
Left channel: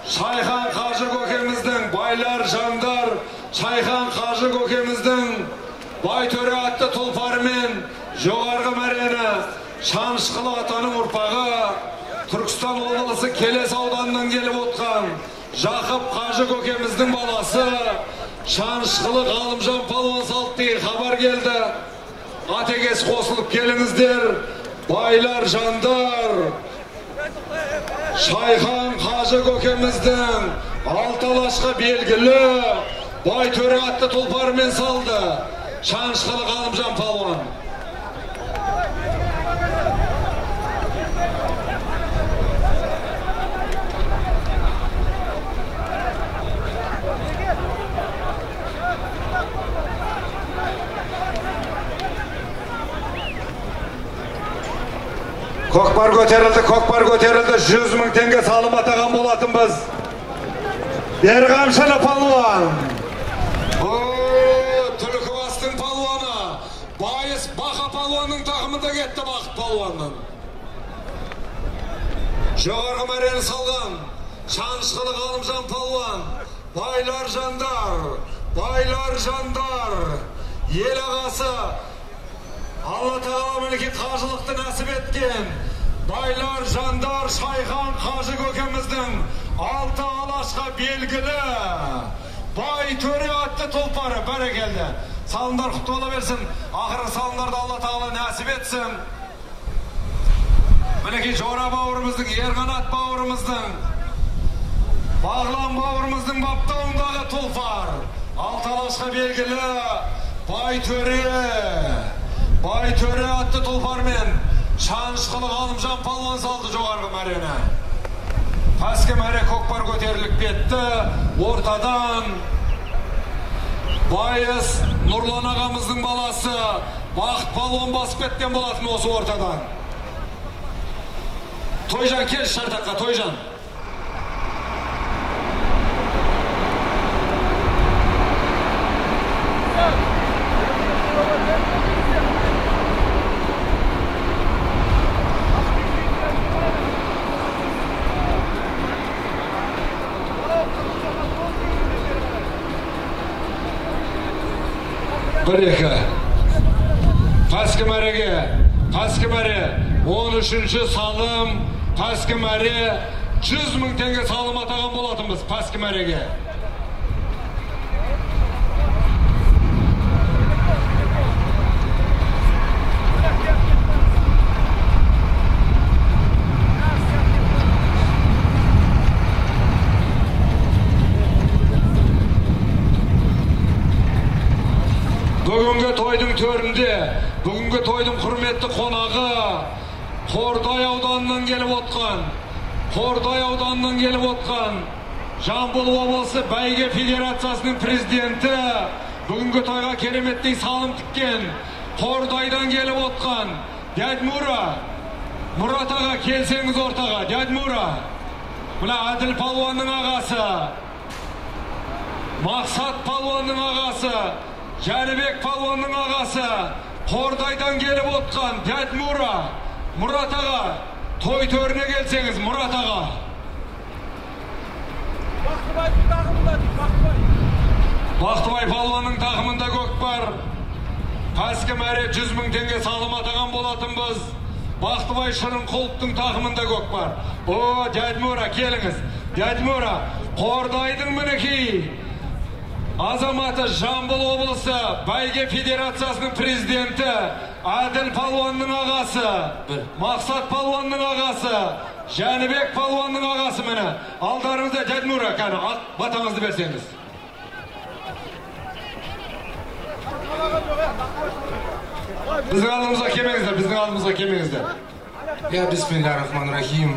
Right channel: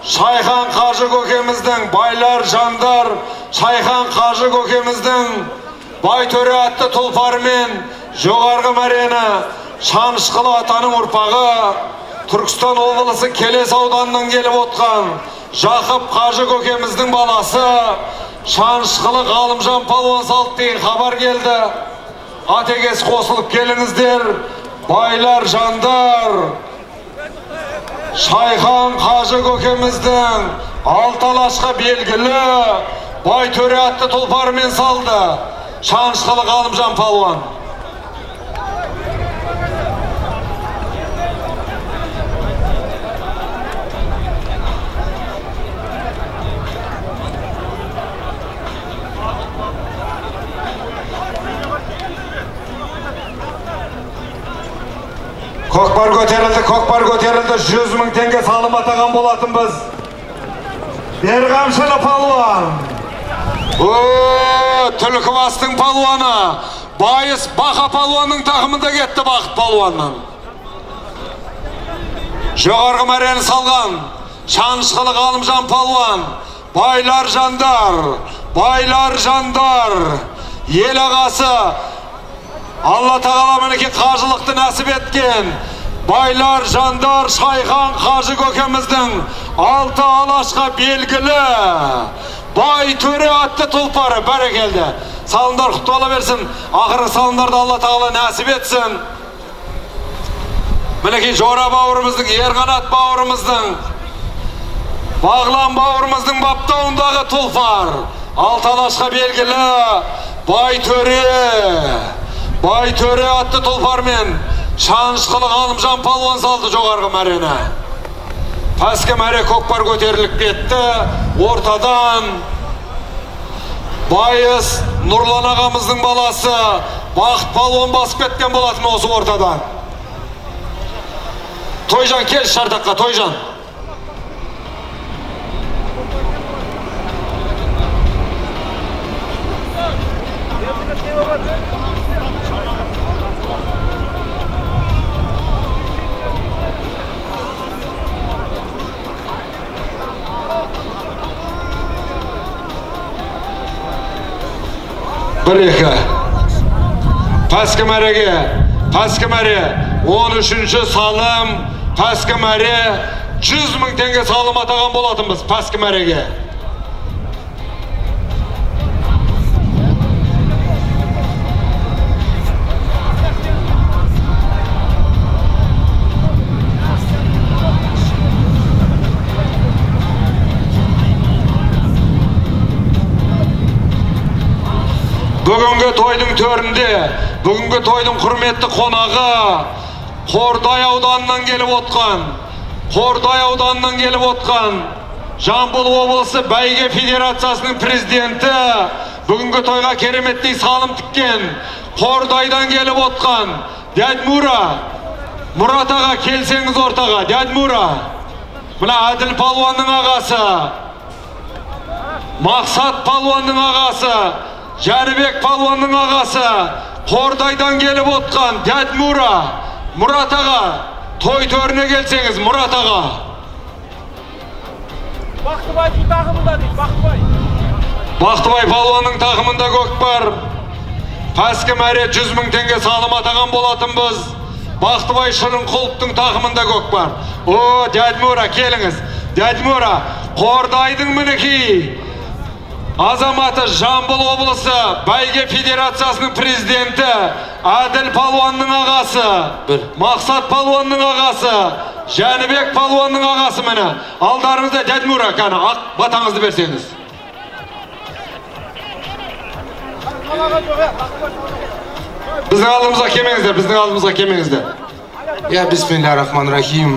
Шайхан Қажы көкеміздің байлар жандар, Шайхан Қажы көкеміздің Байтөре атты тұлпарымен жоғарғы мәрені Шанышқылы атаның ұрпағы, Түркістан облысы Келес ауданынан келіп отқан Жақып Қажы көкеміздің баласы Шанышқылы Ғалымжан палуан салды деген хабар келді. Атекес қосылып келіңіздер, байлар жандар. Шайхан Қажы көкеміздің Алталашқа белгілі Байтөре атты тұлпарымен салды Шанышқылы Ғалымжан палуан. Көкпар көтерілді, 100 мың теңге салым атаған болатын біз. Берғамшылы палуан. Түлкібастың палуаны. Байыс Бақа палуанның тақымында кетті Бақыт палуанның. Жоғарғы мәрені салған Шанышқылы Ғалымжан палуан. Байлар жандар. Ел ағасы Алла тағала мінеке қажылықты нәсіп еткен байлар жандар Шайхан Қажы көкеміздің алты алашқа белгілі Байтөре атты тұлпары. Бәрекелді. Салымдар құтты бола берсін. Ақырғы салымдарды Алла тағала нәсіп етсін. Мінеке Жора бауырымыздың, Ерқанат бауырымыздың, Бағлан бауырымыздың баптауындағы тұлпар. Алты алашқа белгілі Байтөре атты тұлпармен Шанышқылы Ғалымжан палуан салды жоғарғы мәрені. Пәскі мәре көкпар көтеріліп кетті. Ортадан Байыс Нұрлан ағамыздың баласы Бақыт палуан басып кеткен болатын осы ортадан. Тойжан кел шартаққа, Тойжан. Бір-екі. Пәскі мәре 13-ші салым. Пәскі мәре 100 мың теңге салым атаған болатынбыз пәскі мәреге. Бүгінгі тойдың төрінде, бүгінгі тойдың құрметті қонағы Қордай ауданынан келіп отқан Жамбыл облысы Бәйге Федерациясының президенті, бүгінгі тойға кереметтей салым тіккен Қордайдан келіп отқан дядь Мұрат аға, келсеңіз ортаға. Дядь Мұрат, мына Әділ палуанның ағасы Мақсат палуанның ағасы, Жәнібек палуанның ағасы, Қордайдан келіп отқан дәд Мұрат аға, той төріне келсеңіз, Мұрат аға. Бақтыбай тағымында дейді, Бақтыбай. Бақтыбай палуанның тағымында көкпар. Пәскі мәре 100 000 теңге салым атаған болатынбыз. Бақтыбай Шырынқұловтың тағымында көкпар. О, дәд Мұра, келіңіз. Дәд Мұра, Қордайдың мінекей азаматы Жамбыл облысы Бәйге Федерациясының президенті Әділ палуанның ағасы, Мақсат палуанның ағасы, Жәнібек палуанның ағасы мені. Алдарыңызда дәд Мұра, кәні ақ батаңызды берсеңіз. Біздің алдымызға кемеңіздер. Я бисмиллахир-рахманир-рахим.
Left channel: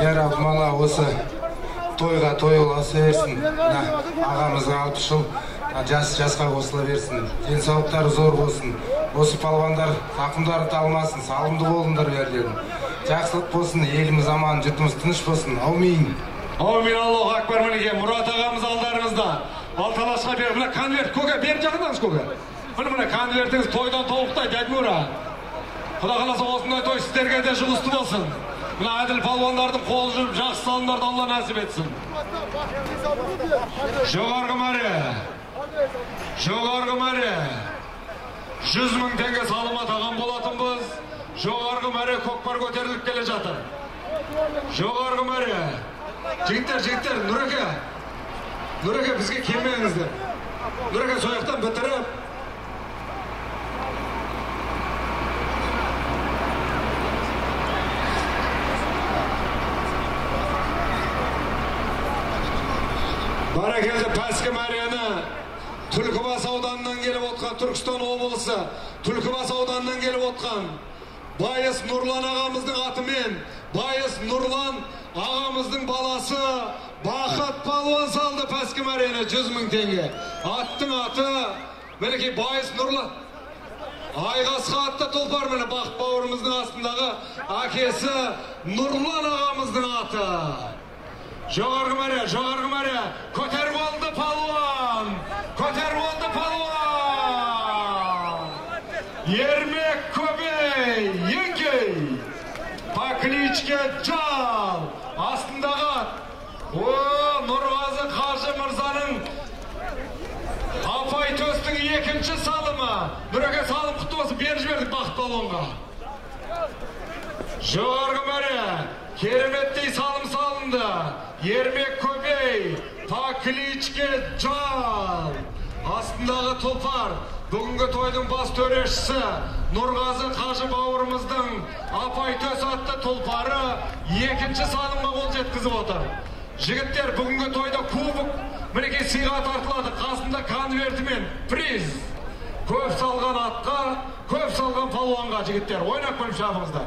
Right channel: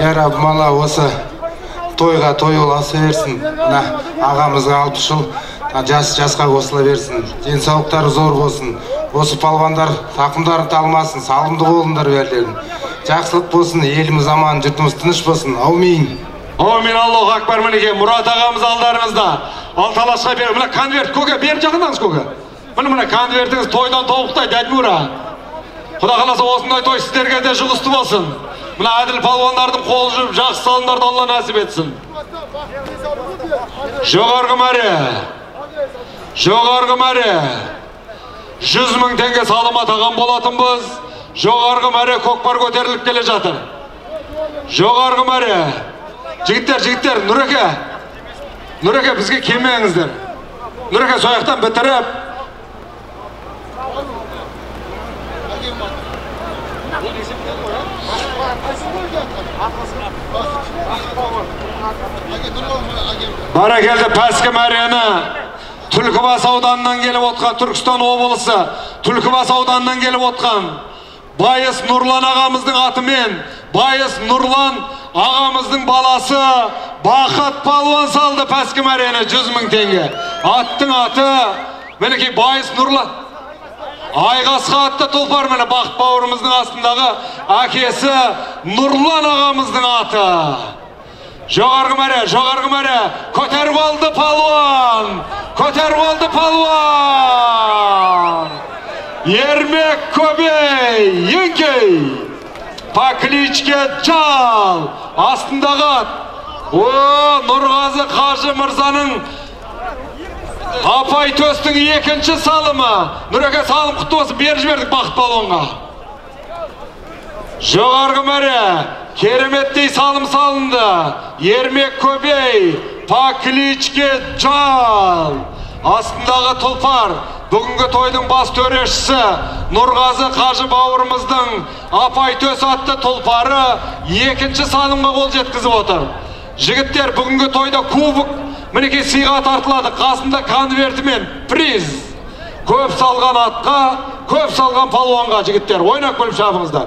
Я Раб, мала осы тойға той оласы берсін. Ағамызға 60 жыл жасқа қосыла берсін. Денсаулықтары зор болсын. Осы палвандар тақымдарын талмасын, салымды болыңдар берлерін. Жақсылық болсын, еліміз аман, жұртымыз тыныш болсын. Аумин. Аумин, Аллаху акбар. Мінеке, Мұрат ағамыз алдарыңызда. Алталасқа беріп, мына конверт көке, беріп жақындаңыз көке. Мына конвертіңіз тойдан тобықтай, дәд Мұра. Құда қаласа осындай той сіздерге де жұғысты болсын. Мына әділ палуандардың қолы жүріп, жақсы салымдарды Алла нәсіп етсін. Жоғарғы мәре 100 000 теңге салым атаған болатынбыз. Жоғарғы мәре көкпар көтеріліп келе жатыр. Жоғарғы мәре. Жігіттер, Нұреке, бізге келмеңіздер. Нұреке, сояқтан бітіріп. Баракелді Пәскі мәрені Түлкібас ауданынан келіп отқан, Түркістан облысы Түлкібас ауданынан келіп отқан Байыс Нұрлан ағамыздың атымен, Байыс Нұрлан ағамыздың баласы Бақыт палуан салды Пәскі мәрені 100 000 теңге. Аттың аты, мінекей Байыс Нұрлан. Айғасқа атты тұлпар мені Бақыт бауырымыздың астындағы әкесі Нұрлан ағамыздың аты. Жоғарғы мәре, көтеріп алды палуан! Ермек Көбей, Еңкей, по кличке Жал, астындағы ат. О, Нұрғазы Қажы Мырзаның Апай Төстің 2-ші салымы. Нұреке, салым құтты болсын, бер жібердік Бақыт палуанға. Жоғарғы мәре, кереметтей салым салынды. Ермек Көбей, по кличке Жал. Астындағы тұлпар, бүгінгі тойдың бас төрешісі Нұрғазы Қажы бауырымыздың Апай Төс атты тұлпары 2-ші салымға қол жеткізіп отыр. Жігіттер, бүгінгі тойда кубок мінеке сыйға тартылады. Қасында конвертімен приз. Көп салған атқа, көп салған палуанға. Жігіттер, ойнап көліп шабыңыздар.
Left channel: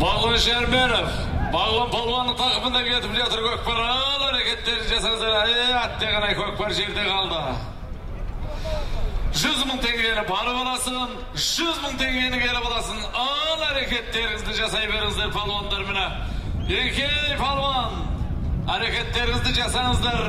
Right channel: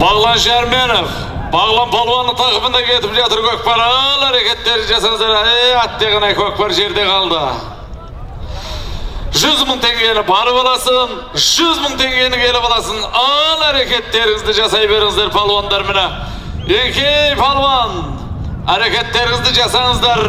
Бағлан Шәрменов, Бағлан палуанның тақымында кетіп жатыр көкпар. Ал әрекеттері жасаңыздар. Аттығына көкпар жерде қалды. 100 000 теңгені барып аласын, 100 000 теңгені келіп аласын. Ал әрекеттеріңізді жасай беріңіздер палуандар міне. Еңкей палуан, әрекеттеріңізді жасаңыздар.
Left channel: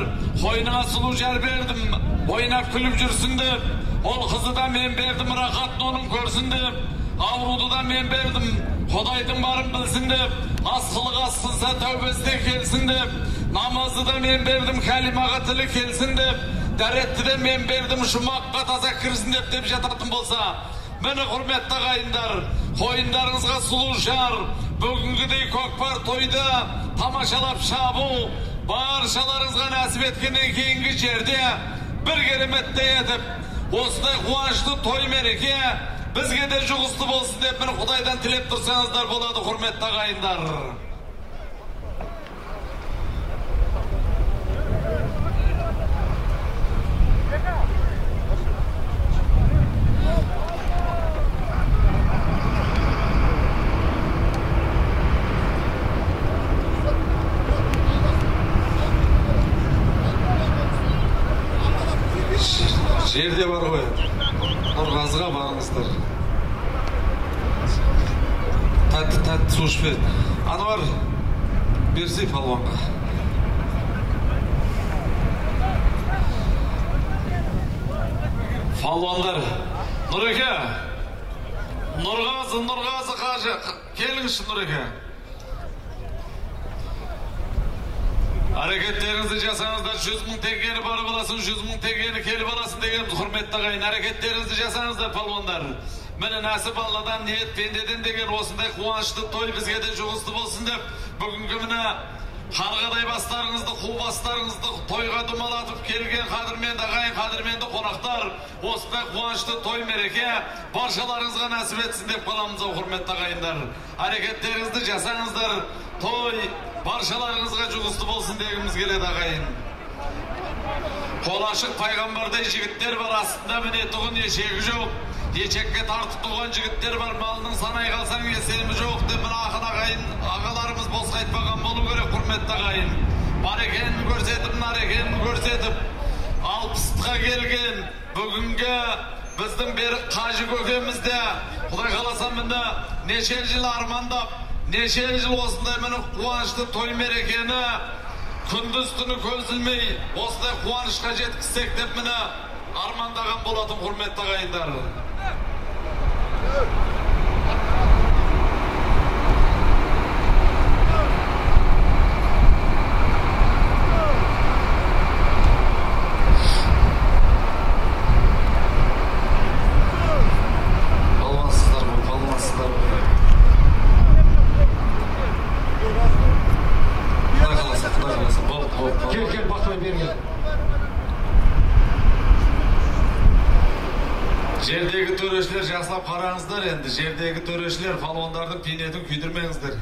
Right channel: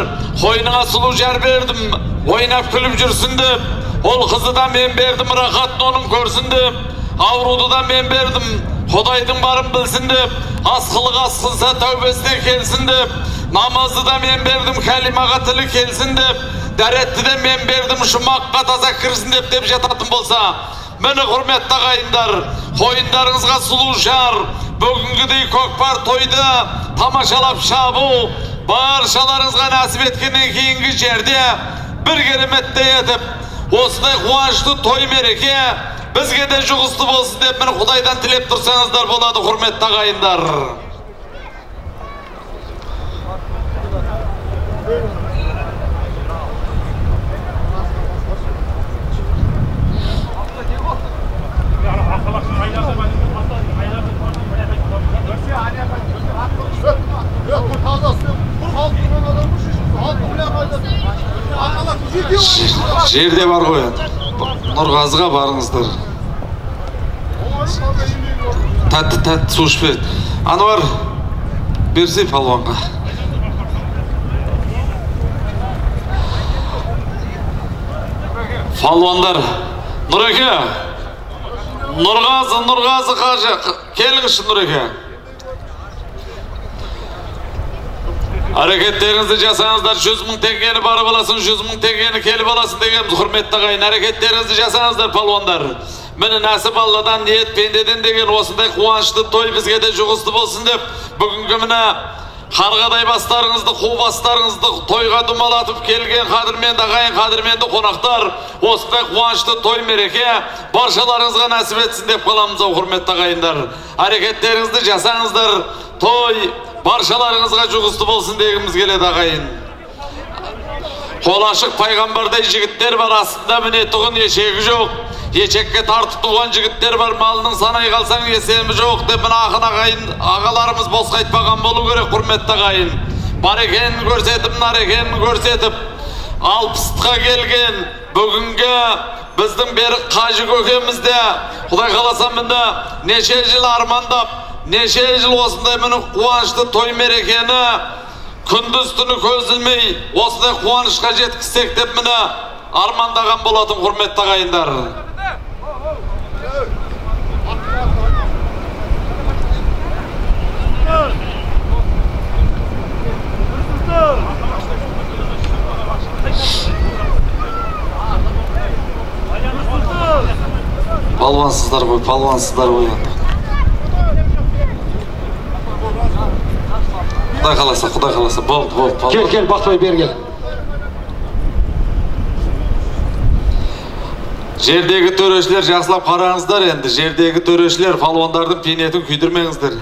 Қойныңа сұлу жар бердім, ойнап күліп жүрсін деп. Ол қызы да мен бердім, рақатын оның көрсін деп. Ауруды да мен бердім, Құдайдың барын білсін деп. Асқылық асқынса тәубесіне келсін деп. Намазды да мен бердім, кәлимаға тілі келсін деп. Дәретті де мен бердім, жұмаққа таза кірсін деп жататын болса. Мені құрметті ағайындар, қойындарыңызға сұлу жар, бүгінгідей көкпар тойды тамашалап шабу, баршаларыңызға нәсіп еткеннен кейінгі жерде бір кереметті етіп, осындай қуанышты той мереке бізге де жұғысты болсын деп мені Құдайдан тілеп тұрсаңыздар болады, құрметті ағайындар. Жерде бар ғой, Нұрғазыға барыңыздар. Тәтті су ішпеді. Ануар, берсе палуанға. Палуандар, Нұреке, Нұрғазы қажы, келіңізші Нұреке. Әрекеттеріңізді жасаңыздар, 100 мың теңгені барып аласын, 100 мың теңгені келіп аласын дегеніміз, құрметті ағайын. Әрекеттеріңізді жасаңыздар, палуандар. Мені нәсіп Алладан, ниет пендеден деген осындай қуанышты той бізге де жұғысты болсын деп, бүгінгі міне қарғадай бастарыңызды, қу бастарыңызды тойға думалатып келген қадірменді ағайын, қадірменді қонақтар, осындай қуанышты той мереке баршаларыңызға нәсіп етсін деп қаламыз, құрметті ағайындар. Әрекеттеріңізді жасаңыздар, той баршаларыңызға жұғысты болсын дегіміз келеді ағайын. Қол ашық пайғамбардай жігіттер бар, астында міне тұғын ешегі жоқ. Ешекке тартып туған жігіттер бар, малының санай қалсаң есемі жоқ деп мына ақын ағайын ағаларымыз босқа айтпаған болу керек, құрметті ағайын. Бар екенін көрсетіп, нар екенін көрсетіп, 60-қа келген бүгінгі біздің берік қажы көкемізде Құдай қаласа міне неше жыл армандап, неше жыл осындай міне қуанышты той мерекені күндіз түні көз ілмей осындай қуанышқа жеткізсек деп міне армандаған болатын, құрметті ағайындар. Палуансыздар ғой, палуансыздар ғой. Құдай қаласа, болды. Кел, Бақтай бер кел. Жердегі төрешілер жақсылап қараңыздар енді. Жердегі төрешілер палуандардың пенетін күйдірмеңіздер.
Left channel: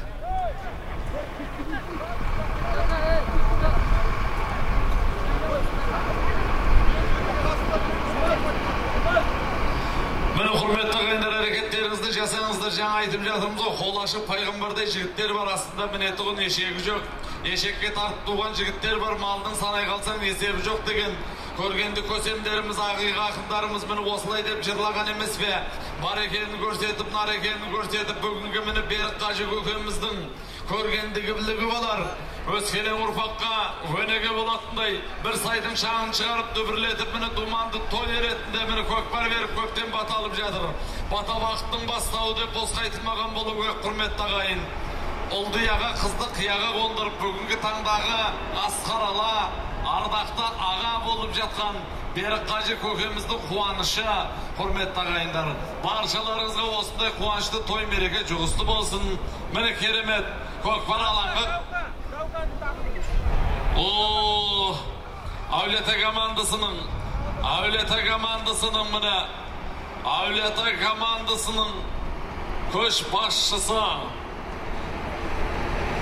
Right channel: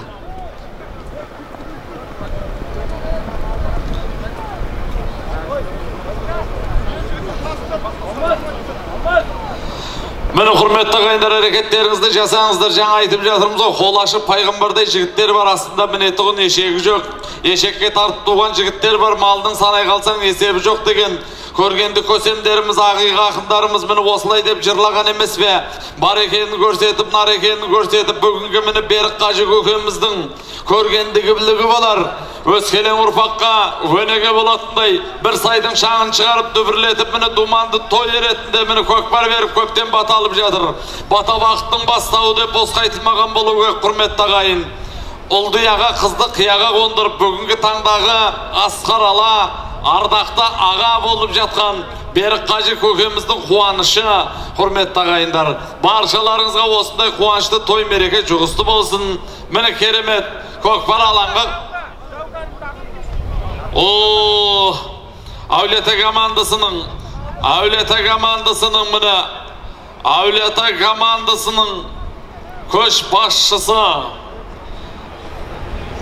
Мені құрметті ағайындар, әрекеттеріңізді жасаңыздар. Жаңа айтып жатырмыз ғой, қол ашып пайғамбардай жігіттер бар, астында міне тұғын ешегі жоқ. Ешекке тартып туған жігіттер бар, малдың санай қалсаң есебі жоқ деген көргенді көсемдеріміз, ақиға ақындарымыз мені осылай деп жырлаған емес бе? Бар екенін көрсетіп, нар екенін көрсетіп, бүгінгі мені берік қажы көкеміздің көргендігі білігі болар. Өскелең ұрпаққа өнеге болатындай бір сайдың шаңын шығарып дүбірлетіп, мені думанды той еретінде мені көкпар беріп көктен бата алып жатыр. Бата бақыттың бастауы деп босқа айтылмаған болу керек, құрметті ағайын. Ұлды яға қызды қияға қондырып, бүгінгі таңдағы асқар ала, ардақты аға болып жатқан берік қажы көкеміздің қуанышы, құрметті ағайындар. Баршаларыңызға осындай қуанышты той мереке жұғысты болсын. Міне керемет көкпар алаңға. Әулиеата командасының міне Әулиеата командасының көшбасшысы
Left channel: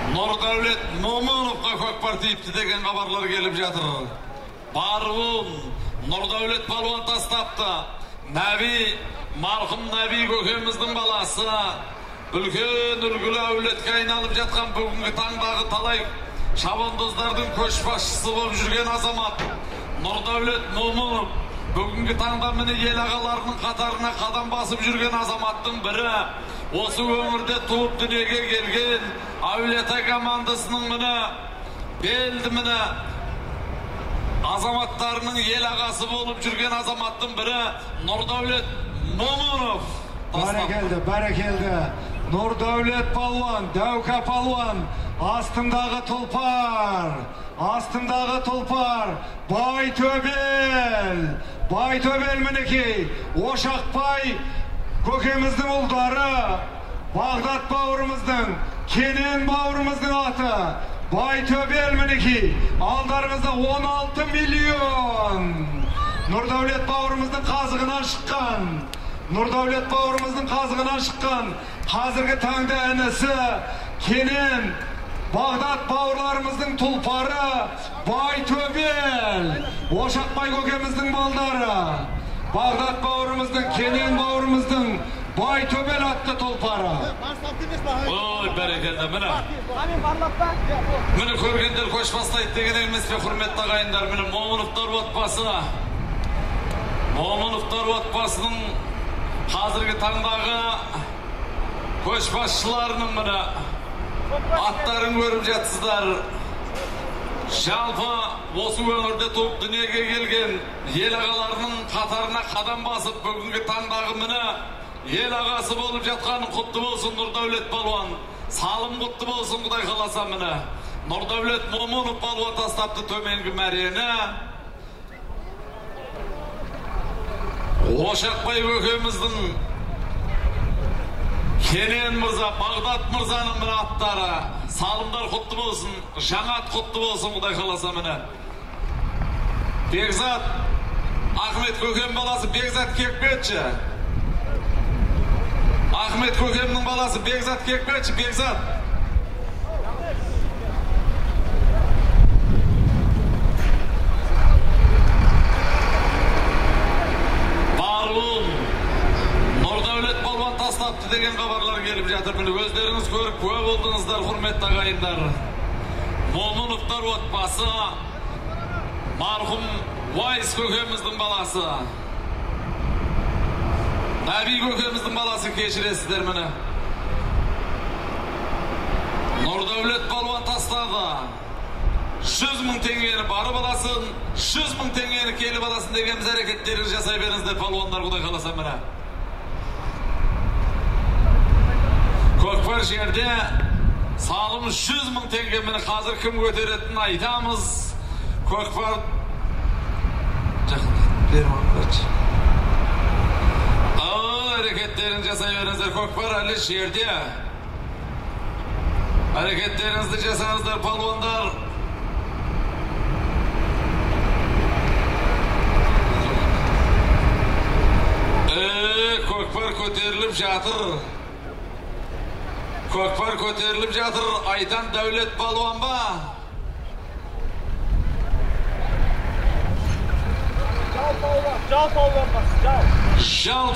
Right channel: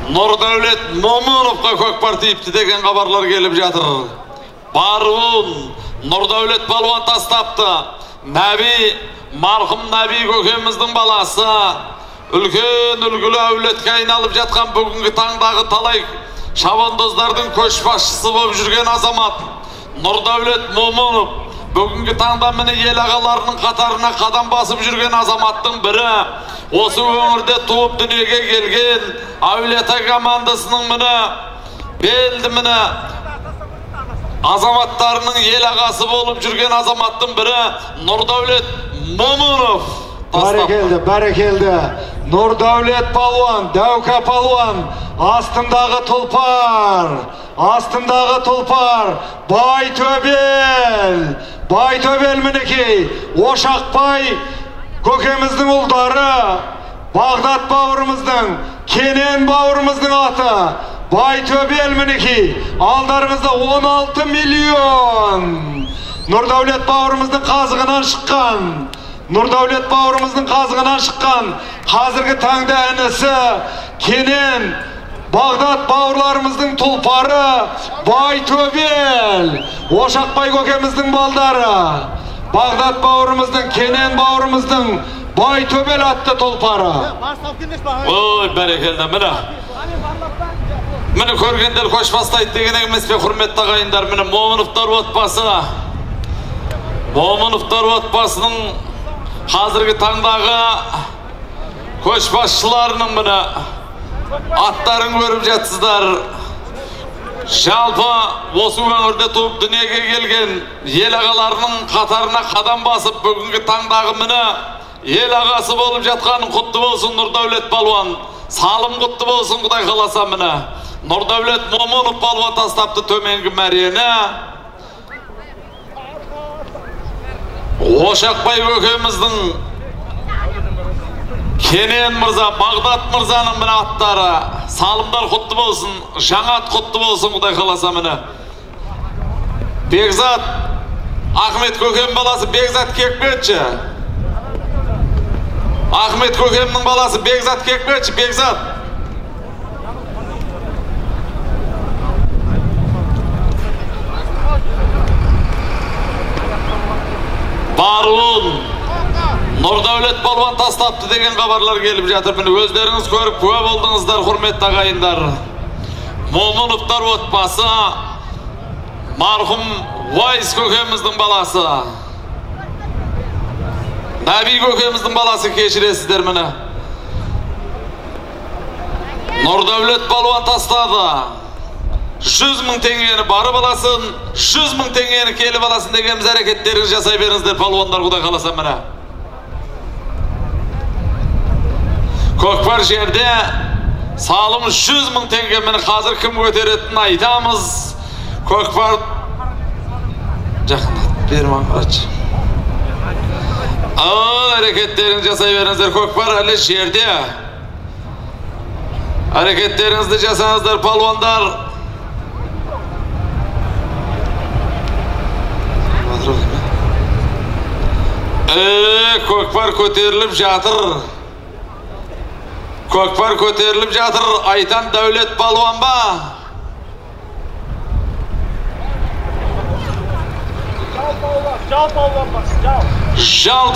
Нұрдәулет Момыновқа көкпар тиіпті деген хабарлар келіп жатыр. Баруын Нұрдәулет балуан тастапты. Марқұм Нәби көкеміздің баласы үлкен үлгілі әулетке айналып жатқан бүгінгі таңдағы талай шабандоздардың көшбасшысы болып жүрген азамат Нұрдәулет Момынов бүгінгі таңда міне ел ағаларының қатарына қадам басып жүрген азаматтың бірі. Осы өңірде туып дүниеге келген Әулиеата командасының міне белді міне азаматтарының ел ағасы болып жүрген азаматтың бірі Нұрдәулет Момынов. Бәрекелді. Нұрдәулет палуан, Дәука палуан, астындағы тұлпар, Байтөбел мінекей, Ошақбай көкеміздің ұлдары, Бағдат бауырымыздың, Кенен бауырымыздың аты, Байтөбел мінекей, алдарыңызда 16 миллион. Нұрдәулет бауырымыздың қазығынан шыққан, қазіргі таңда әнісі Кенен, Бағдат бауырларымыздың тұлпары, Байтөбел, Ошақбай көкеміздің балдары, Бағдат бауырымыздың, Кенен бауырымыздың, Байтөбел атты тұлпары. Ой, бәрекелді, міне көргендер көш бастайды деген емес пе, құрметті ағайындар. Міне Момыновтар отбасының қазіргі таңдағы Koçbaşçılarının mına atların görüp jatsızlar. Жалпы осы өңірде туып дүниеге келген ел ағаларының қатарына қадам басып бүгінгі таңдағы міне ел ағасы болып жатқаның құтты болсын Нұрдәулет Палуан. Салым құтты болсын Құдай қаласа міне. Нұрдәулет Момынов Палуан тастапты төменгі мәрені. Ошақбай көкеміздің Кенен Мырза, Бағдат Мырзаның міне аттары. Салымдар құтты болсын, жаңат құтты болсын Құдай қаласа міне. Бекзат, Ахмет көкем баласы Бекзат Кекбетші. Ахмет көкемнің баласы Бекзат Кекбетші, Бекзат. Баруын, Нұрдәулет Палуан тастапты деген хабарлар келіп жатыр. Міне өздеріңіз көріп куә болдыңыздар, құрметті ағайындар. Момыновтар отбасы, марқұм Уайс көкеміздің баласы. Наби көкеміздің баласы кешіресіздер міне. Нұрдәулет Палуан тастады. 100 мың теңгені барып аласын, 100 мың теңгені келіп аласын деген әрекеттеріңіз жасай беріңіздер палуандар Құдай қаласа міне. Көкпар жерде салым 100 мың теңге мені қазір кім көтеретінін айтамыз. Көкпар жақындат бермей қарашы. Әрекеттеріңізді жасай беріңіздер. Көкпар әлі жерде. Әрекеттеріңізді жасаңыздар палуандар. Көкпар көтеріліп жатыр. Көкпар көтеріліп жатыр. Айтан Дәулет Палуан ба? Жал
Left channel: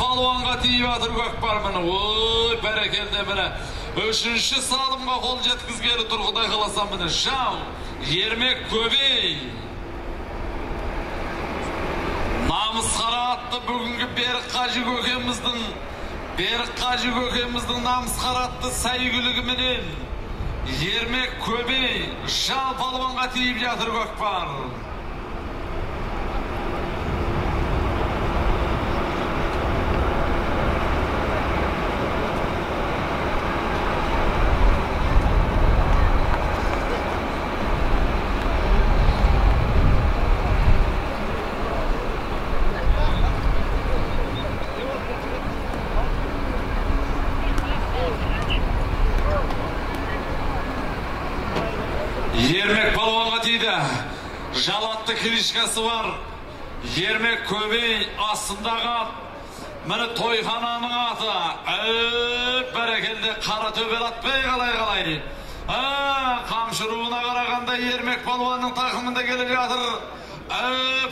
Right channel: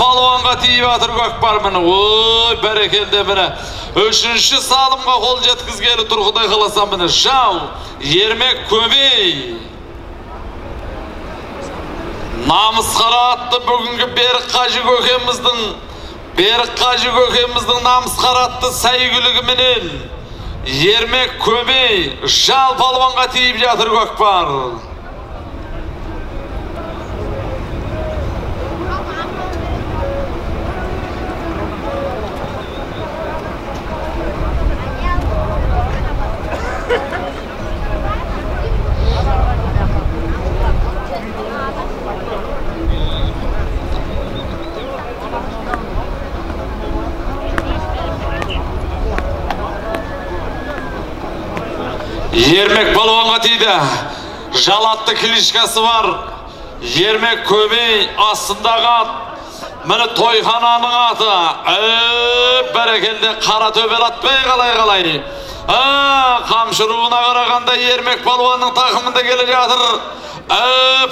палуанға тиіп жатыр көкпар міне. Ой, бәрекелді міне. 3-ші салымға қол жеткізгелі тұр Құдай қаласа міне. Жал, Ермек Көбей. Намыс қара атты бүгінгі Берік Қажы көкеміздің намыс қара атты сәйгілігі менен Ермек Көбей жал палуанға тиіп жатыр көкпар. Ермек палуанға тиді. Жалатты клишкасы бар. Ермек Көбей астындағы ат. Міне тойхананың аты. Бәрекелді қара төбел атпай қалай. Қамшыруына қарағанда Ермек палуанның тақымында келе жатыр.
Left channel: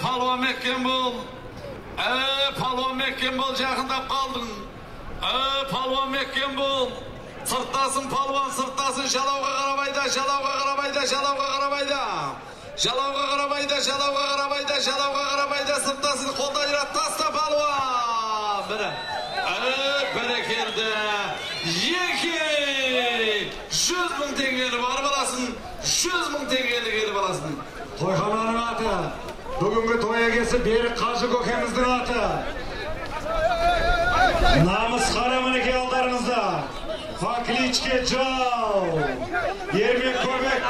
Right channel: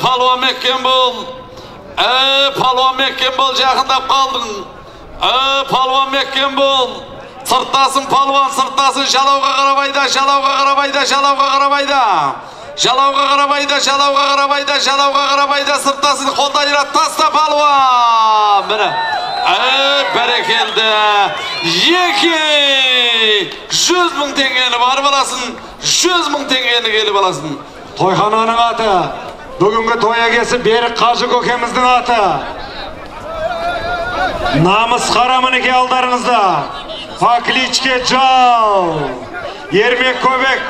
Палуан меккен бол. Палуан меккен бол, жақындап қалдың. Палуан меккен бол. Сырттасын палуан, сырттасын жалауға қарабайда, жалауға қарабайда, жалауға қарабайда. Жалауға қарабайда, жалауға қарабайда, жалауға қарабайда, сырттасын қолдайра таста палуан. Міне, бәрекелді. 100 мың теңгені барып аласын, 100 мың теңгені келіп аласын. Тойхананың аты, бүгінгі той егесі Берік Қажы көкеміздің аты. Намыс қара мінеке алдарыңызда. Факличке жал. Ермек Көбек.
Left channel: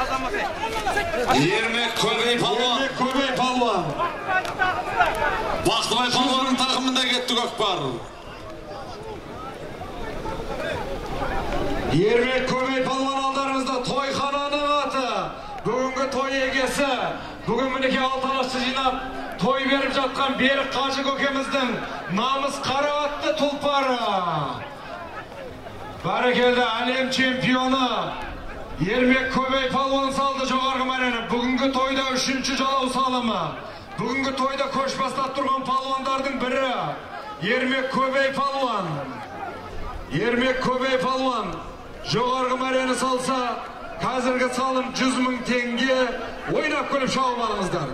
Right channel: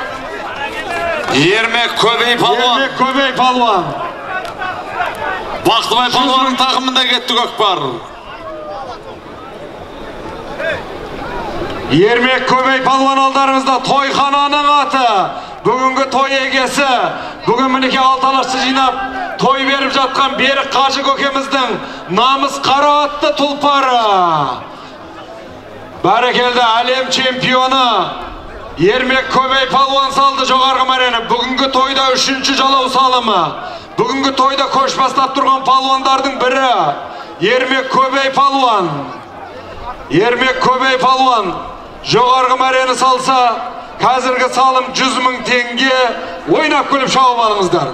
Ермек Көбей палуан. Ермек Көбей палуан. Бақтыбай палуанның тақымында кетті көкпар. Ермек Көбей палуан алдарыңызда тойхананың аты. Бүгінгі той егесі. Бүгін мінеке алталашты жинап той беріп жатқан Берік Қажы көкеміздің намыс қара атты тұлпары. Бәрекелді әлем чемпионы Ермек Көбей палуан салды жоғарғы мәрені. Бүгінгі тойда 3-ші жалау салымы. Бүгінгі тойда көш бастап тұрған палуандардың бірі Ермек Көбей палуан. Ермек Көбей палуан жоғарғы мәрені салса, қазіргі салым 100 мың теңге. Ойнап көліп шауып алыңыздар.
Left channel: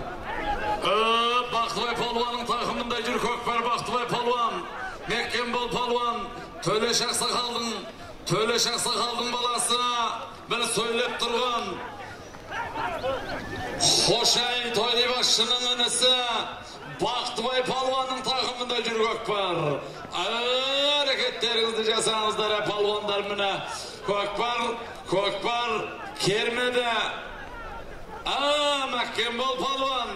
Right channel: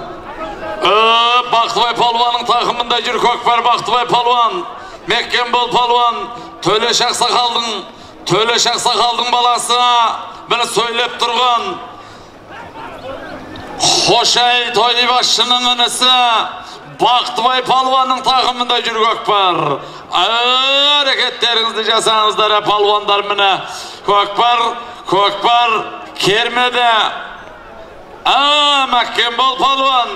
Бақтыбай палуанның тақымында жүр көкпар. Бақтыбай палуан, Меккен бол палуан, Төлеш Ақсақалдың Töleş Aksakaldın balası beni söylep durgan Hoşay Toybaşçının önesi Baktыбay palvanın takımında жүрgök var. Hareketlerinizi jasanızlar palvanlar mine. Kökbar kermede. Makkembol palvan.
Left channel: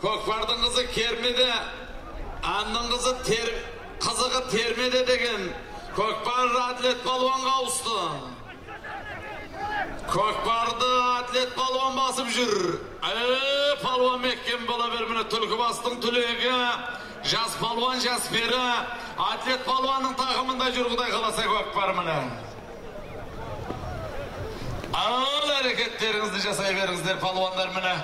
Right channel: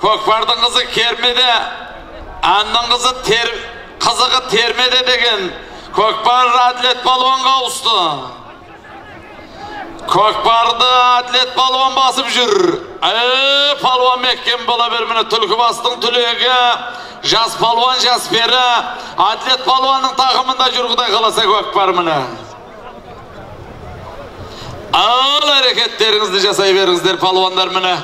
Kökbardın kızı kermede. Anның kızığı termede degen. Kökbar atlet palvanga ustu. Kökbardı atlet palvan basıp jür. Palvan mekken bola bermine tülkü bastın tülüge. Jas palvan jas beri. Atlet palvanın takımında jürgüday kalasa Kökbar mine. Ağıl hareketlerinizi jasay berinizler palvanlar mine.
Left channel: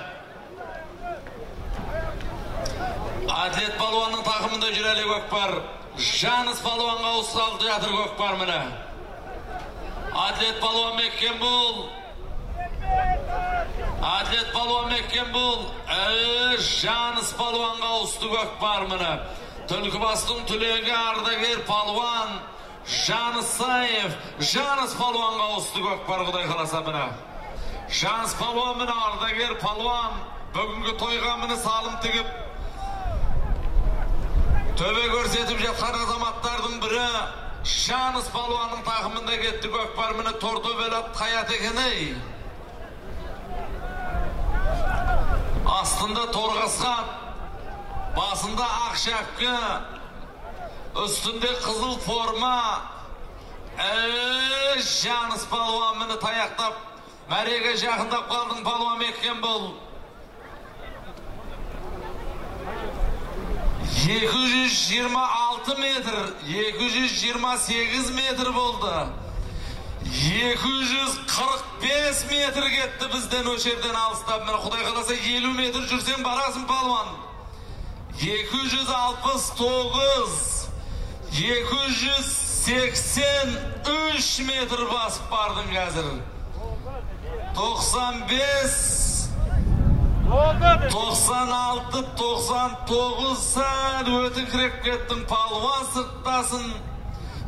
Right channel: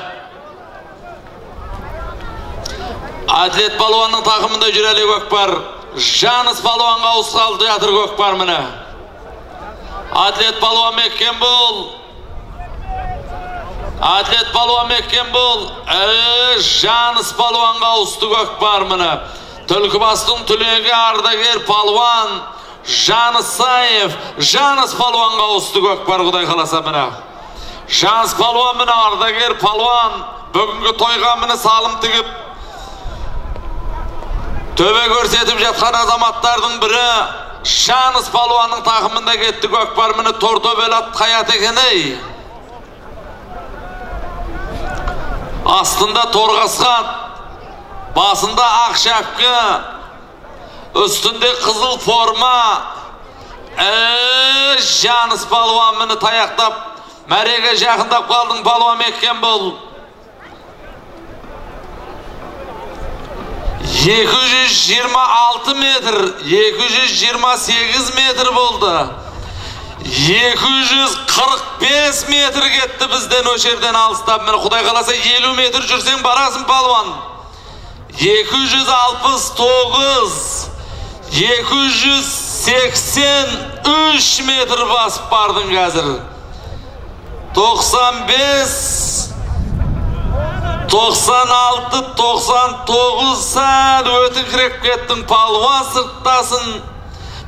Atlet palvanın takımında jüreli Kökbar. Janız palvanga uskaldı yatır Kökbar mine. Atlet palvan mekken bol. Atlet palvan mekken bol. Janız palvanga ustu Kökbar mine. Tülkü bastın tülüge ardager palvan. Janız Sayev. Janız palvanga ustu Kökbar kuday kalasa mine. Janız palvan mine ardager palvan. Bugünkü toyga mine salım tigip. Töbe görsetip jatkan azamatlardın biri. Janız palvanın takımında gitti Kökbar mine torto velat hayat ekeney. Aslında torgaskan, basında ak şapkı, üstünde kızıl forma. Janız palvan mine tayaktap, merege jakındap kaldın palvan mekken bol. 226 metr, 228 metr boldu. 245 metr gitti bizden o yerden alыстап. Mene Kuday kalasa 50 metr jürsen barasın palvan. 269, 283 metr basıp bardın gazır. 95, 96, 99 saat ötükrep kettin palvan sırttasın.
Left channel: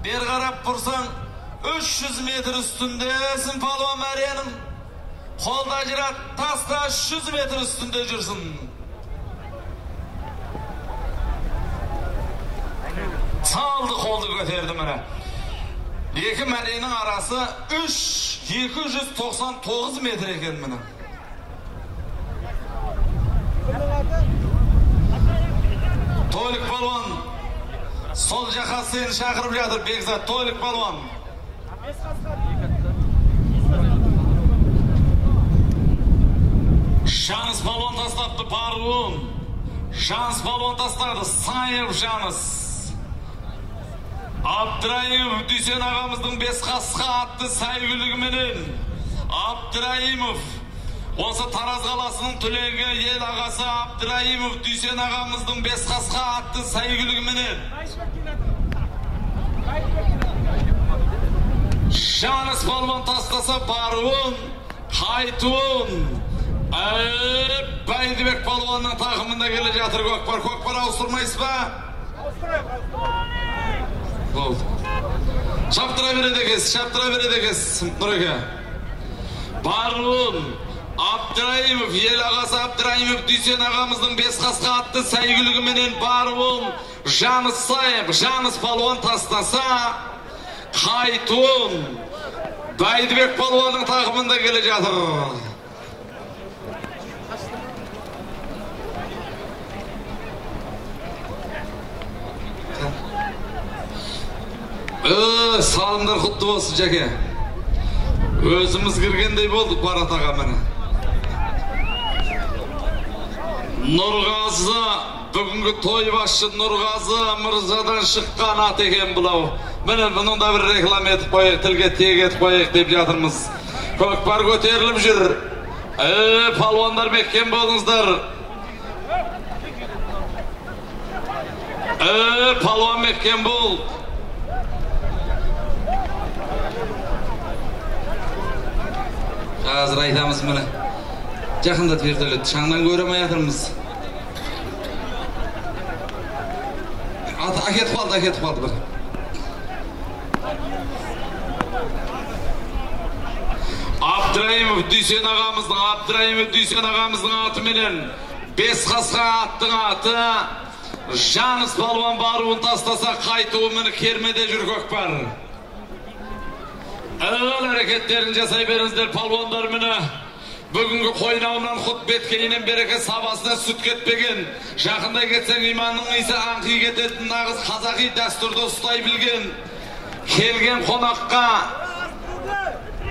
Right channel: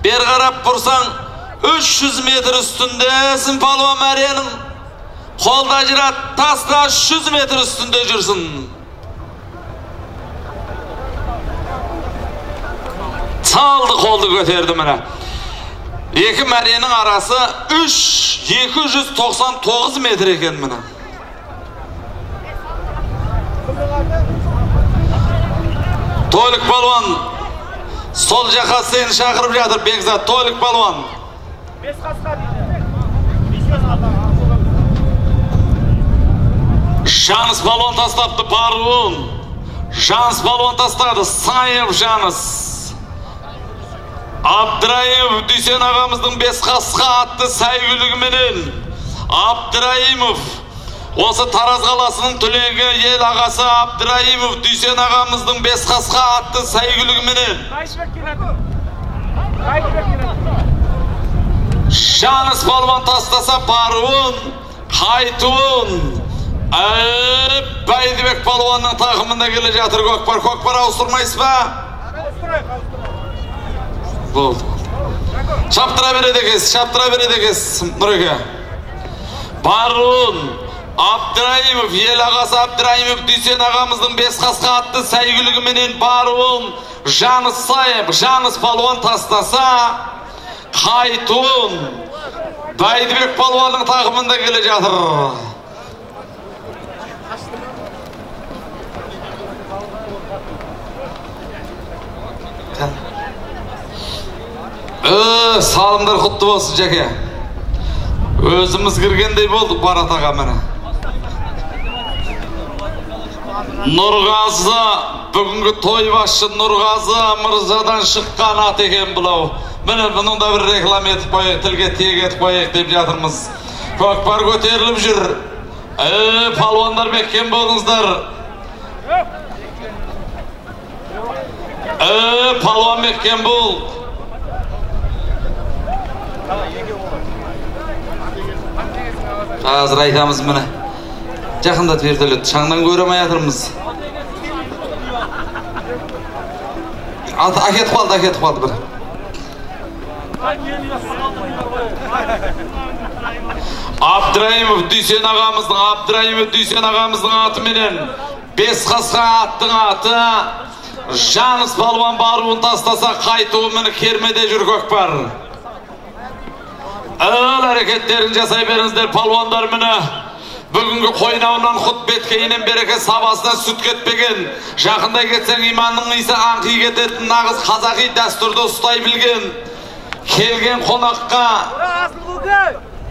Bir karap bursan 300 metr üstündesin palvan Meryem'in. Kolda jirat tasda 300 metr üstünde jürsin. Çaldı koldu göterdi mene. İki Meryem'in arası 299 metr eken mene. Toylik palvan sol jaka seni şakırıp jatır Bekzat. Toylik palvan Janız palvan tastaptı Parvun. Janız palvan tastadı Sayev Janız. Abdurayimov Düsen ağamыздың bes kasqa attı saygülügümenen. Abdurayimov Осы Тараз қаласының түлегі ел ағасы Абдырайымов Düsen ағамыздың бес қасқа атты сәйгүлігіменен Janız palvan tastasa Parvun, Haytun, Baydibek palvanның takımında gele jatır Kökbar. Kökbar avusturmayız ba? Болды. Çaptıra beredekes, Nureke. Parvun, Abdurayimov, ел ағасы Abdurayimov Düsen ағамыздың бес қасқа атты сәйгүлігіменен Parvun, Janız Sayev, Janız palvan tastasa Haytun, Baydibek palvanның takımında gele jatır. Salımlar kutlu olsun jake. Özümüz kirgendey bolduk Barat ağa mene. Nurgazı, bugünkü toybaşçı Nurgazı Mırzadan şıkkan at eken bulau. Mene bunun da bir reklam etip koyek, tilge tiyek etip koyek deyip jatırmız. Kökbar göterilip jür. Palvanlar mekken boldunuzlar. Palvan mekken bol. Hazır aytamız mene. Жақында тверділет, шаңдан көрemey yatırmız. Aketip kaldı bir. Abdurayimov Duysen ağamыздың аты менен бес қасқа аттың аты Жаныс Палуан баруын тастаса қайтуы міне кермеде жүр көкпар. Әрекеттерін жасай беріңіздер палуандар міне. Бүгінгі қойнауынан құт беткейінен береке сабасына сүт кетпеген. Жақында кетсең иманның иісі аңқи кететін нағыз қазақи дәстүрді ұстай білген. Келген қонаққа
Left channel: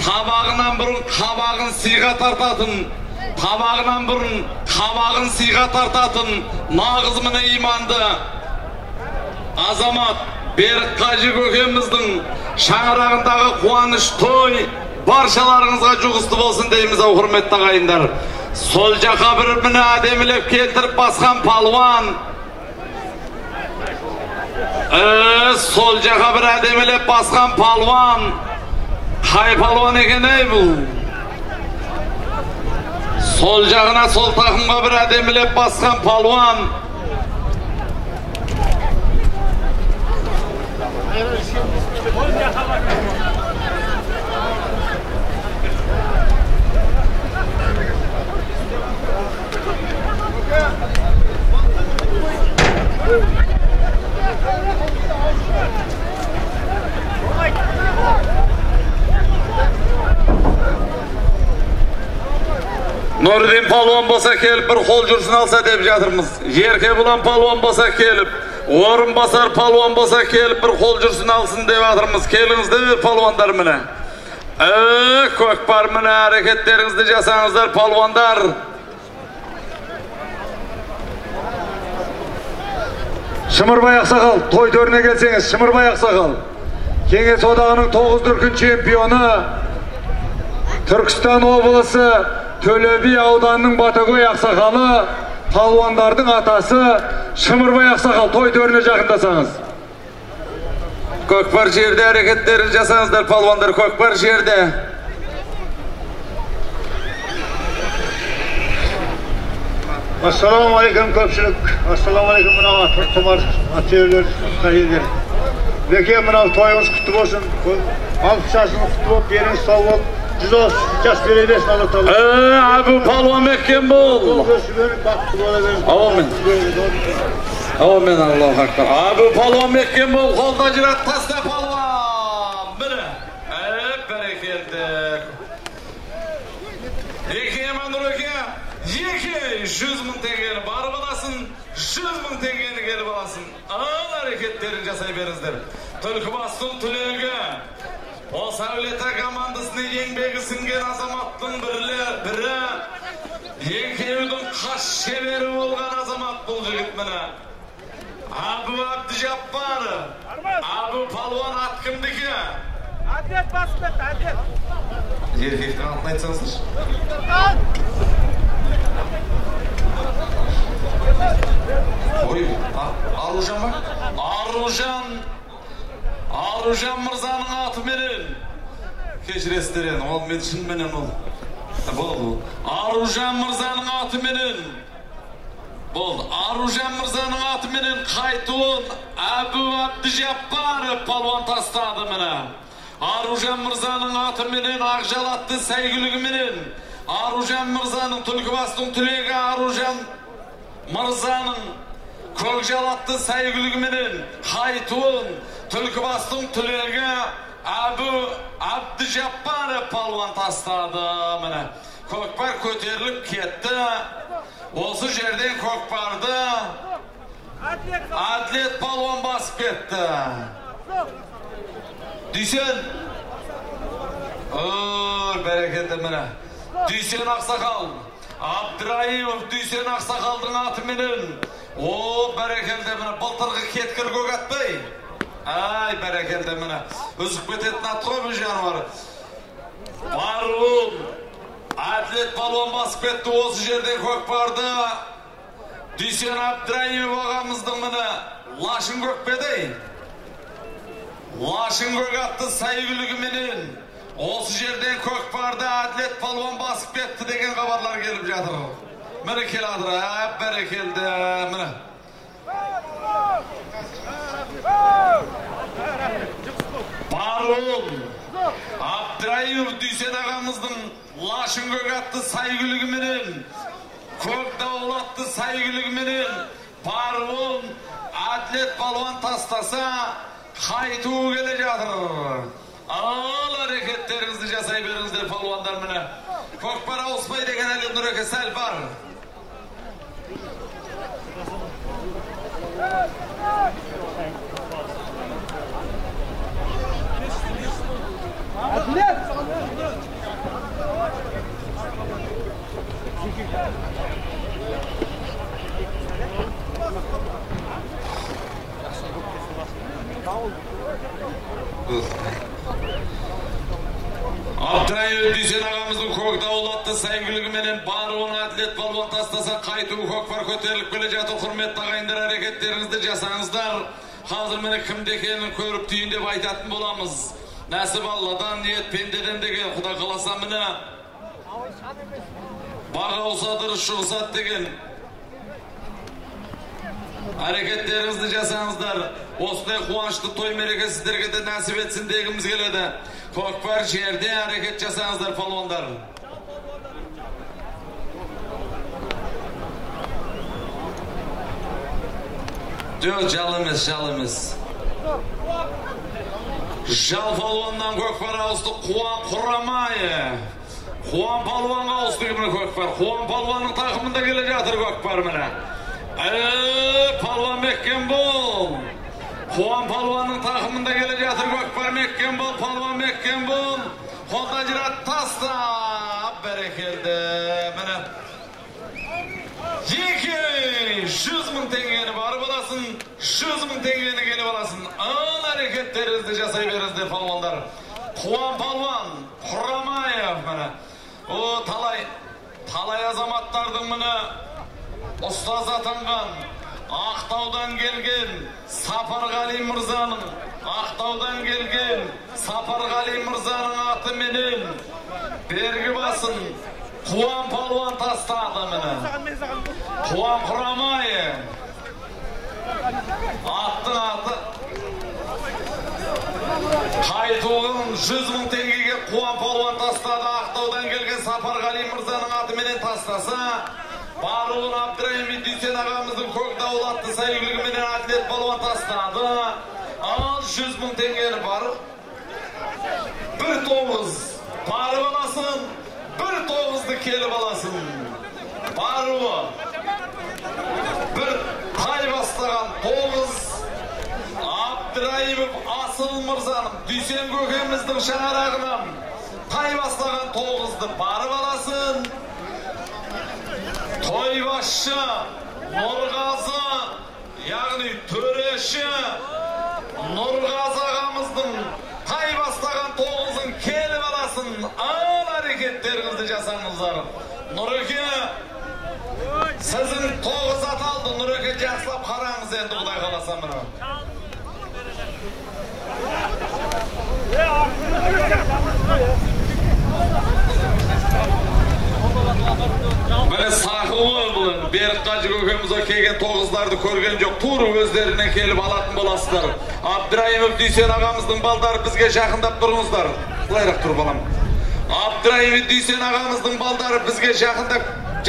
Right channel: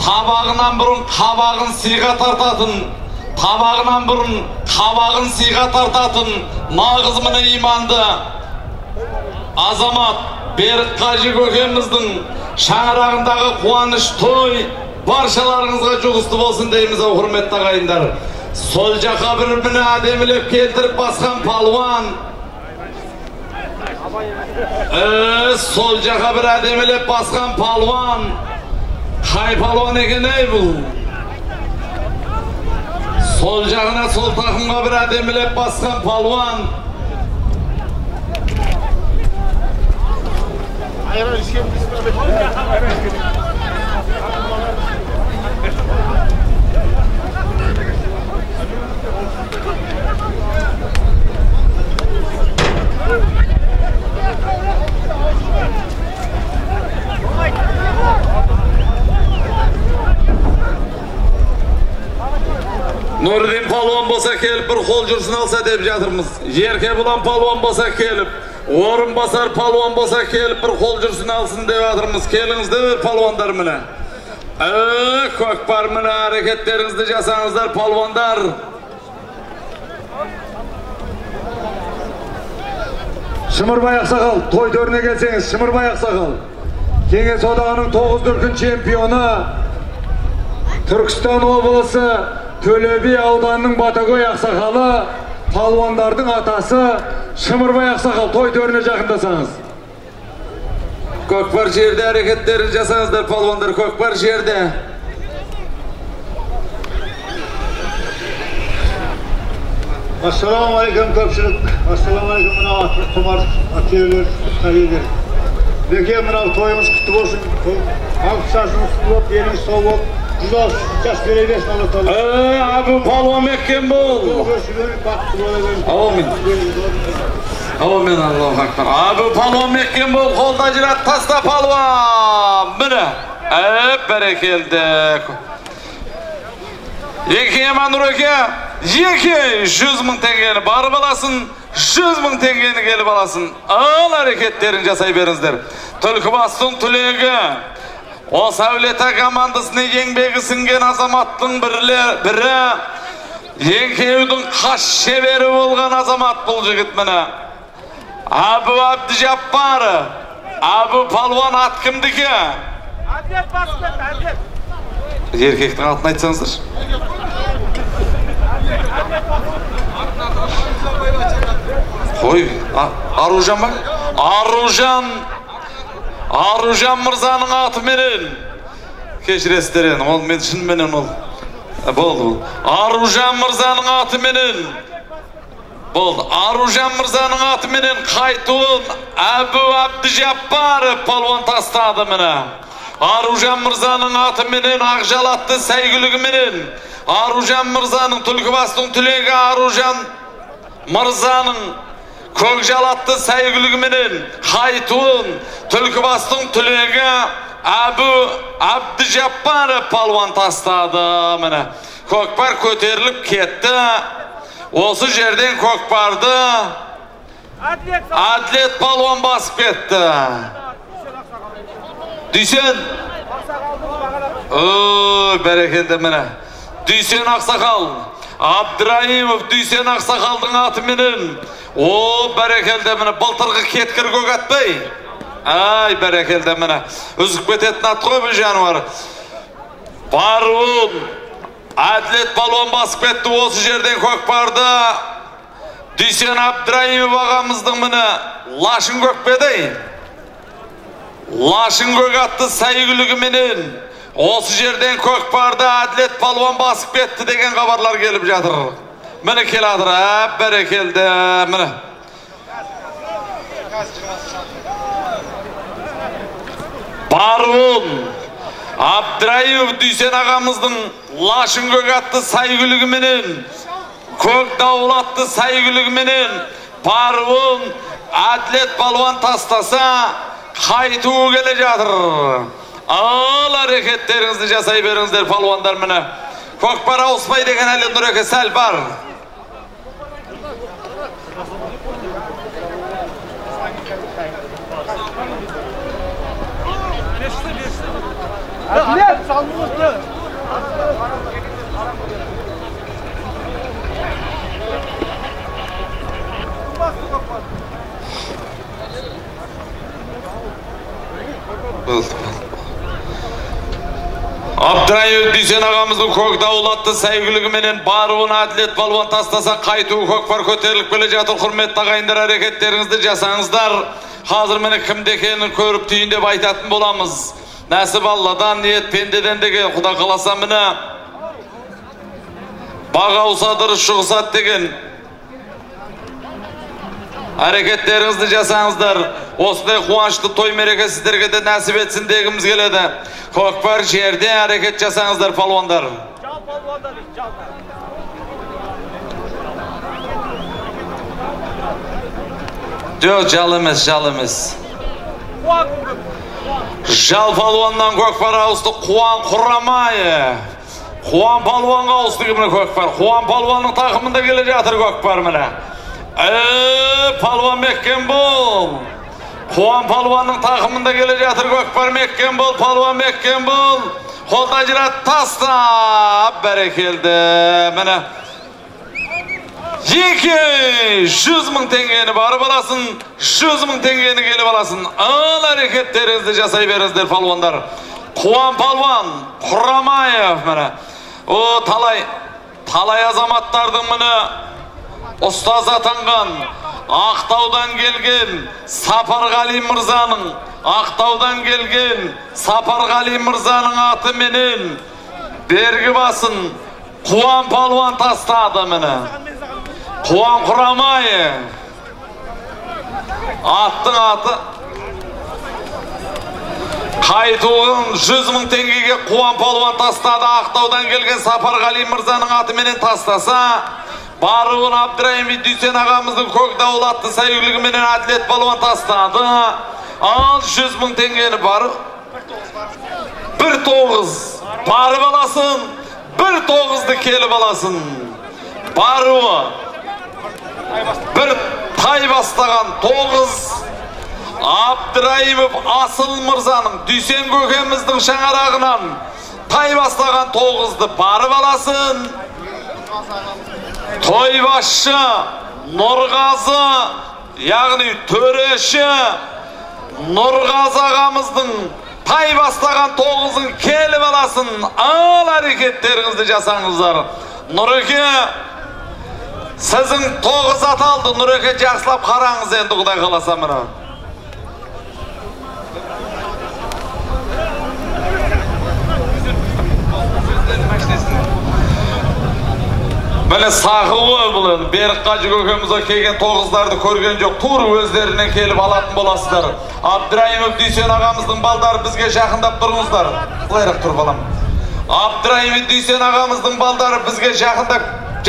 табағынан бұрын қабағын сыйға тартатын, нағыз міне иманды азамат Берік Қажы көкеміздің шаңырағындағы қуаныш той баршаларыңызға жұғысты болсын дейміз, құрметті ағайындар. Сол жаққа бір міне әдемілеп келтіріп басқан палуан. Сол жаққа бір әдемілеп басқан палуан. Қай палуан екен ей бұл? Сол жағына сол тақымға бір әдемілеп басқан палуан. Nurdin palvon болса келіп бір қол жүрсін алса деп жатырмыз. Ерке бұлан palvon болса келіп, Орынбасар palvon болса келіп бір қол жүрсін алсын деп жатырмыз. Келіңіздер palvonдар міне. Көкпар міне, әрекеттеріңізді жасаңыздар palvonдар. Шымырбай Ақсақал, той төріне келсеңіз, Шымырбай Ақсақал. Кеңес одағының 9 дүркін чемпионы, Түркістан облысы Төле би ауданының Батагөй Ақсақалы, палуандардың атасы Шымырбай Ақсақал, той төріне жақындасаңыз. Көкпар жерде әрекеттерін жасаңыздар палуандар, көкпар жерде. Ассаламалейкум көпшілік, ассаламалейкум мынау тұмар атшевілер, қайелдер. Беке мынау тойыңыз құтты болсын, алып шашыңыз құтты болып, еліңіз сол болып, 100 жас бере берсін Алла Тағала. Абу палуан меккен бол. Аумин. Аумин, Аллаху акбар. Абу палуан меккен бол, қолда жинат таста палуан. Міне, бәрекелді. Еке Еманур өке, еке 100 мың теңгені барып аласын, 100 мың теңгені келіп аласын. Ал әрекеттерін жасай беріңіздер. Түлкібастың түлегі, осы әулета командасына еңбегі сіңген азаматтың бірі, Еңкеудің қаш шебері болған азамат бұл жігіт міне. Абу Абдижаппары, Абу палуан ат кімдікі? Әдет басты, әдет. Еркектің атын айтсаңыздар. Қой, Аружан ба? Аружан мырзаның аты менен. Кешіресіздер, ол мен шын менен ол. Болды. Аружан мырзаның аты менен. Болды. Аружан мырзаның аты менен қайтуын Абу Абдижаппары палуан тастады міне. Аружан мырзаның аты менен ақжалатты сәйгілігі менен. Аружан мырзаның Түлкібастың түлегі Аружан мырзаның көкжалатты сәйгілігі менен қайтуын Түлкібастың түлегі Абу Абдижаппары палуан тастады міне. Көкпар көтеріліп кетті. Осы жерден көкпарды Әділет палуан басып кетті. Дүйсен. Бәрекелді міне. Дүйсен Ақсақал. Абдырайымов Дүйсен Ақсақалдың аты менен. Бәрекелді міне. Былтырғы кеткір көк атпай. Бәрекелді міне. Үзіп кететін ат қой бұл жануар. Баруын. Әділет палуан басып кетті. Осы жерден көкпарды Дүйсен Абдырайымов ағамыздың міне лашын көкпеді. Лашын көк атты сәйгілігі менен осы жерден көкпарды Әділет палуан басып кетті деген хабарлар келіп жатыр. Міне келадыр, бәрекелді міне. Barun Abdurayimov Dүйсен ағамыздың Лашын көк атты сайгүлігіменен, көк дауыл атты сайгүлігіменен Барун Әділет балуан тастаса қайтуы келе жатыр. Ал әрекеттеріңізді жасай беріңіздер палуандар міне. Көкпар ауыспай деген әлі Нұреке сәл бар. Әділет! Салмыңызды! Абдырайым Дүйсен ағамыздың көк дауыл атты сәйгүлігіменен Баруын Әділет балуан тастаса қайтуы көкпар көтеріліп келе жатыр. Құрметті ағайындар, әрекеттеріңізді жасаңыздар. Қазір мені кімде екенін көріп түйін деп айтатын боламыз. Нәсіп Алладан, ниет пендеден деген Құда қаласа мені баға ұсадыр шығысат деген әрекеттеріңізді жасаңыздар. Осындай қуанышты той мереке сіздерге де нәсіп етсін дегіміз келеді. Көкпар жерде әрекет жасаңыздар палуандар. Жоқ, жал емес, жал емес. Жал палуаннан көкпар ауысты Қуан Құрамай. Қуан палуанға ауысты кіміне көкпар. Қуан палуанның тақымында келе жатыр көкпар міне. Палуан Меккен бол. Қуан палуанның тақымында келе жатыр көкпар. Меккен бол, палуан Меккен бол. Қолда жират тастап бәрекелді міне. 200 мың теңгені барып аласын, 100 мың теңгені келіп аласын. Ал әрекеттеріңізді жасай беріңіздер палуандар. Қуан палуан Құрамаев міне. О, талай азаматтардың міне ұстаз атанған, Ақтаудан келген Сапарғали мырзаның, Ақтаудан келген Сапарғали мырзаның аты менен бергі басын Қуан палуан тастады міне. Қуан Құрамай аттың аты қайтуын 100 мың теңгеге Қуан палуан тастады. Ақтаудан келген Сапарғали мырзаның аты менен тастаса, Баруын Абдырайым Дүйсен ағамыздың көк дауыл атты сәйгүлігіменен Әділет балуан тастады. Ал 100 мың теңгені барып 1-9 барып аласын, 1-9-ды келіп аласын. Баруы бір тай бастаған 9 Абдырайымов Асыл мырзаның Дүйсен көкеміздің шаңарағынан тай бастаған 9-ды барып аласын. Тойбашы Нұрғазы, яғни төреші Нұрғазы ағамыздың тай бастаған 9-ын келіп аласын. Ал әрекеттеріңізді жасаңыздар. Нұреке, сіздің 9 аталды. Нұреке, жақсылап қараңыз енді Құдай қаласа мына. Міне сақылы бұлын, Берік Қажы көкемізге келген 9-ларды көрген жоқ, тур өздеріне келіп алатын боласыздар. Абдырайымов Дүйсен ағамыздың балдары бізге жақындап тұрыңыздар. Құлайрақ тұр балам. Абдырайымов Дүйсен ағамыздың балдары бізге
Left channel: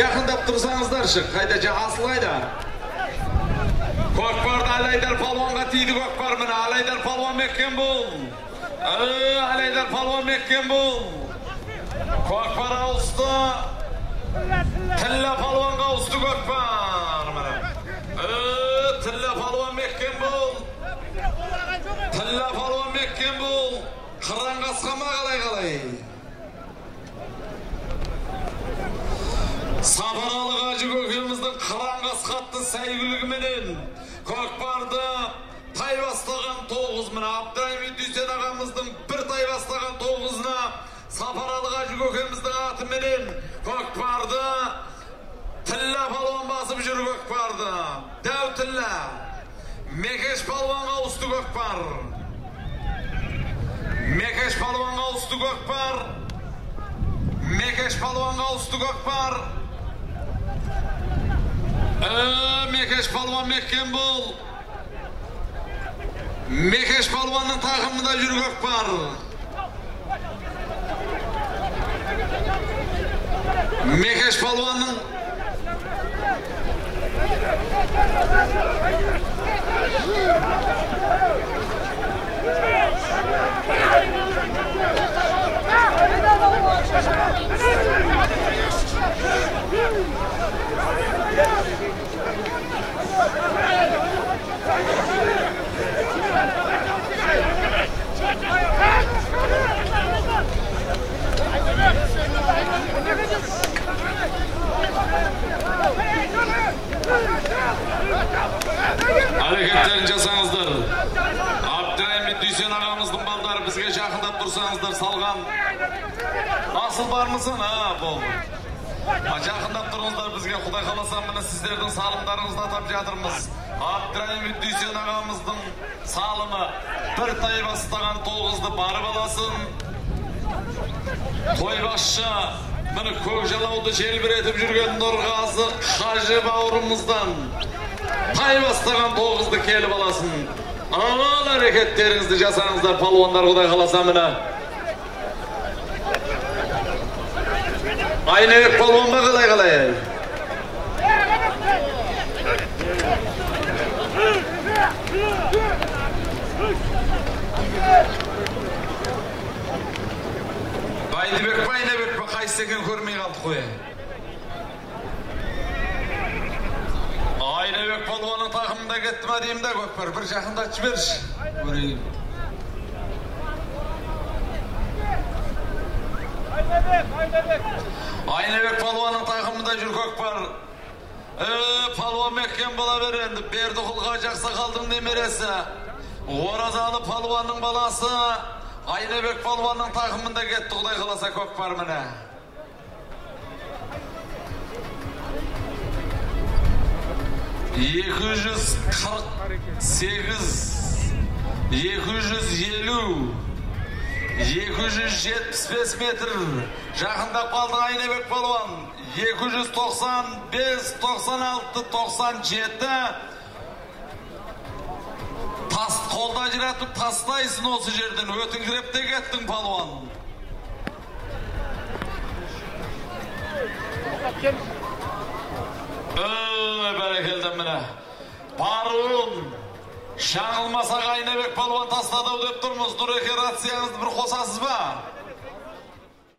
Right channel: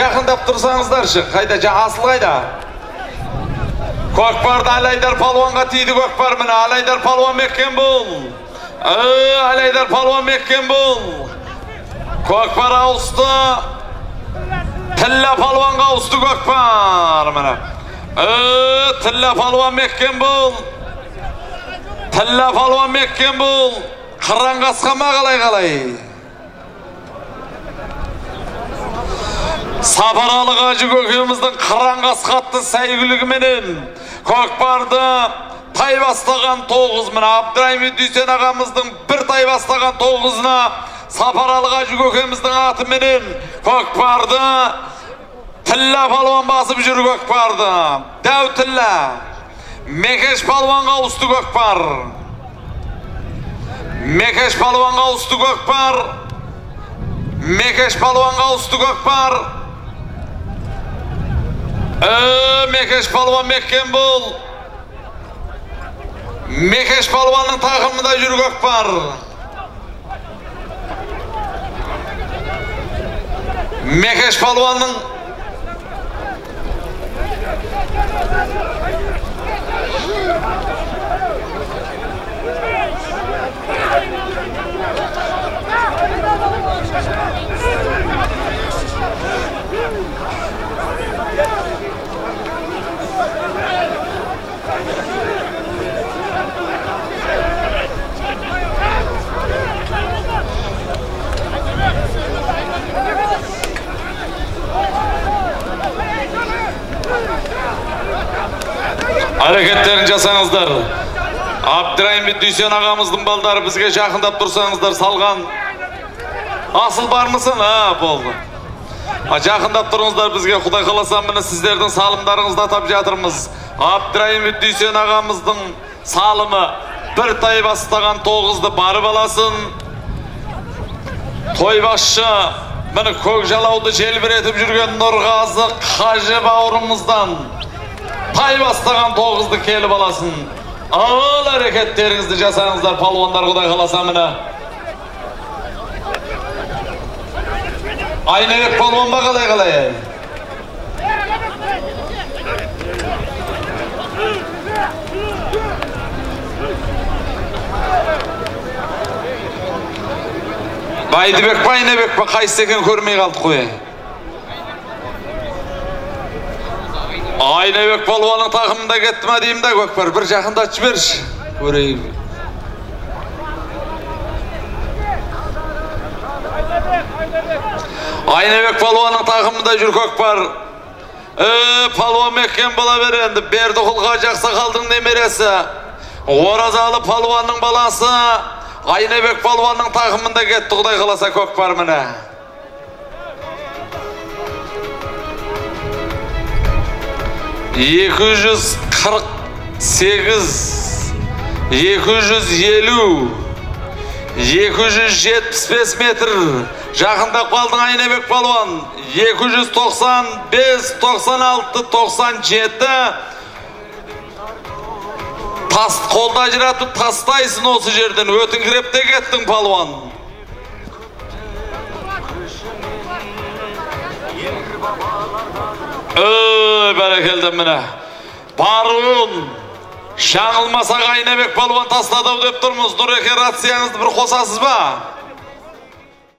жақындап тұрсаңыздаршы. Қайда, Асыл қайда? Көкпарды Алайдар палуанға тиді көкпар міне. Алайдар палуан Меккен бол. Алайдар палуан Меккен бол. Көкпар ауысты. Тілла палуанға ауысты көкпар міне. Тілла палуан Меккен бол. Тілла палуан Меккен бол. Қыран қасқама қалай. Сапаралы Қажы көкеміздің қыран қасқатты сәйгүлігіменен көкпарды тай бастаған 9 міне. Абдырайым Дүйсен ағамыздың бір тай бастаған 9-ына Сапаралы Қажы көкеміздің аты менен көкпарды Тілла палуан басып жүр көкпарды. Дәу Тілла. Мекеш палуанға ауысты көкпар. Мекеш палуанға ауысты көкпар. Мекеш палуанға ауысты көкпар. Мекеш палуан Меккен бол. Мекеш Палуанның тақымында жүргөк бар. Мекеш Палуанның Hareketlerini жасаңыздар. Абдырайым Дүйсен ағамыздың балдары бізге жақындап тұрсаңыздар, салған. Асыл бар мысын? Болды. Жақындап тұрыңыздар бізге, Құдай қаласа міне сіздердің салымдарыңызды атап жатырмыз. Абдырайым Дүйсен ағамыздың салымы бір тай бастаған 9-ды барып аласын. Тойбасшы міне көкжалауды желбіретіп жүрген Нұрғазы Қажы бауырымыздан тай бастаған 9-ды келіп аласын. Ал әрекеттеріңізді жасаңыздар палуандар, Құдай қаласа міне. Айнебек палуан ба қалай? Байдыбек па, Айнебек па, қайсы екен көрмей қалды қой. Айнебек палуанның тақымында кетті ма деймін да, Көкпар, бір жақындатып жіберші. Көрейім. Айнебек палуанның тақымында жүр Көкпар. Палуан меккен бола беренді. Бердіқұлға жақса қалдың немересі. Оразалы палуанның баласы Айнебек палуанның тақымында кетті, Құдай қаласа Көкпар міне. $248, $250, $275 метр жақындап қалдың Айнебек палуан. 295, 96, 97 тас қолда жиратып тастайсың осы жерден, өтіңкіреп те кеттің палуан. Бәрекелді міне. Баруын шаңылмасақ Айнебек палуан тастадау деп тұрмыз. Нұреке рацияңызды бір қосасыз ба?